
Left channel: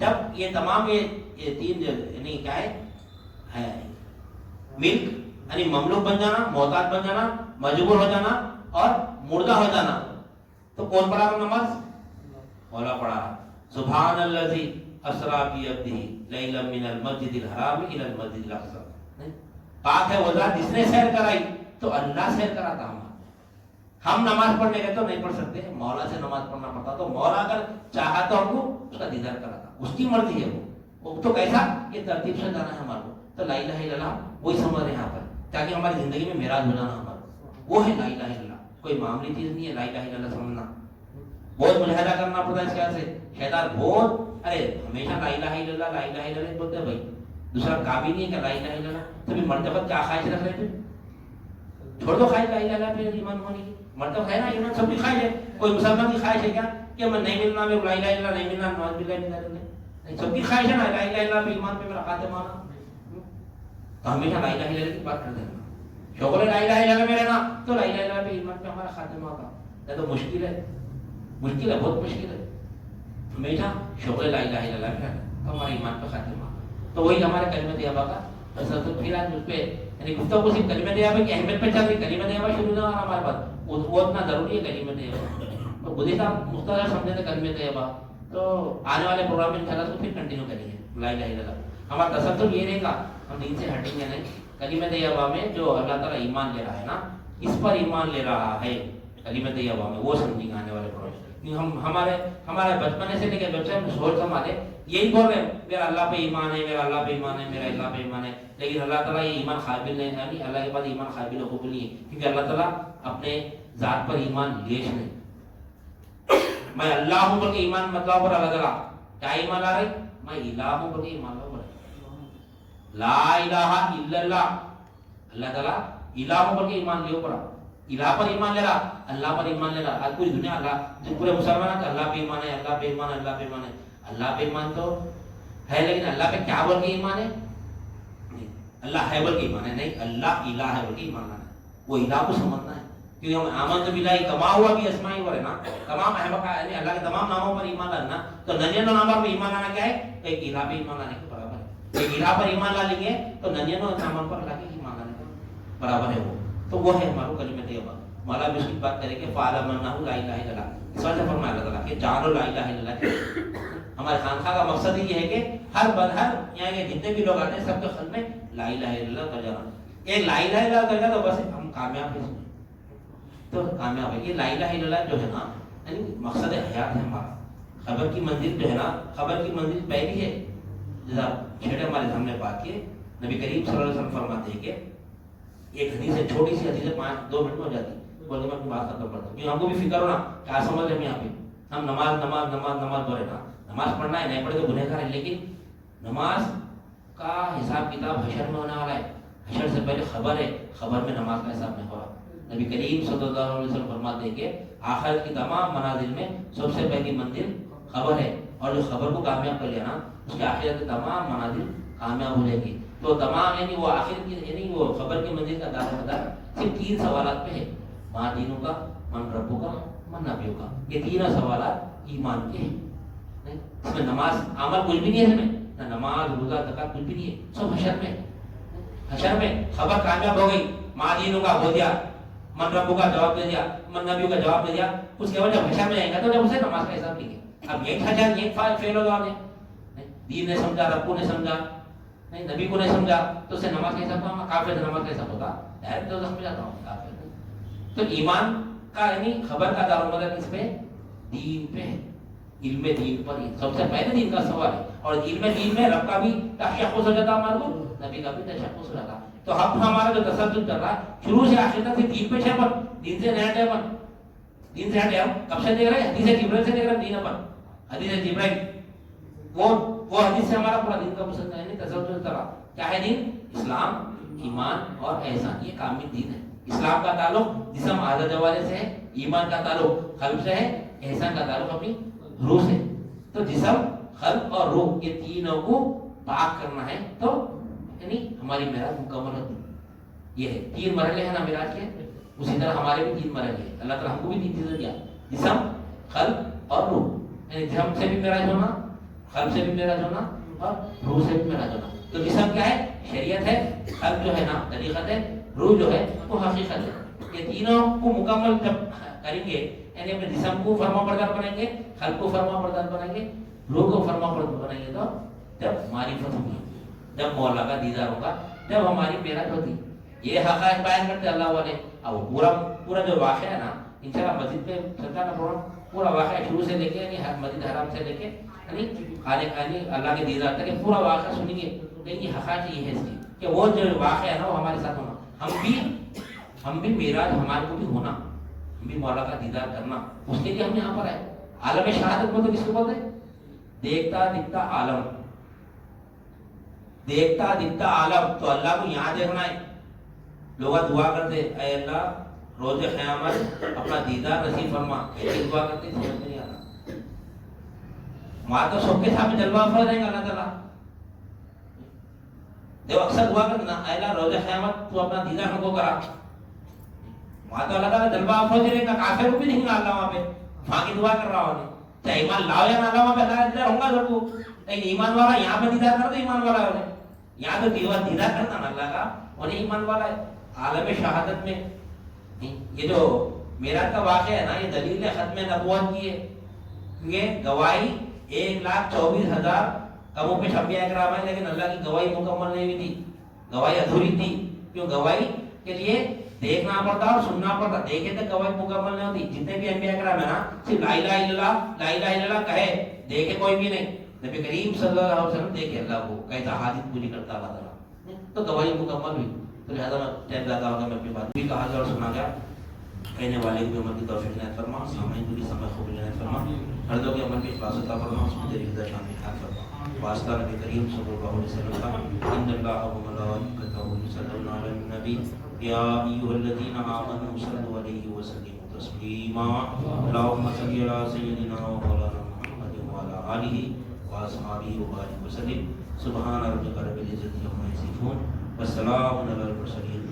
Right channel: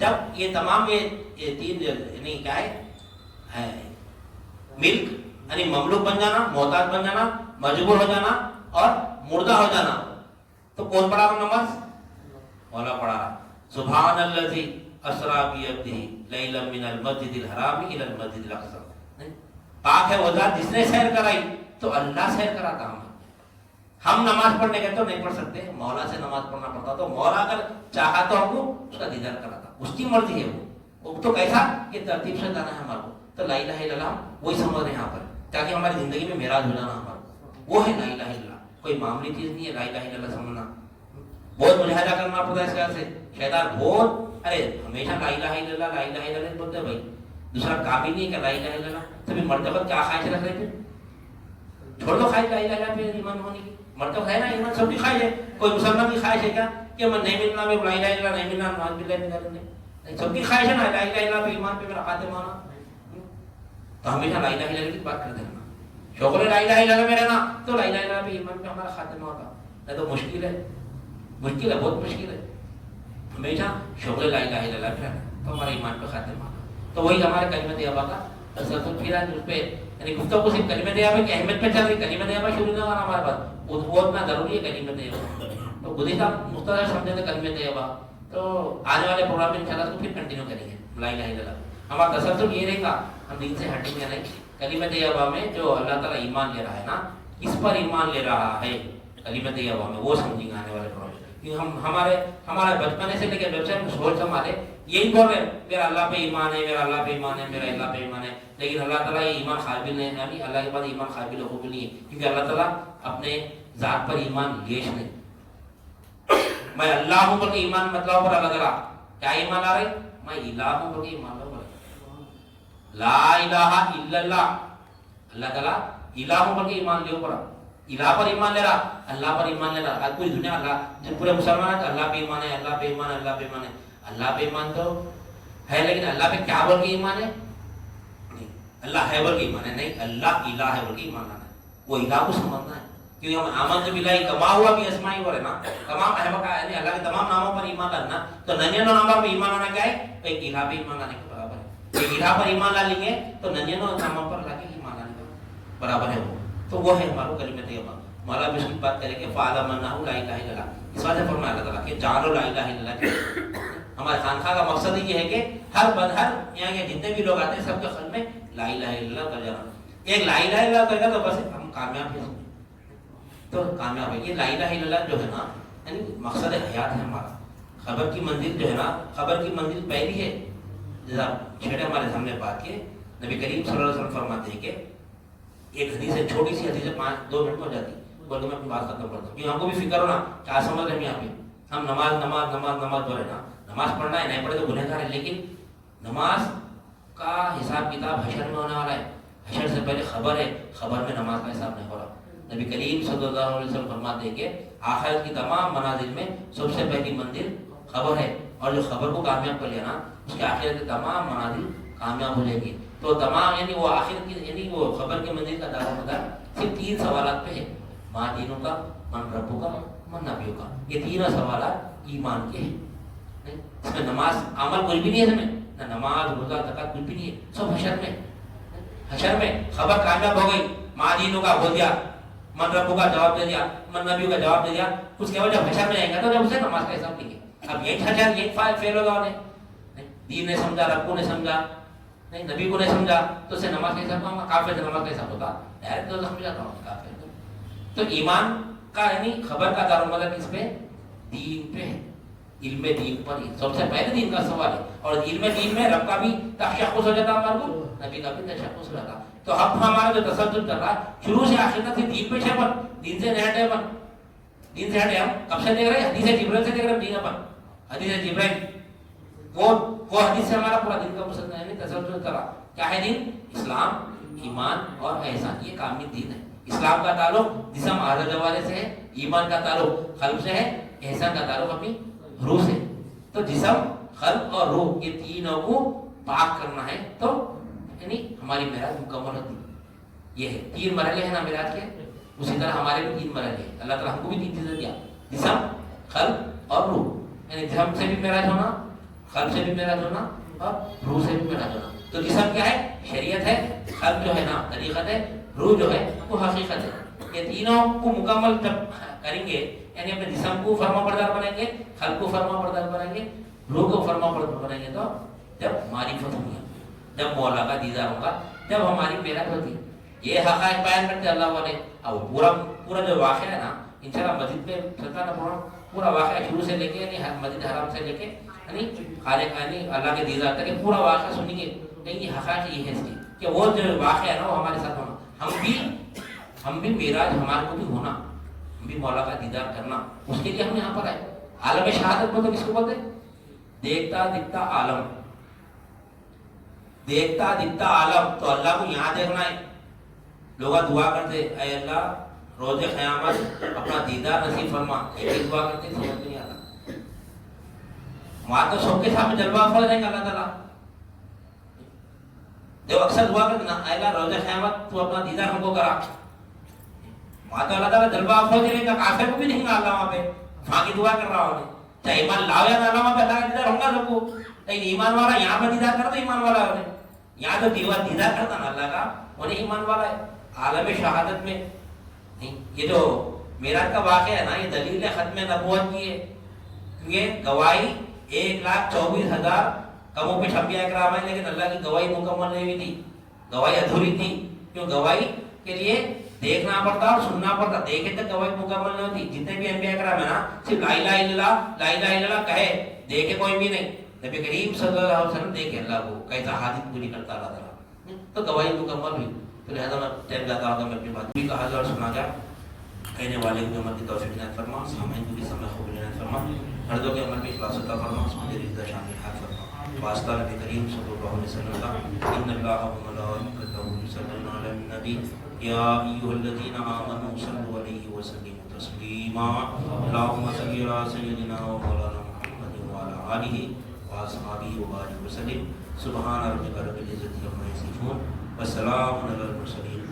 جب یہ تمام یہ تین یعنی کیا ہے ملک یعنی مملوک بن جانا، محتاج بن جانا، مجبور ہو جانا اور مردہ ہو جانا، تو کون پڑھا رہا نماز؟ مولا پڑھا رہا. سبحان الذی اسری بعبدہ لیلا من المسجد الحرام الی المسجد الاقصی. پاک ہے وہ ذات جس نے سیر کرائی، تو اللہ سیر کراتا ہم. ہم نماز پڑھنے گئے تو نہیں پڑھ سکتے، مولا سے نماز پڑھنا پڑتا. تو مولا اگر چاہا تو ہم کو اس کا دیدار کراتا، اس کی مرضی ہے. وہ تو کیسا کہ ترتیب سے جانا ہے ہمارا. تو لا الہ الا اللہ وہی سمجھ رہے ہیں یہاں پر، تاکہ ہماری زندگی میں معراج ہو جانا ہمارا. وہ ہے لا الہ الا اللہ. کوئی معمولی چیز نہیں ہے لا الہ الا اللہ سمجھنا. بہت ملاحظہ کرنا پڑتا ہے اس کا. سے شیطان بہت ارے ہمیشہ لا الہ الا اللہ لا الہ الا اللہ بولتے ہیں. بھائی دوسرا کام ہی نہیں ہے کہ لا الہ الا اللہ. تبھی مرتبہ کیا خواہش رکھ رہے تھے؟ چھوڑ دو خواہش لا الہ الا اللہ پہ ایمان ہونے کی. مرتبہ ہے نا ایمان سب کی خواہش ہے. کوئی مسلمان کی خواہش ہے کیا کہ میں نہیں ملنا، میں لا الہ الا اللہ نہیں ملنا، نماز بھی نہیں. سب کی خواہش ہے نا لا الہ الا اللہ پہ ایمان پہ میرا خاتمہ ہونا. تو ہمیشہ لا الہ الا اللہ کی بات کرتے ہیں. شوق لا الہ الا اللہ میں رہنا تو لا الہ الا اللہ پہ ایمان پہ ہمارا خاتمہ ہوگا. نہیں تو مشکل ہے، مشکل ہے، بہت مشکل ہے. ہمیشہ شوق لا الہ الا اللہ پہ رہنا تو ہمارا ایمان پہ خاتمہ ہوگا. تو وہی ہمارے کلمہ طیبہ کا تسلسل پھر آج اس پہ یعنی گفتگو صرف کلمہ طیبہ کی اہمیت پہ چل رہی. کلمہ طیبہ شروع نہیں ہونا ہمارے پاس، وہ اتنا ضروری ہے کلمہ طیبہ. تو خود ہی صاحب مختصر سمجھے تھے کلمہ طیبہ. تو آنے والے پروگرام میں انشاءاللہ اس کو پھر کنٹینیو کریں گے لا الہ الا اللہ. ہمارا تسلسل یہ رہے گا، ہم دین سے ہٹیں گے نہیں. کلمہ طیبہ میں جو اللہ تعالیٰ ایمان لے رہا ہے نا، اس پر ایمان لے رہا ہے کلمہ طیبہ میں، وہ سمجھیں گے آنے والے پروگرام. ہمارے بچپنے سے لے کے جب سے ہم سوچ سنبھالے یہی بول رہے ہیں میرا اللہ پہ ایمان ہے، میرا اللہ پہ ایمان ہے، میرا اللہ پہ ایمان ہے. لیکن اللہ تعالیٰ یہ ایمان قابل نہیں ہے. یعنی اللہ کے پاس ایمان قابل قبول نہیں ہے، کیونکہ اللہ تعالیٰ اپنے ذات پر ایمان لیش نہیں. میں اللہ ہوں بلکہ ایمان مطلب پر اللہ تعالیٰ کیا ایمان لا رہے؟ میں الہ ہوں بلکہ ایمان لا رہے. لا الہ الا اللہ، اللہ تعالیٰ الہ ہوں بلکہ ایمان لے پڑا. الہ پر ایمان لے رہا، اللہ پر ایمان لے رہا. پوری دنیا اللہ پورے مسلمان ہے اللہ پہ ایمان ہے، اللہ پہ ایمان ہے، اللہ پہ ایمان ہے. اللہ پہ ایمان تو ہے لیکن اللہ پہ کیا بول کے ایمان ہے؟ اللہ ہے بول کے ایمان ہے نہیں، اللہ الہ ہے بول کے ایمان لانا ہے. وہ الہ کو سمجھنا ہے. کیونکہ ہم آمن باللہ کما ہوا بھی اسمائی ہو رہے نا، تمام احمد یعنی اللہ کے تمام ناموں پر ایمان لانا. تو 99 ناموں پر ایمان لانا کیا ہے؟ ایک الہ پہ ایمان لانے کے برابر ہے. ایک الہ پر ایمان لا لیں گے تو 99 ناموں پر اللہ کے ایمان لانے کے برابر ہے. وہ تو وہ ہے ہمارا کلمہ طیبہ. مولا بھی اس کی بات کرے کہ فعلم انہ لا الہ الا اللہ. اس وجہ سے فرمایا اللہ تعالیٰ کہ جانو لا الہ الا اللہ. ہمارے خانقاہ کا مقصد یہ ہے کہ ہر یہاں کے جتنے بھی لوگ آتے ہیں سب کے قلب میں لا الہ الا اللہ کا جانا. ایک لا الہ الا اللہ کہے گا تو بس ہم کامیاب ہیں. تو کامیاب ہے. یہ لا الہ الا اللہ جو ہے نا یعنی مقصد حیات ہے ہمارا. خبر کی منزل جو ہے نا، خبر کی منزل پہلی ہے. جیسا چھیڑے ہمارے سامنے بات کی نبی کریم صلی اللہ علیہ وسلم فرماتے ہیں کہ ایک حدیث ہے، چھوٹی سی حدیث ہے، 5-2 منٹ میں ہو جاتی. بولے میں اپنی بات ختم کرتا ہوں کیونکہ ہم کو بھی فکر ہونا کیا سمجھ رہے ہیں. یہاں پہ ہم نماز نماز نماز نماز بول رہے نا، نماز پڑھنا ہے، نہیں پڑھے تو گنہگار ہے. لیکن نماز کا حساب کتاب حشر میں ہونے والا ہے. حشر سے پہلے خبر ہے، خبر میں نماز کا حساب نہیں ہو رہا. نبی کریم صلی اللہ علیہ وسلم فرماتے ہیں کہ آخرت کی تمام منازل میں سب سے پہلی منزل خبر ہے. اور جو خبر کو کامیاب کر لیا نا، اس کے آخرت کی تمام منازل کامیاب ہو جائے گی. تو تمام یعنی وہ آخر کی یعنی وہ خبر کی منزل کا دار مدار صرف 3 سوالات پہ ہے. ماں دینوں کا، من ربوں کا، من نبیوں کا. یہ 3 سوالات ایمان کے ہیں. اس میں نماز عمل کچھ بھی نہیں ہے. اس میں نہ نماز روزہ زکات کچھ بھی نہیں ہے. سب حشر میں. حشر میں خبر کامیاب ہو گئی، ماں دینوں کا ہو گیا، من ربوں کا جواب دے دیا، من نبیوں کا جواب دے دیا. اس کے بعد جب حشر میں آئے گا تو جب اسے نماز کا حساب نہیں ہے. اب یہی حشر یہی فیل ہوگا. دین نے سمجھا، رب نے سمجھا نہیں، نبی کو نہیں سمجھا تو اسے نماز کا حساب ہوگا. کافر نماز کا حساب ہوگا. ڈائریکٹ تو سمجھ جاتا ہوں کافر. تو ایمان کا یعنی خبر کا دار و مدار کس پہ؟ دین پہ. علم دین پر سب سے پہلے دین کا سوال ہے. اور علم دین میں رب کا بھی تشخص ہو جاتا ہمارے کو, نبی کا بھی تشخص ہو جاتا. تو اب ہمارا جو تسلسل چل رہا ہے شروع سے آخر تک دین پہ ہے, دین سے ہٹ ہے, دین سے ہٹے. ہم کب سے دیکھ رہے ہیں؟ حدیث جبرائیل سے دیکھ رہے ہیں دین پر. حدیث جبرائیل وہ حدیث سے ہمارا پورا دین کا مسلسل ہے تسلسل چل رہا. کیا ہے دین؟ اسلام, ایمان اور احسان, یہ کامل دین ہے. اسلام کا تعلق جسم اعضاء جوارح سے ہے, ایمان کا تعلق قلب سے ہے, احسان کا تعلق اپنی روح سے. تو جسم, قلب اور روح یہ تینوں کو پاک کرنا ہے تو یعنی ہماری معراج مکمل ہوتی. یہ ہے تین مرحلے ہیں نا معراج کے, اسی طرح ہمارے بھی تین مرحلے ہیں. اللہ تعالیٰ ہم کو بھی تین چیزیں دیا, جسم, قلب اور روح. یعنی جسم سے بھی معراج ہونا, قلب سے بھی معراج ہونا اور روح سے بھی معراج ہونا. تو جسم کیا ہے؟ شریعت ہے. قلب جو ہے نا طریقت ہے. روح جو ہے وہ حقیقت ہے. یہ تینوں کو مکمل جب کریں گے یعنی اپنے جسم کو فرما بردار بنائیں گے, قلب کو فرما بردار بنائیں گے, روح کو فرما بردار بنائیں گے, تو جب معرفت ہوگی, جب مولا کا دیدار ہوگا, جب ہماری معراج ہوتی. یہ حقائق بیان کرتے اللہ والے. اب پورا جو واقعہ ہے نا انشاءاللہ مسجد پہ چلتا نا پورا واقعہ شروع سے لے کے یعنی مسجد حرام سے لے کے یعنی خالق یعنی اللہ کے دیدار تک پورا واقعہ سنیے. یہ حقائق یہ ہے اس کی کہ وہ جو واقعہ ہے نا وہ ہمارے ساتھ ہونا. ہم بھی معراج ہمارے کو بھی ہونا, ہم بھی مولا کا دیدار کرنا, اس کے لیے ہم یہاں پر آئے. عالم شہادت بولتے کس کو بولتے؟ دیکھتا دکھتا عالم, دیکھتا دکھتا عالم. تو اللہ کو یہاں دیکھنا ہے. لوگ دعا کرتے اے اللہ روز قیامت اپنا دیدار نصیب فرما, ایک دعا کرتے سمجھ میں نہیں آتا. وہاں تو سب کے سامنے جلوہ افروز رہیں گے اللہ تعالیٰ. دیکھو اکثر دعا کرنا اے اللہ روز قیامت تو اپنا دیدار ہم کو کرا. وہاں تو اللہ تعالیٰ جلوہ افروز رہے گا, کافر کو بھی نہیں گا اللہ وہاں پہ. وہاں کی دعا کر رہا ہوں, چاہے ایمان لاؤ یا نہ لاؤ, وہاں پہ اللہ کا دیدار ہوگا سب کو. لیکن ایمان والا یہاں پہ دیدار کرتا ایمان والا ہے, یہاں تو دیدار کرتا نا اللہ کا انہیں ایمان والا ہے. عالم شہادت میں نہیں. یہ جو معراج کا واقعہ ہے نا یہ دلیل ختم نبوت کی ہے. یہ گواہی 1,24,000 کم و بیش انبیاء اکرام ہیں, لیکن اللہ کی گواہی مکمل نہیں ہوئی تھی, گواہی ادھوری تھی. کیوں؟ گواہی کے لیے دیکھنا پڑتا اور سننا پڑتا, دیکھے تک گواہی مکمل نہیں ہوتی. جتنے بھی انبیاء اکرام ہیں نا صرف لا الہ الا اللہ لا الہ الا اللہ کہے, دیکھے کوئی بھی نہیں. نبی کریم صلی اللہ علیہ وسلم دیکھے اللہ کو کیسا حاجت پوری کرتا اللہ تعالیٰ, تو گواہی مکمل ہوئی. تو لہٰذا ٹائم زیادہ ہوگا, میں اپنی بات بھی کہا اور سنا گیا. کہنے والے کی امت کی توفیق عنایت فرما, سامعین کی سمجھ قبول عنایت فرما, مردوں کے عمل میں اخلاص عطا فرما, میری رضا شامل حق فرما. واسطہ نبی کریم صلی اللہ علیہ وسلم, ان اللہ و ملائکتہ یصلون علی النبی یا ایھا الذین آمنوا صلوا علیہ وسلموا تسلیما. اللهم صل علی سیدنا و مولانا محمد وعلی آلہ واصحابہ وبارک وسلم. سبحان ربک رب العزۃ عما یصفون وسلام علی المرسلین.